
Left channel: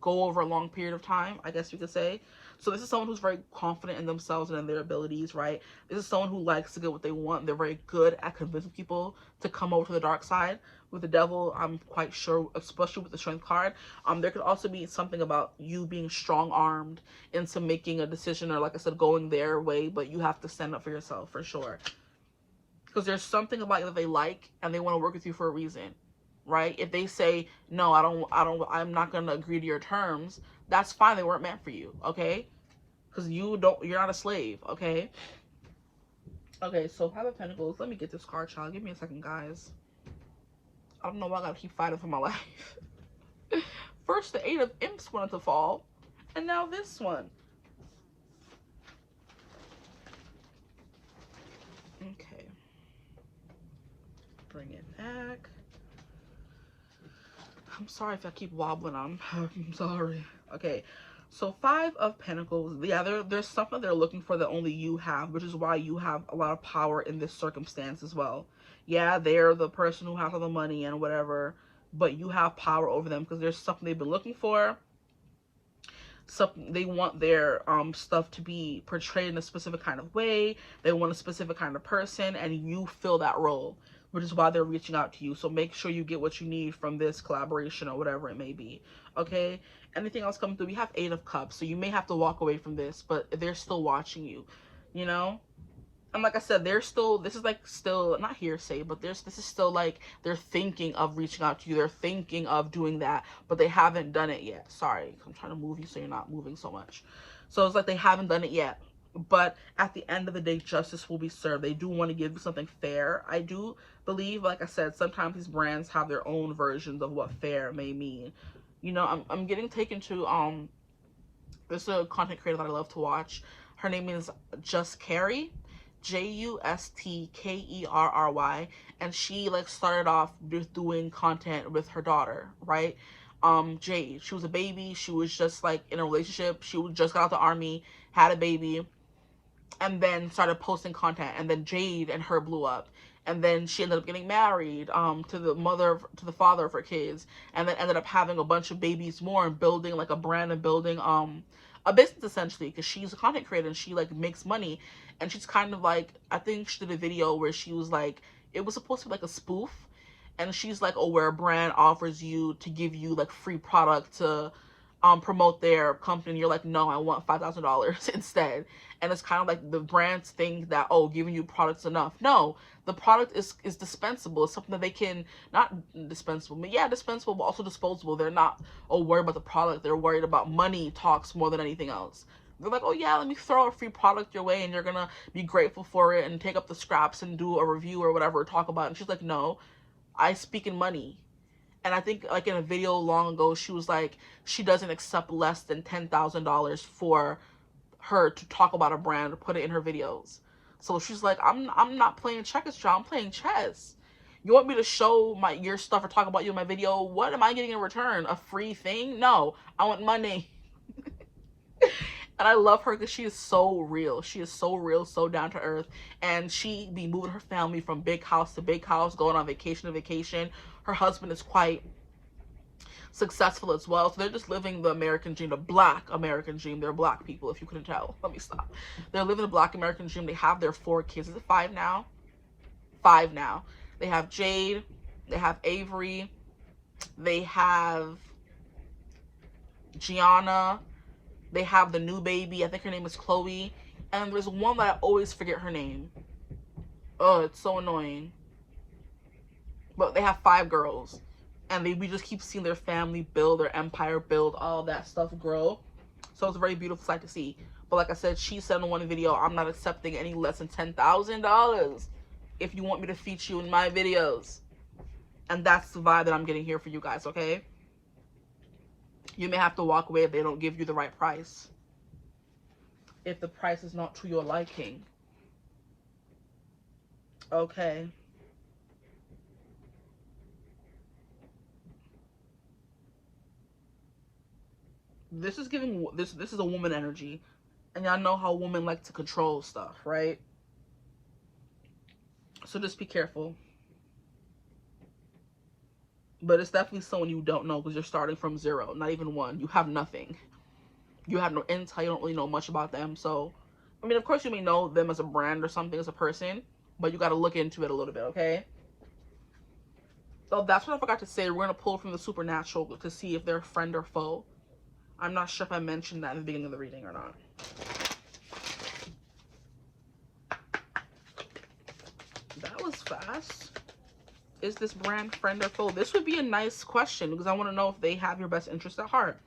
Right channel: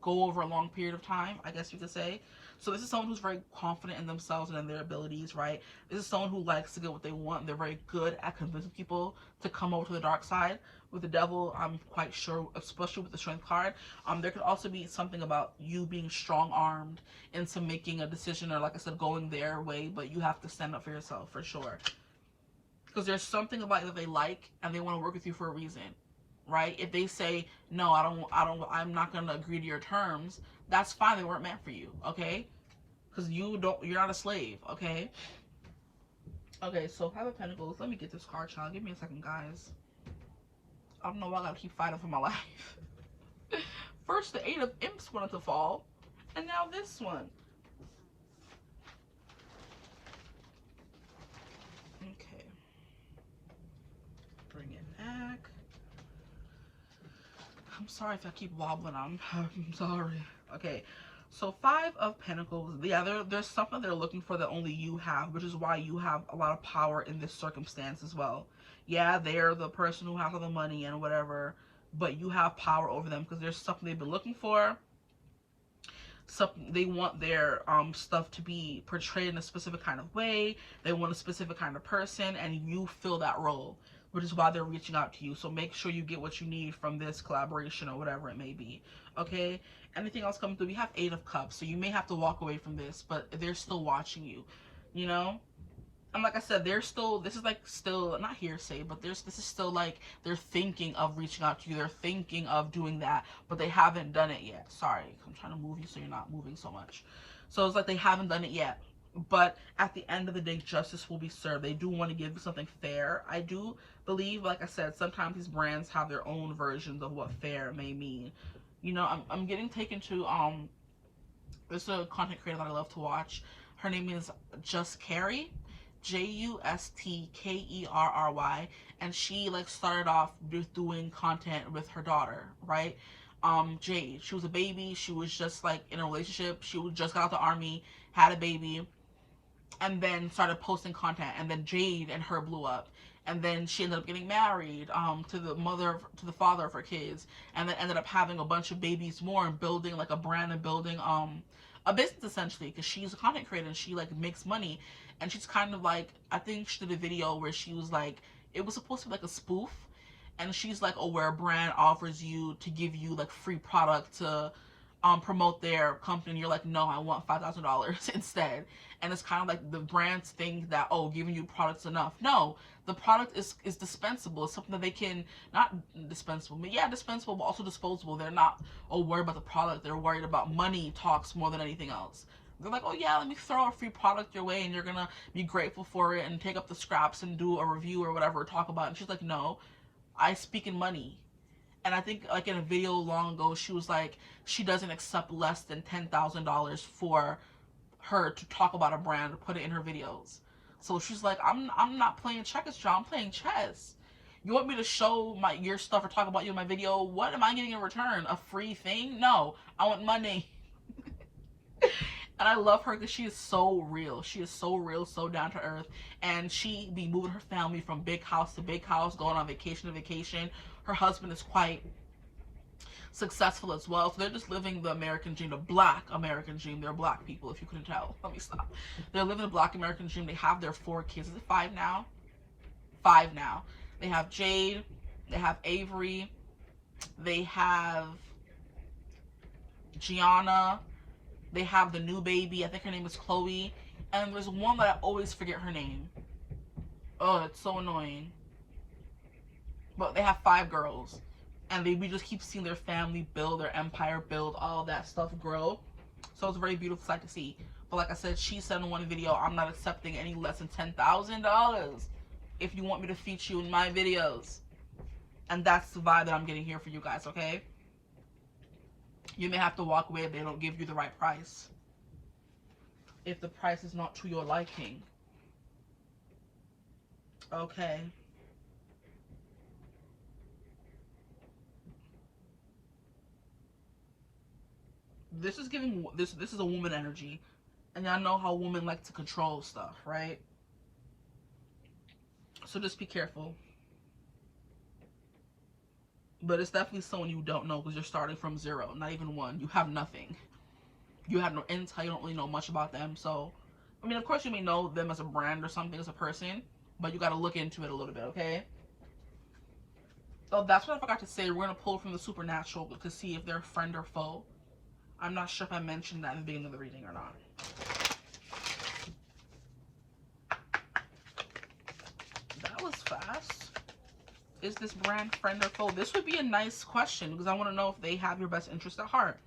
go over a long period of time, I guess you could say. So this is someone who's very confident in themselves and in their abilities, right? This is someone who likes to get what they want. They're very good at convincing people to come over to the dark side. With the Devil, I'm quite sure, especially with the Strength card, there could also be something about you being strong-armed into making a decision, or like I said, going their way, but you have to stand up for yourself for sure. Because there's something about you that they like and they want to work with you for a reason. Right? If they say, no, I'm not going to agree to your terms, that's fine. They weren't meant for you. Okay? Because you're not a slave. Okay? Okay, so Five of Pentacles. Let me get this card, child. Give me a second, guys. I don't know why I got to keep fighting for my life. First, the Eight of Imps wanted to fall. And now this one. Okay. Bring it back. I'm sorry if I keep wobbling. I'm sorry. Okay, so Five of Pentacles. Yeah, there's something they're looking for that only you have, which is why you have a lot of power in this circumstance as well. Yeah, they're the person who has all the money and whatever, but you have power over them because there's something they've been looking for. Something they want their stuff to be portrayed in a specific kind of way. They want a specific kind of person, and you fill that role, which is why they're reaching out to you. So make sure you get what you need from this collaboration or whatever it may be. Okay? Anything else coming through? We have Eight of Cups, so you may have to walk away from this, but they're still watching you, you know? And like I said, they're still, this is like still, not hearsay, but this is still like, they're thinking of reaching out to you. They're thinking of doing that, but they haven't done it yet. Sorry, I'm trying to move you so you're not moving so much. So it's like they haven't done it yet. But at the end of the day, justice will be served. They do want to give you something fair. I do believe, like I said, sometimes these brands have their own versions of what fair may mean. You know, I'm getting taken to, this is a content creator that I love to watch. Her name is Just Carrie. Justkkerry, and she like started off just doing content with her daughter, right? Jade. She was a baby. She was just like in a relationship. She just got out the army, had a baby, and then started posting content. And then Jade and her blew up, and then she ended up getting married to the father of her kids, and then ended up having a bunch of babies more and building like a brand and building a business essentially, because she's a content creator and she like makes money. And she's kind of like, I think she did a video where she was like, it was supposed to be like a spoof, and she's like, oh, where a brand offers you to give you like free product to promote their company, and you're like, no, I want $5,000 instead. And it's kind of like the brands think that, oh, giving you products enough. No, the product is dispensable. It's something that they can, not dispensable, but yeah, dispensable, but also disposable. They're not, oh, worried about the product. They're worried about money talks more than anything else. They're like, oh yeah, let me throw a free product your way and you're gonna be grateful for it and take up the scraps and do a review or whatever, talk about it. And she's like, no, I speak in money. And I think, like, in a video long ago, she was like, she doesn't accept less than $10,000 for her to talk about a brand or put it in her videos. So she's like, I'm not playing checkers, John. I'm playing chess. You want me to show your stuff or talk about you in my video? What am I getting in return? A free thing? No, I want money. And I love her because she is so real. She is so real, so down to earth. And she be moving her family from big house to big house, going on vacation to vacation. Her husband is quite successful as well. So they're just living the American dream, the Black American dream. They're Black people, if you couldn't tell. Let me stop. They're living the Black American dream. They have their 4 kids. Is it 5 now? 5 now. They have Jade. They have Avery. They have Gianna. They have the new baby. I think her name is Chloe. And there's one that I always forget her name. Oh, it's so annoying. But they have 5 girls. And we just keep seeing their family build, their empire build, all that stuff grow. So it's a very beautiful sight to see. But like I said, she said in one video, I'm not accepting any less than $10,000 if you want me to feature you in my videos. And that's the vibe that I'm getting here for you guys, okay? You may have to walk away if they don't give you the right price. If the price is not to your liking. Okay. This is giving, this is a woman energy. And y'all know how women like to control stuff, right? So just be careful. But it's definitely someone you don't know because you're starting from 0, not even 1. You have nothing. You have no intel. You don't really know much about them. So, I mean, of course you may know them as a brand or something, as a person, but you got to look into it a little bit, okay? So that's what I forgot to say. We're going to pull from the supernatural to see if they're friend or foe. I'm not sure if I mentioned that in the beginning of the reading or not. That was fast. Is this brand friend or foe? This would be a nice question because I want to know if they have your best interest at heart.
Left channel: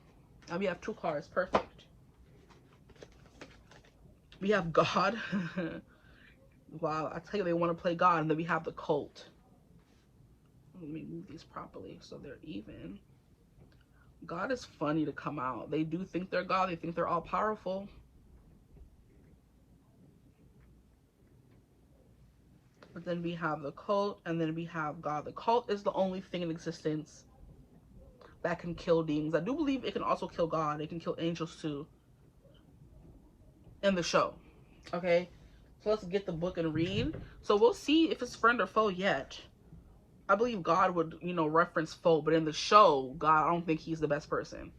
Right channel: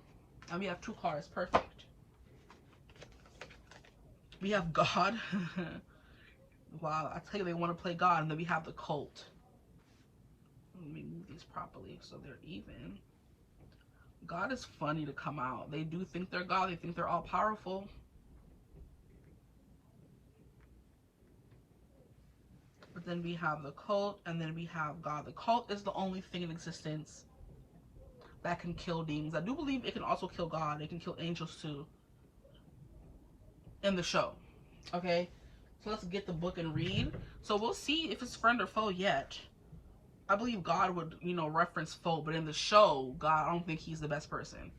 And we have 2 cards. Perfect. We have God. Wow, I tell you, they want to play God. And then we have the cult. Let me move these properly so they're even. God is funny to come out. They do think they're God. They think they're all powerful. But then we have the cult, and then we have God. The cult is the only thing in existence that can kill demons. I do believe it can also kill God. It can kill angels too. In the show. Okay? So let's get the book and read. So we'll see if it's friend or foe yet. I believe God would, you know, reference foe, but in the show, God, I don't think he's the best person.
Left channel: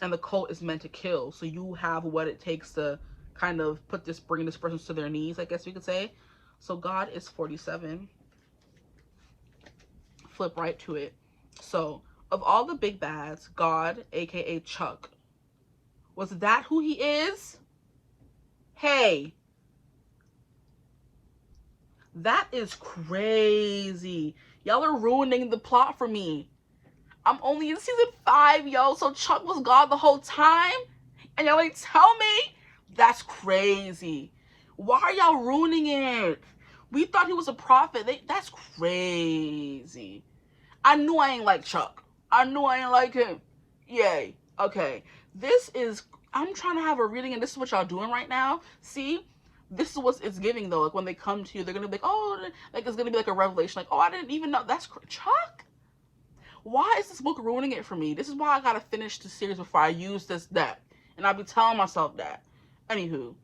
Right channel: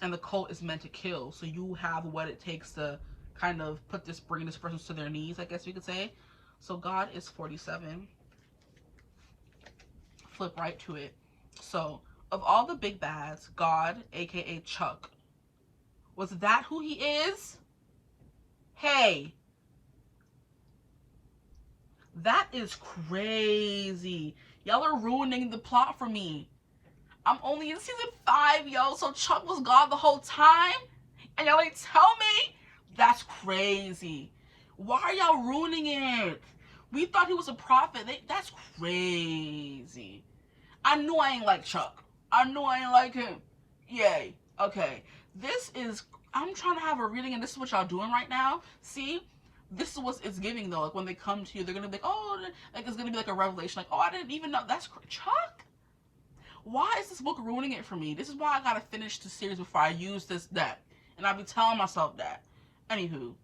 And the cult is meant to kill. So you have what it takes to kind of bring this person to their knees, I guess we could say. So God is 47. Flip right to it. So, of all the big bads, God, aka Chuck, was that who he is? Hey. That is crazy. Y'all are ruining the plot for me. I'm only in season 5, yo. So Chuck was God the whole time? And y'all ain't tell me? That's crazy. Why are y'all ruining it? We thought he was a prophet. That's crazy. I knew I ain't like Chuck. I knew I ain't like him. Yay. Okay. I'm trying to have a reading, and this is what y'all doing right now. See? This is what it's giving, though. Like, when they come to you, they're going to be like, oh, like, it's going to be like a revelation. Like, oh, I didn't even know. That's Chuck? Why is this book ruining it for me? This is why I got to finish the series before I use this deck. And I'll be telling myself that. Anywho,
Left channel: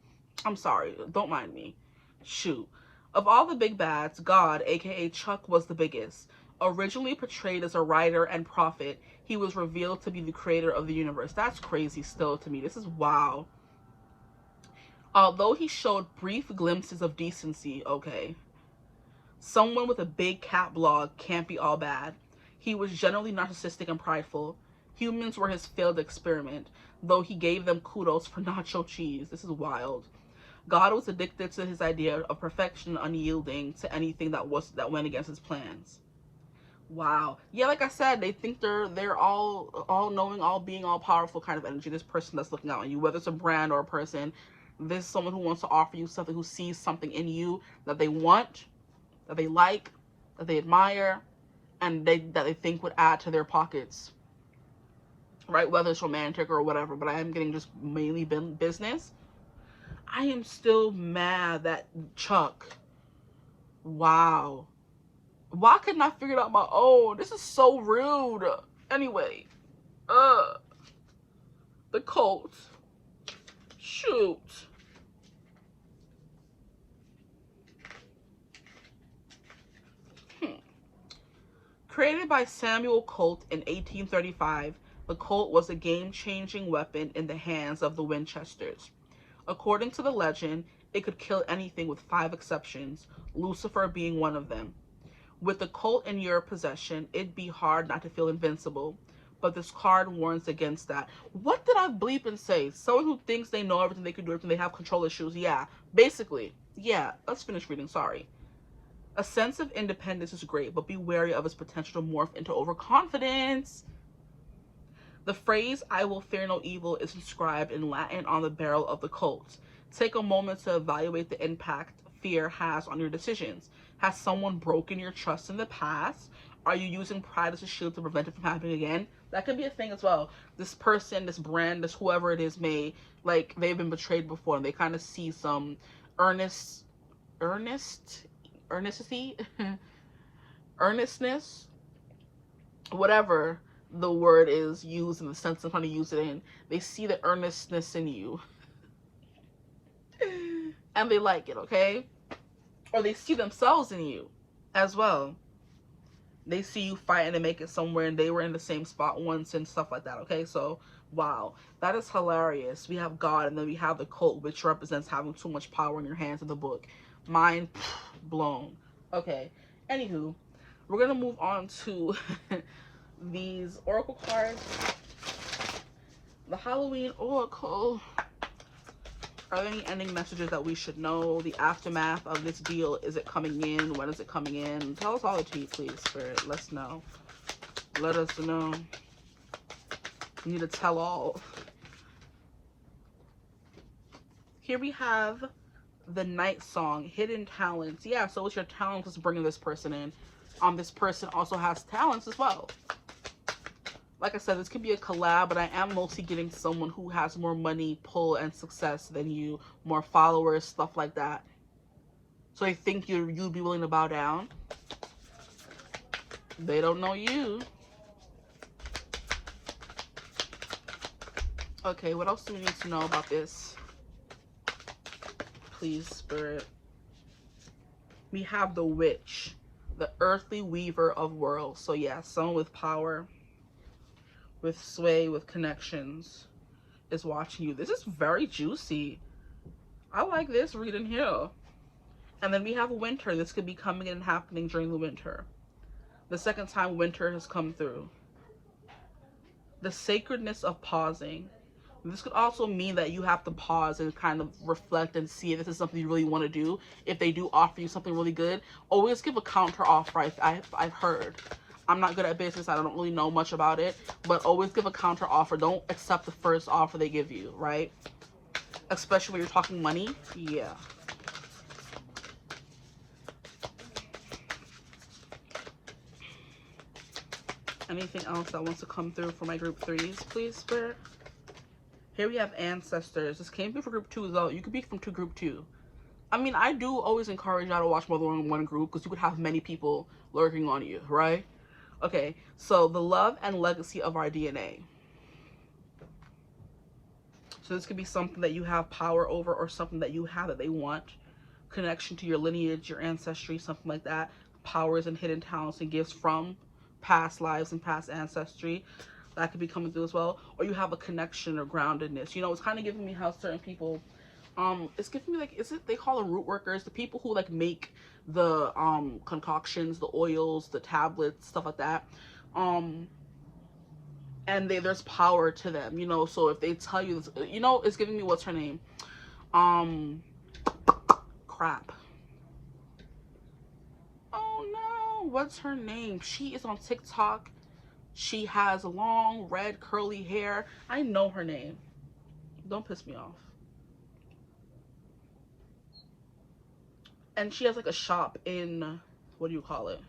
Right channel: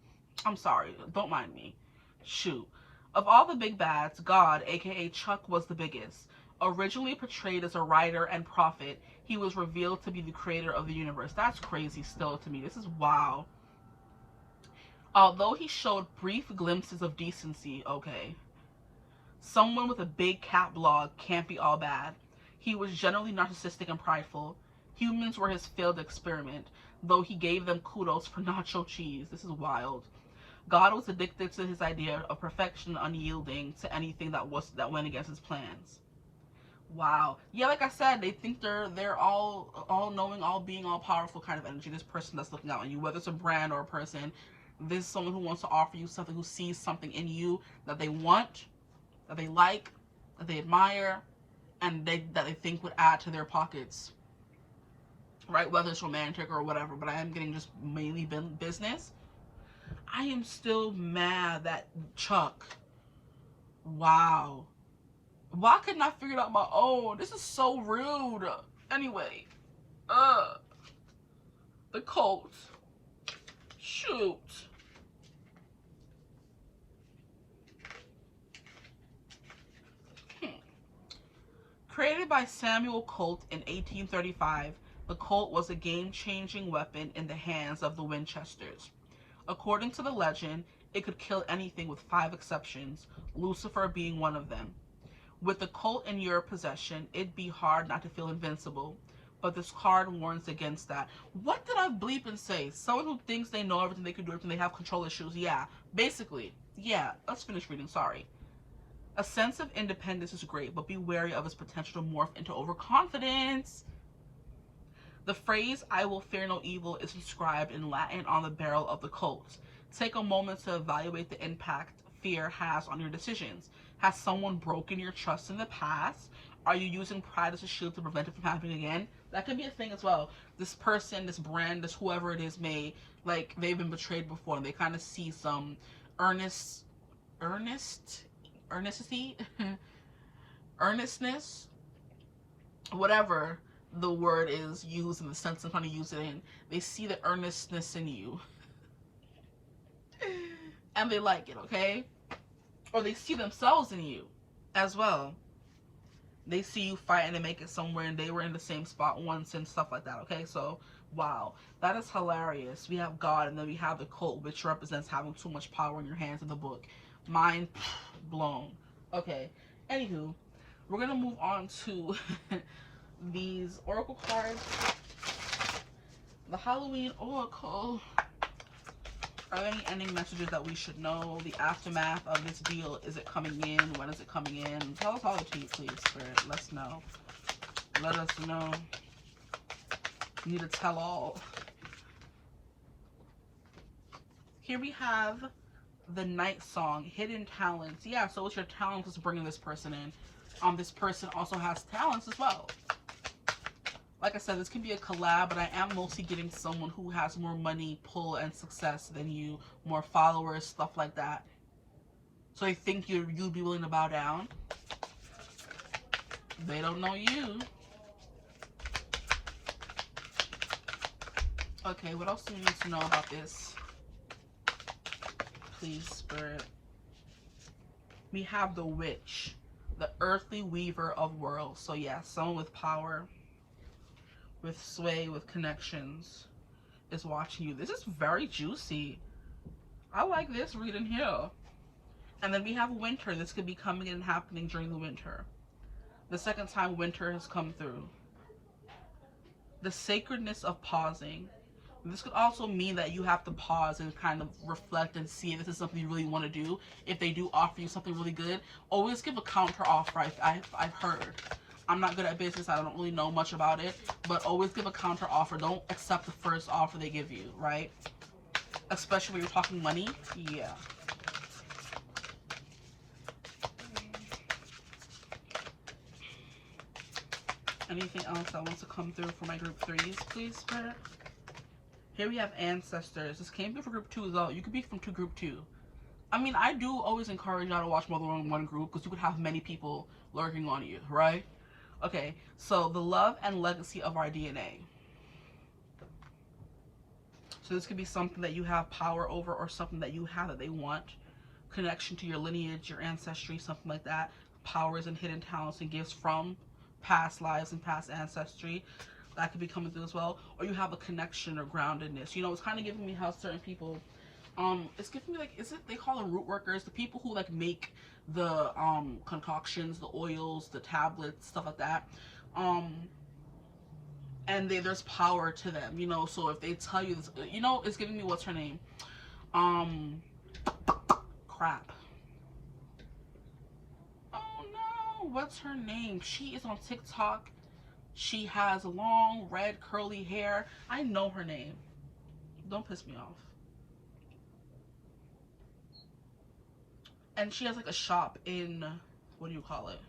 I'm sorry. Don't mind me. Shoot. Of all the big bads, God, aka Chuck, was the biggest. Originally portrayed as a writer and prophet, he was revealed to be the creator of the universe. That's crazy still to me. This is wow. Although he showed brief glimpses of decency, okay, someone with a big cat blog can't be all bad. He was generally narcissistic and prideful. Humans were his failed experiment, though he gave them kudos for nacho cheese. This is wild. God was addicted to his idea of perfection, unyielding to anything that went against his plans. Wow. Yeah, like I said, they think they're all knowing, all being, all powerful kind of energy. This person that's looking out on you, whether it's a brand or a person, this is someone who wants to offer you something, who sees something in you that they want, that they like, that they admire, and that they think would add to their pockets. Right? Whether it's romantic or whatever, but I am getting just mainly business. I am still mad that Chuck. Wow. Why couldn't I figure it out on my own? This is so rude. Anyway. The cult. Shoot. Created by Samuel Colt in 1835, the Colt was a game-changing weapon in the hands of the Winchesters. According to the legend, it could kill anything with 5 exceptions, Lucifer being one of them. With the Colt in your possession, it'd be hard not to feel invincible, but this card warns against that. What did I bleep and say? Someone who thinks they know everything, they can do everything, they have control issues. Yeah, basically. Yeah, let's finish reading, sorry. A sense of independence is great, but be wary of its potential to morph into overconfidence. The phrase, "I will fear no evil," is inscribed in Latin on the barrel of the Colt. Take a moment to evaluate the impact fear has on your decisions. Has someone broken your trust in the past? Are you using pride as a shield to prevent it from happening again? That could be a thing as well. This person, this brand, this whoever it is may, like, they've been betrayed before, and they kind of see some earnestness, whatever the word is used in the sense I'm trying to use it in. They see the earnestness in you. And they like it, okay? Or they see themselves in you as well. They see you fighting to make it somewhere, and they were in the same spot once and stuff like that, okay? So, wow. That is hilarious. We have God, and then we have the Colt, which represents having too much power in your hands in the book. Mind blown. Okay. Anywho, we're going to move on to these oracle cards. The Halloween Oracle. Are there any ending messages that we should know? The aftermath of this deal. Is it coming in? When is it coming in? Tell us all the tea, please, Spirit. Let's know. Let us know. We need to tell all. Here we have the Night Song, Hidden Talents. Yeah, so it's your talents that's bringing this person in. This person also has talents as well. Like I said, this could be a collab, but I am mostly getting someone who has more money, pull, and success than you, more followers, stuff like that. So I think you'd be willing to bow down. They don't know you. Okay, what else do we need to know about this? Please, Spirit. We have the Witch, the earthly weaver of worlds. So yeah, someone with power, with sway, with connections is watching you. This is very juicy. I like this reading here. And then we have winter. This could be coming and happening during the winter. The second time winter has come through. The sacredness of pausing. This could also mean that you have to pause and kind of reflect and see if this is something you really want to do. If they do offer you something really good, always give a counter offer. I've heard. I'm not good at business. I don't really know much about it, but always give a counter offer. Don't accept the first offer they give you, right? Especially when you're talking money. Yeah. Anything else that wants to come through for my group 3s, please, Spirit? Here we have ancestors. This came through for group 2 as well. You could be from group 2. I mean, I do always encourage y'all to watch more than one group because you could have many people lurking on you, right? Okay, so the love and legacy of our DNA. So this could be something that you have power over or something that you have that they want. Connection to your lineage, your ancestry, something like that. Powers and hidden talents and gifts from past lives and past ancestry. That could be coming through as well. Or you have a connection or groundedness. You know, it's kind of giving me how certain people... it's giving me like, is it, they call them root workers, the people who like make the concoctions, the oils, the tablets, stuff like that. And and there's power to them, you know. So if they tell you this, you know, it's giving me, what's her name? Crap. Oh no, what's her name? She is on TikTok. She has long red curly hair. I know her name. Don't piss me off. And she has like a shop in, what do you call it?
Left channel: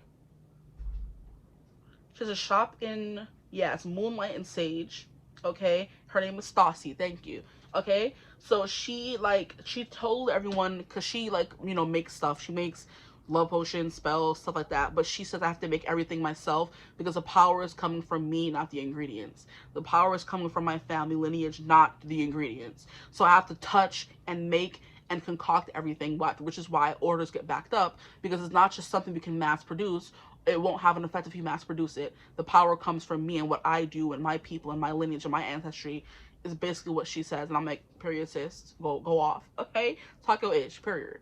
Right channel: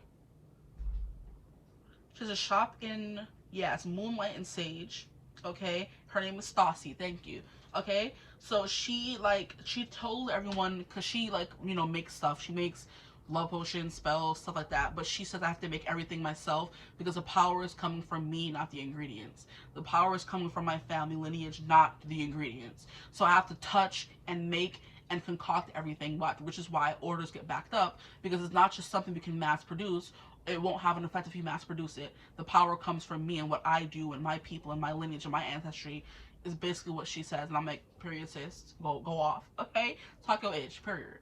She has a shop in, yeah, it's Moonlight and Sage. Okay, her name is Stassi. Thank you. Okay, so she told everyone, because she, like, you know, makes stuff. She makes love potions, spells, stuff like that. But she says I have to make everything myself because the power is coming from me, not the ingredients. The power is coming from my family lineage, not the ingredients. So I have to touch and make and concoct everything, which is why orders get backed up, because it's not just something we can mass produce. It won't have an effect if you mass produce it. The power comes from me and what I do and my people and my lineage and my ancestry, is basically what she says. And I'm like, period, sis, go off, okay? Talk your ish, period.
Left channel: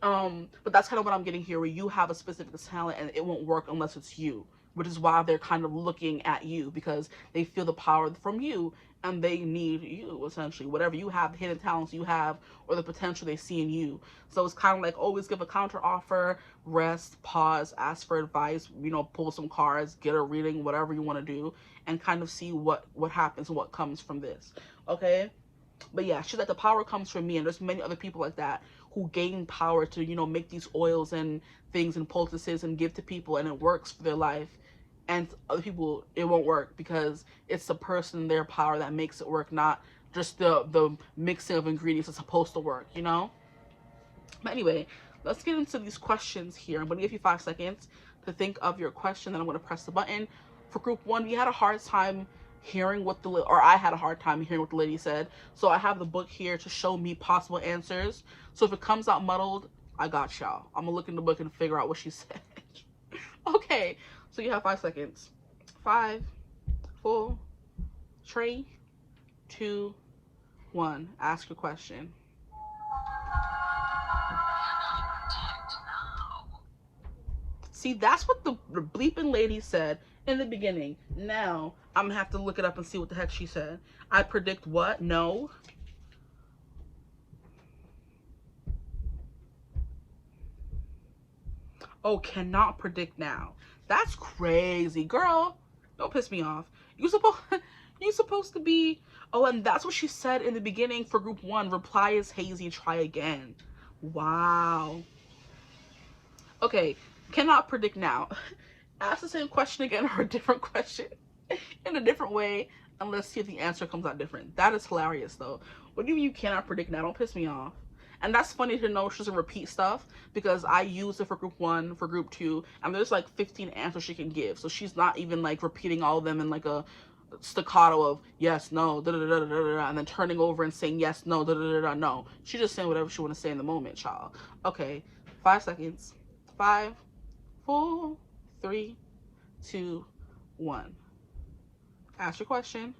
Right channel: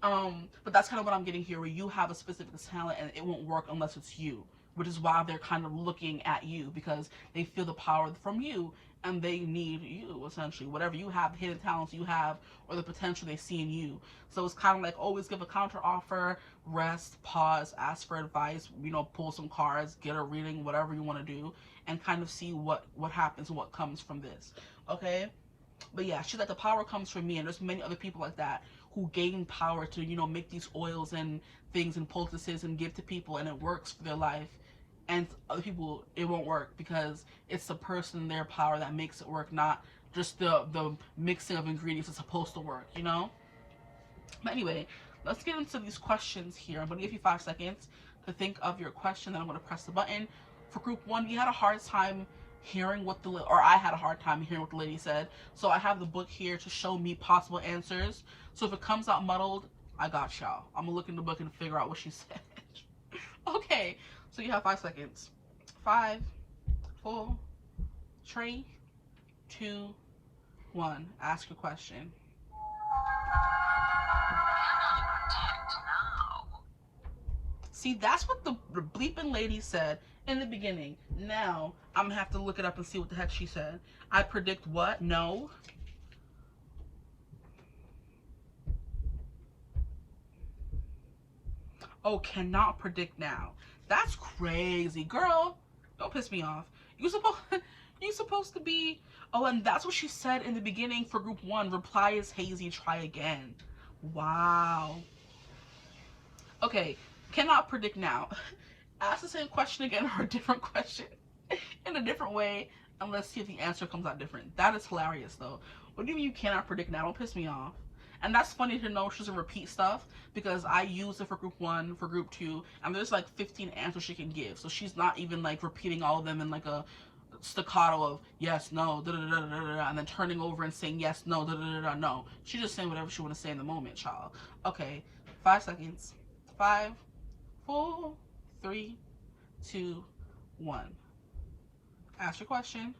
But that's kind of what I'm getting here, where you have a specific talent and it won't work unless it's you, which is why they're kind of looking at you, because they feel the power from you and they need you, essentially. Whatever you have, the hidden talents you have, or the potential they see in you. So it's kind of like, always give a counter offer, rest, pause, ask for advice, you know, pull some cards, get a reading, whatever you want to do, and kind of see what happens and what comes from this, okay? But yeah, she's like, the power comes from me, and there's many other people like that who gain power to, you know, make these oils and things and poultices and give to people, and it works for their life. And other people, it won't work because it's the person, their power, that makes it work, not just the mixing of ingredients that's supposed to work, you know? But anyway, let's get into these questions here. I'm going to give you 5 seconds to think of your question, then I'm going to press the button. For group 1, we had a hard time hearing what I had a hard time hearing what the lady said. So I have the book here to show me possible answers. So if it comes out muddled, I got y'all. I'm going to look in the book and figure out what she said. Okay, so you have 5 seconds. 5, 4, 3, 2, 1. Ask your question. See, that's what the bleeping lady said in the beginning. Now, I'm going to have to look it up and see what the heck she said. I predict what? No. Oh, cannot predict now. That's crazy. Girl, don't piss me off. You supposed to be... Oh, and that's what she said in the beginning for group 1. Reply is hazy, try again. Wow. Okay, cannot predict now. Ask the same question again, or a different question in a different way, and let's see if the answer comes out different. That is hilarious, though. What do you mean you cannot predict now? Don't piss me off. And that's funny to know she doesn't repeat stuff, because I use it for group 1, for group 2, and there's like 15 answers she can give. So she's not even like repeating all of them in like a staccato of yes, no, da da da da da da, and then turning over and saying yes, no, da da da da. No, she's just saying whatever she want to say in the moment, child. Okay, 5 seconds. 5, 4, 3, 2, 1. Ask your question.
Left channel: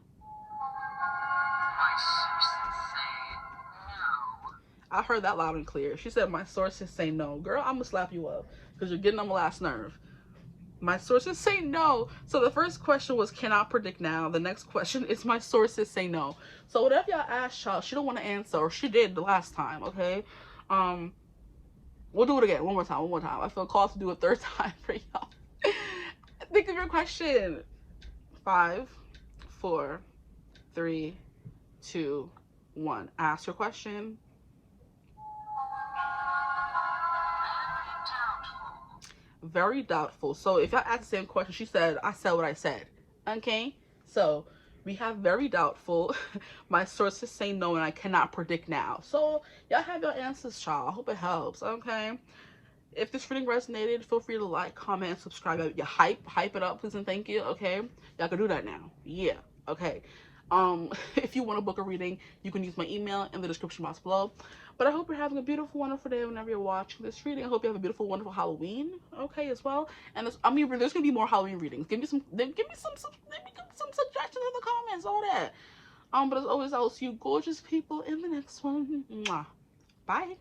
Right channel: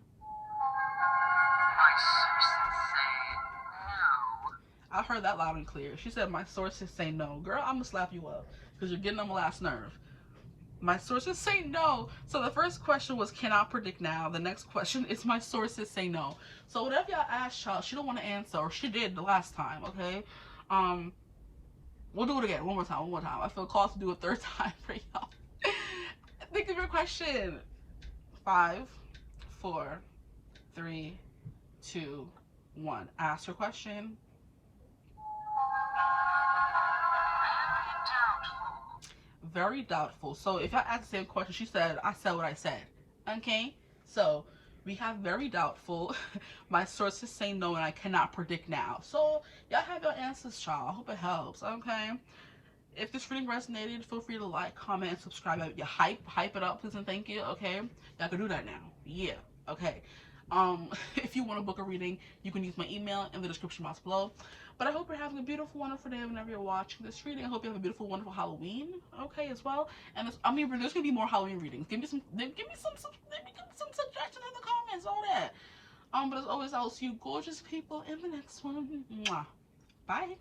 I heard that loud and clear. She said, my sources say no. Girl, I'm gonna slap you up because you're getting on my last nerve. My sources say no. So the first question was, cannot predict now. The next question is, my sources say no. So whatever y'all asked, y'all, she don't want to answer, or she did the last time, okay? We'll do it again. One more time. I feel called to do a 3rd time for y'all. Think of your question. 5, 4, 3, 2, 1. Ask your question. Very doubtful. So if y'all ask the same question, she said, I said what I said. Okay? So we have very doubtful. My sources say no, and I cannot predict now. So y'all have your answers, child. I hope it helps. Okay? If this reading resonated, feel free to like, comment, and subscribe. You hype it up, please and thank you. Okay? Y'all can do that now. Yeah. Okay. If you want to book a reading, you can use my email in the description box below. But I hope you're having a beautiful, wonderful day whenever you're watching this reading. I hope you have a beautiful, wonderful Halloween, okay, as well. And there's gonna be more Halloween readings. Give me some suggestions in the comments, all that. But as always, I will see you gorgeous people in the next one. Mwah. Bye.